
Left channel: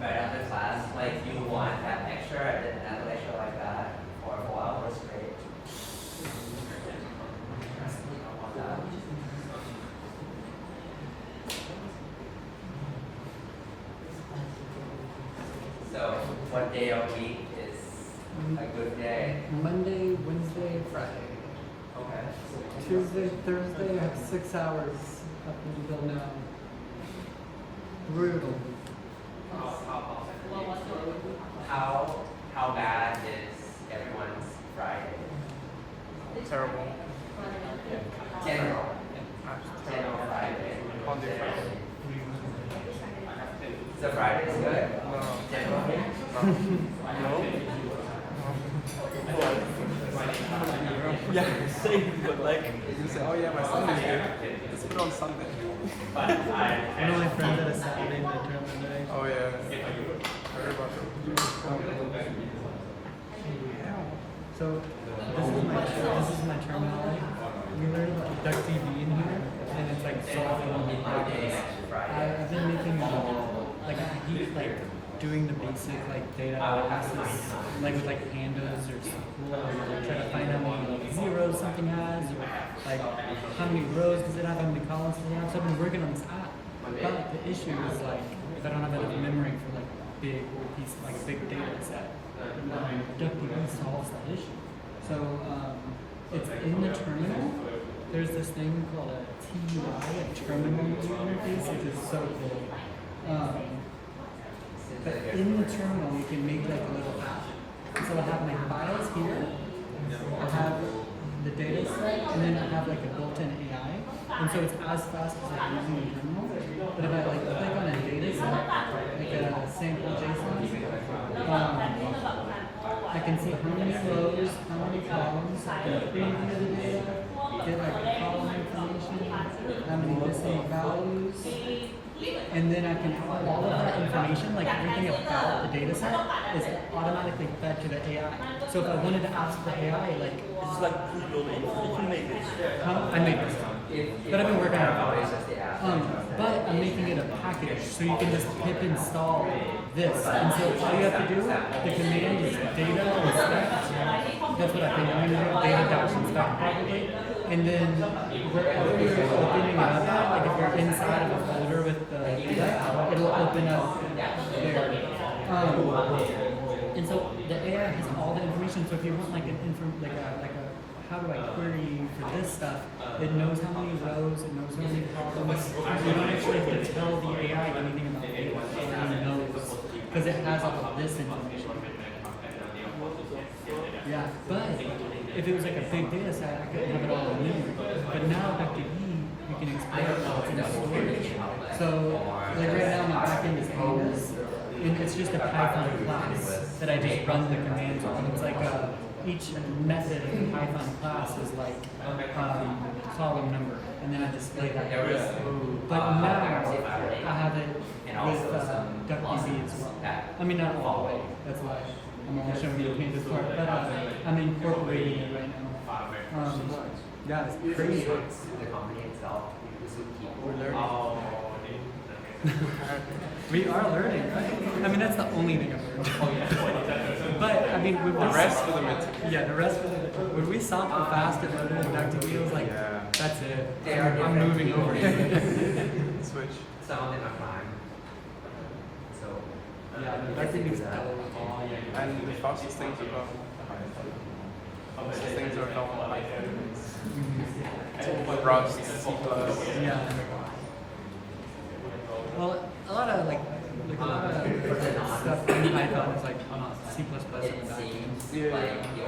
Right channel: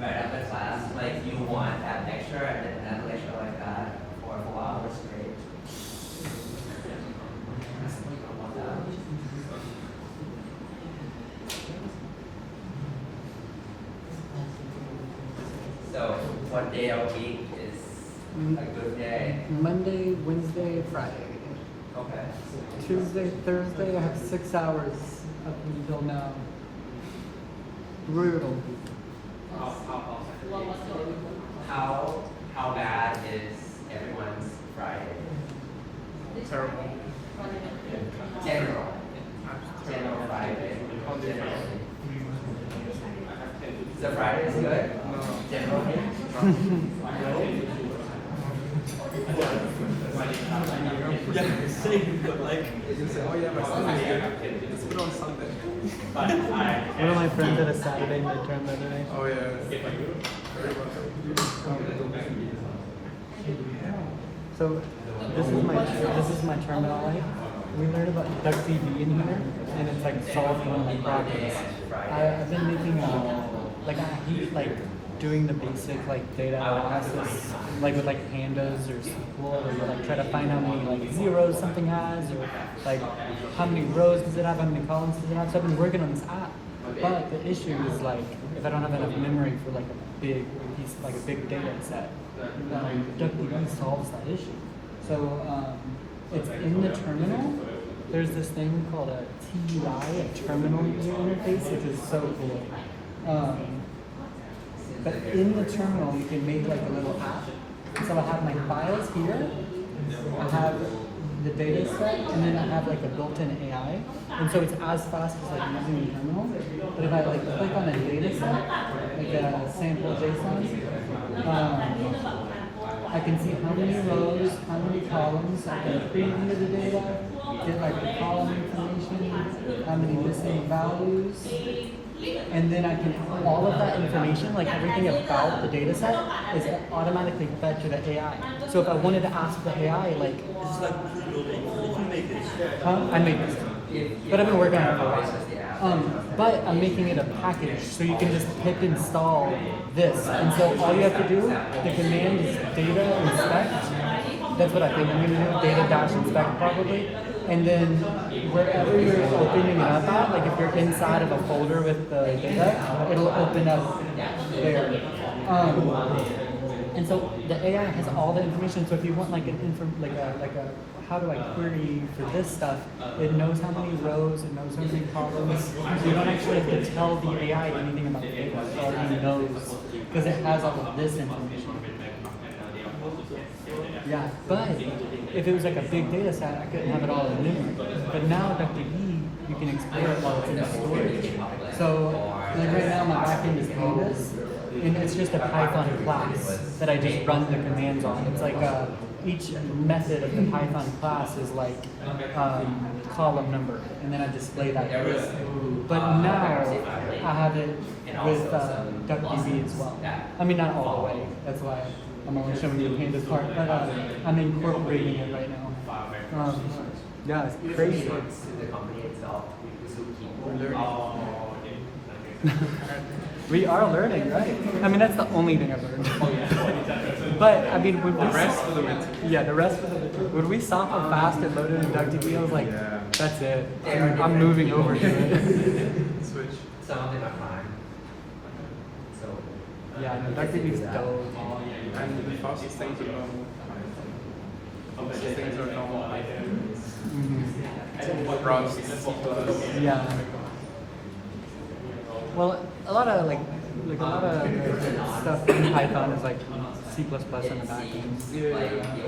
Right after class, like you want that lecture and then another lecture like that for 4 hours straight. So, what day of week is a good day? Monday, Wednesday, Friday. Okay. Tuesday, Thursday, I have 6 hours up until now. Brutal. How bad is everyone's Friday? Terrible. General. General Friday. So Friday is good? General week? Yeah, same, but like, Oh yeah, my Sunday. It's on Sunday. But one of my friends at a Saturday midterm today. Oh yeah. if I do So this is my terminal light. We learned about DuckDB in here, and it's like solved one of my problems. I've been making like I keep like doing the basic like data analysis, like with like pandas or SQL, or like try to find how many like zeros something has, or like how many rows does it have, how many columns does it have. So I've been working on this app, but the issue is like if I don't have enough memory for like a big piece, like a big data set, DuckDB solves that issue. So it's in the terminal. There's this thing called a TUI, a terminal user interface, which is so cool. But in the terminal, you can make like a little app. So I have my files here. I have the data set, and then I have like a built-in AI. And so it's as fast as like using the terminal. But if I like click on a data set, like a sample JSON, I can see how many rows, how many columns, I can preview the data, get like the column information, how many missing values, and then I can, all of that information, like everything about the data set, is automatically fed to the AI. So if I wanted to ask the AI, like, It's like you can make this. I make this. But I've been working on it for a while. But I'm making it a package, so you can just hit install this. And so all you have to do, the command is data inspect. That's what I think. I'm going to data dash inspect probably. And then wherever you're opening up at, like if you're inside of a folder with the data, it'll open up there. And so the AI has all the information. So if you want like how do I query for this stuff? It knows how many rows, it knows how many columns. You don't actually have to tell the AI anything about it. It already knows because it has all of this information. Yeah, but if it was like a big data set, I couldn't have it all in linear. But now with the you can explore it while it's in storage. So like right now my backend is pandas, and it's just a Python class that I just run the commands on. It's like each method of the Python class is like column number, and then I display that. But now I have it with DuckDB as well. I mean not all the way. That's why I'm only showing you the pandas part, but I'm incorporating it right now. Yeah, it's very short. The company itself, this will keep We are learning, right? I mean, that's the only thing I've learned. Oh, yeah. But, I mean, when the rest of it, when we saw how fast it loaded in DuckDB, I was like, that's it. I'm moving over here. some of them are fine. So, Yeah, I think it's And the fastest thing to go. Yeah. Well, a lot of stuff in Python is like C++ and it seems like the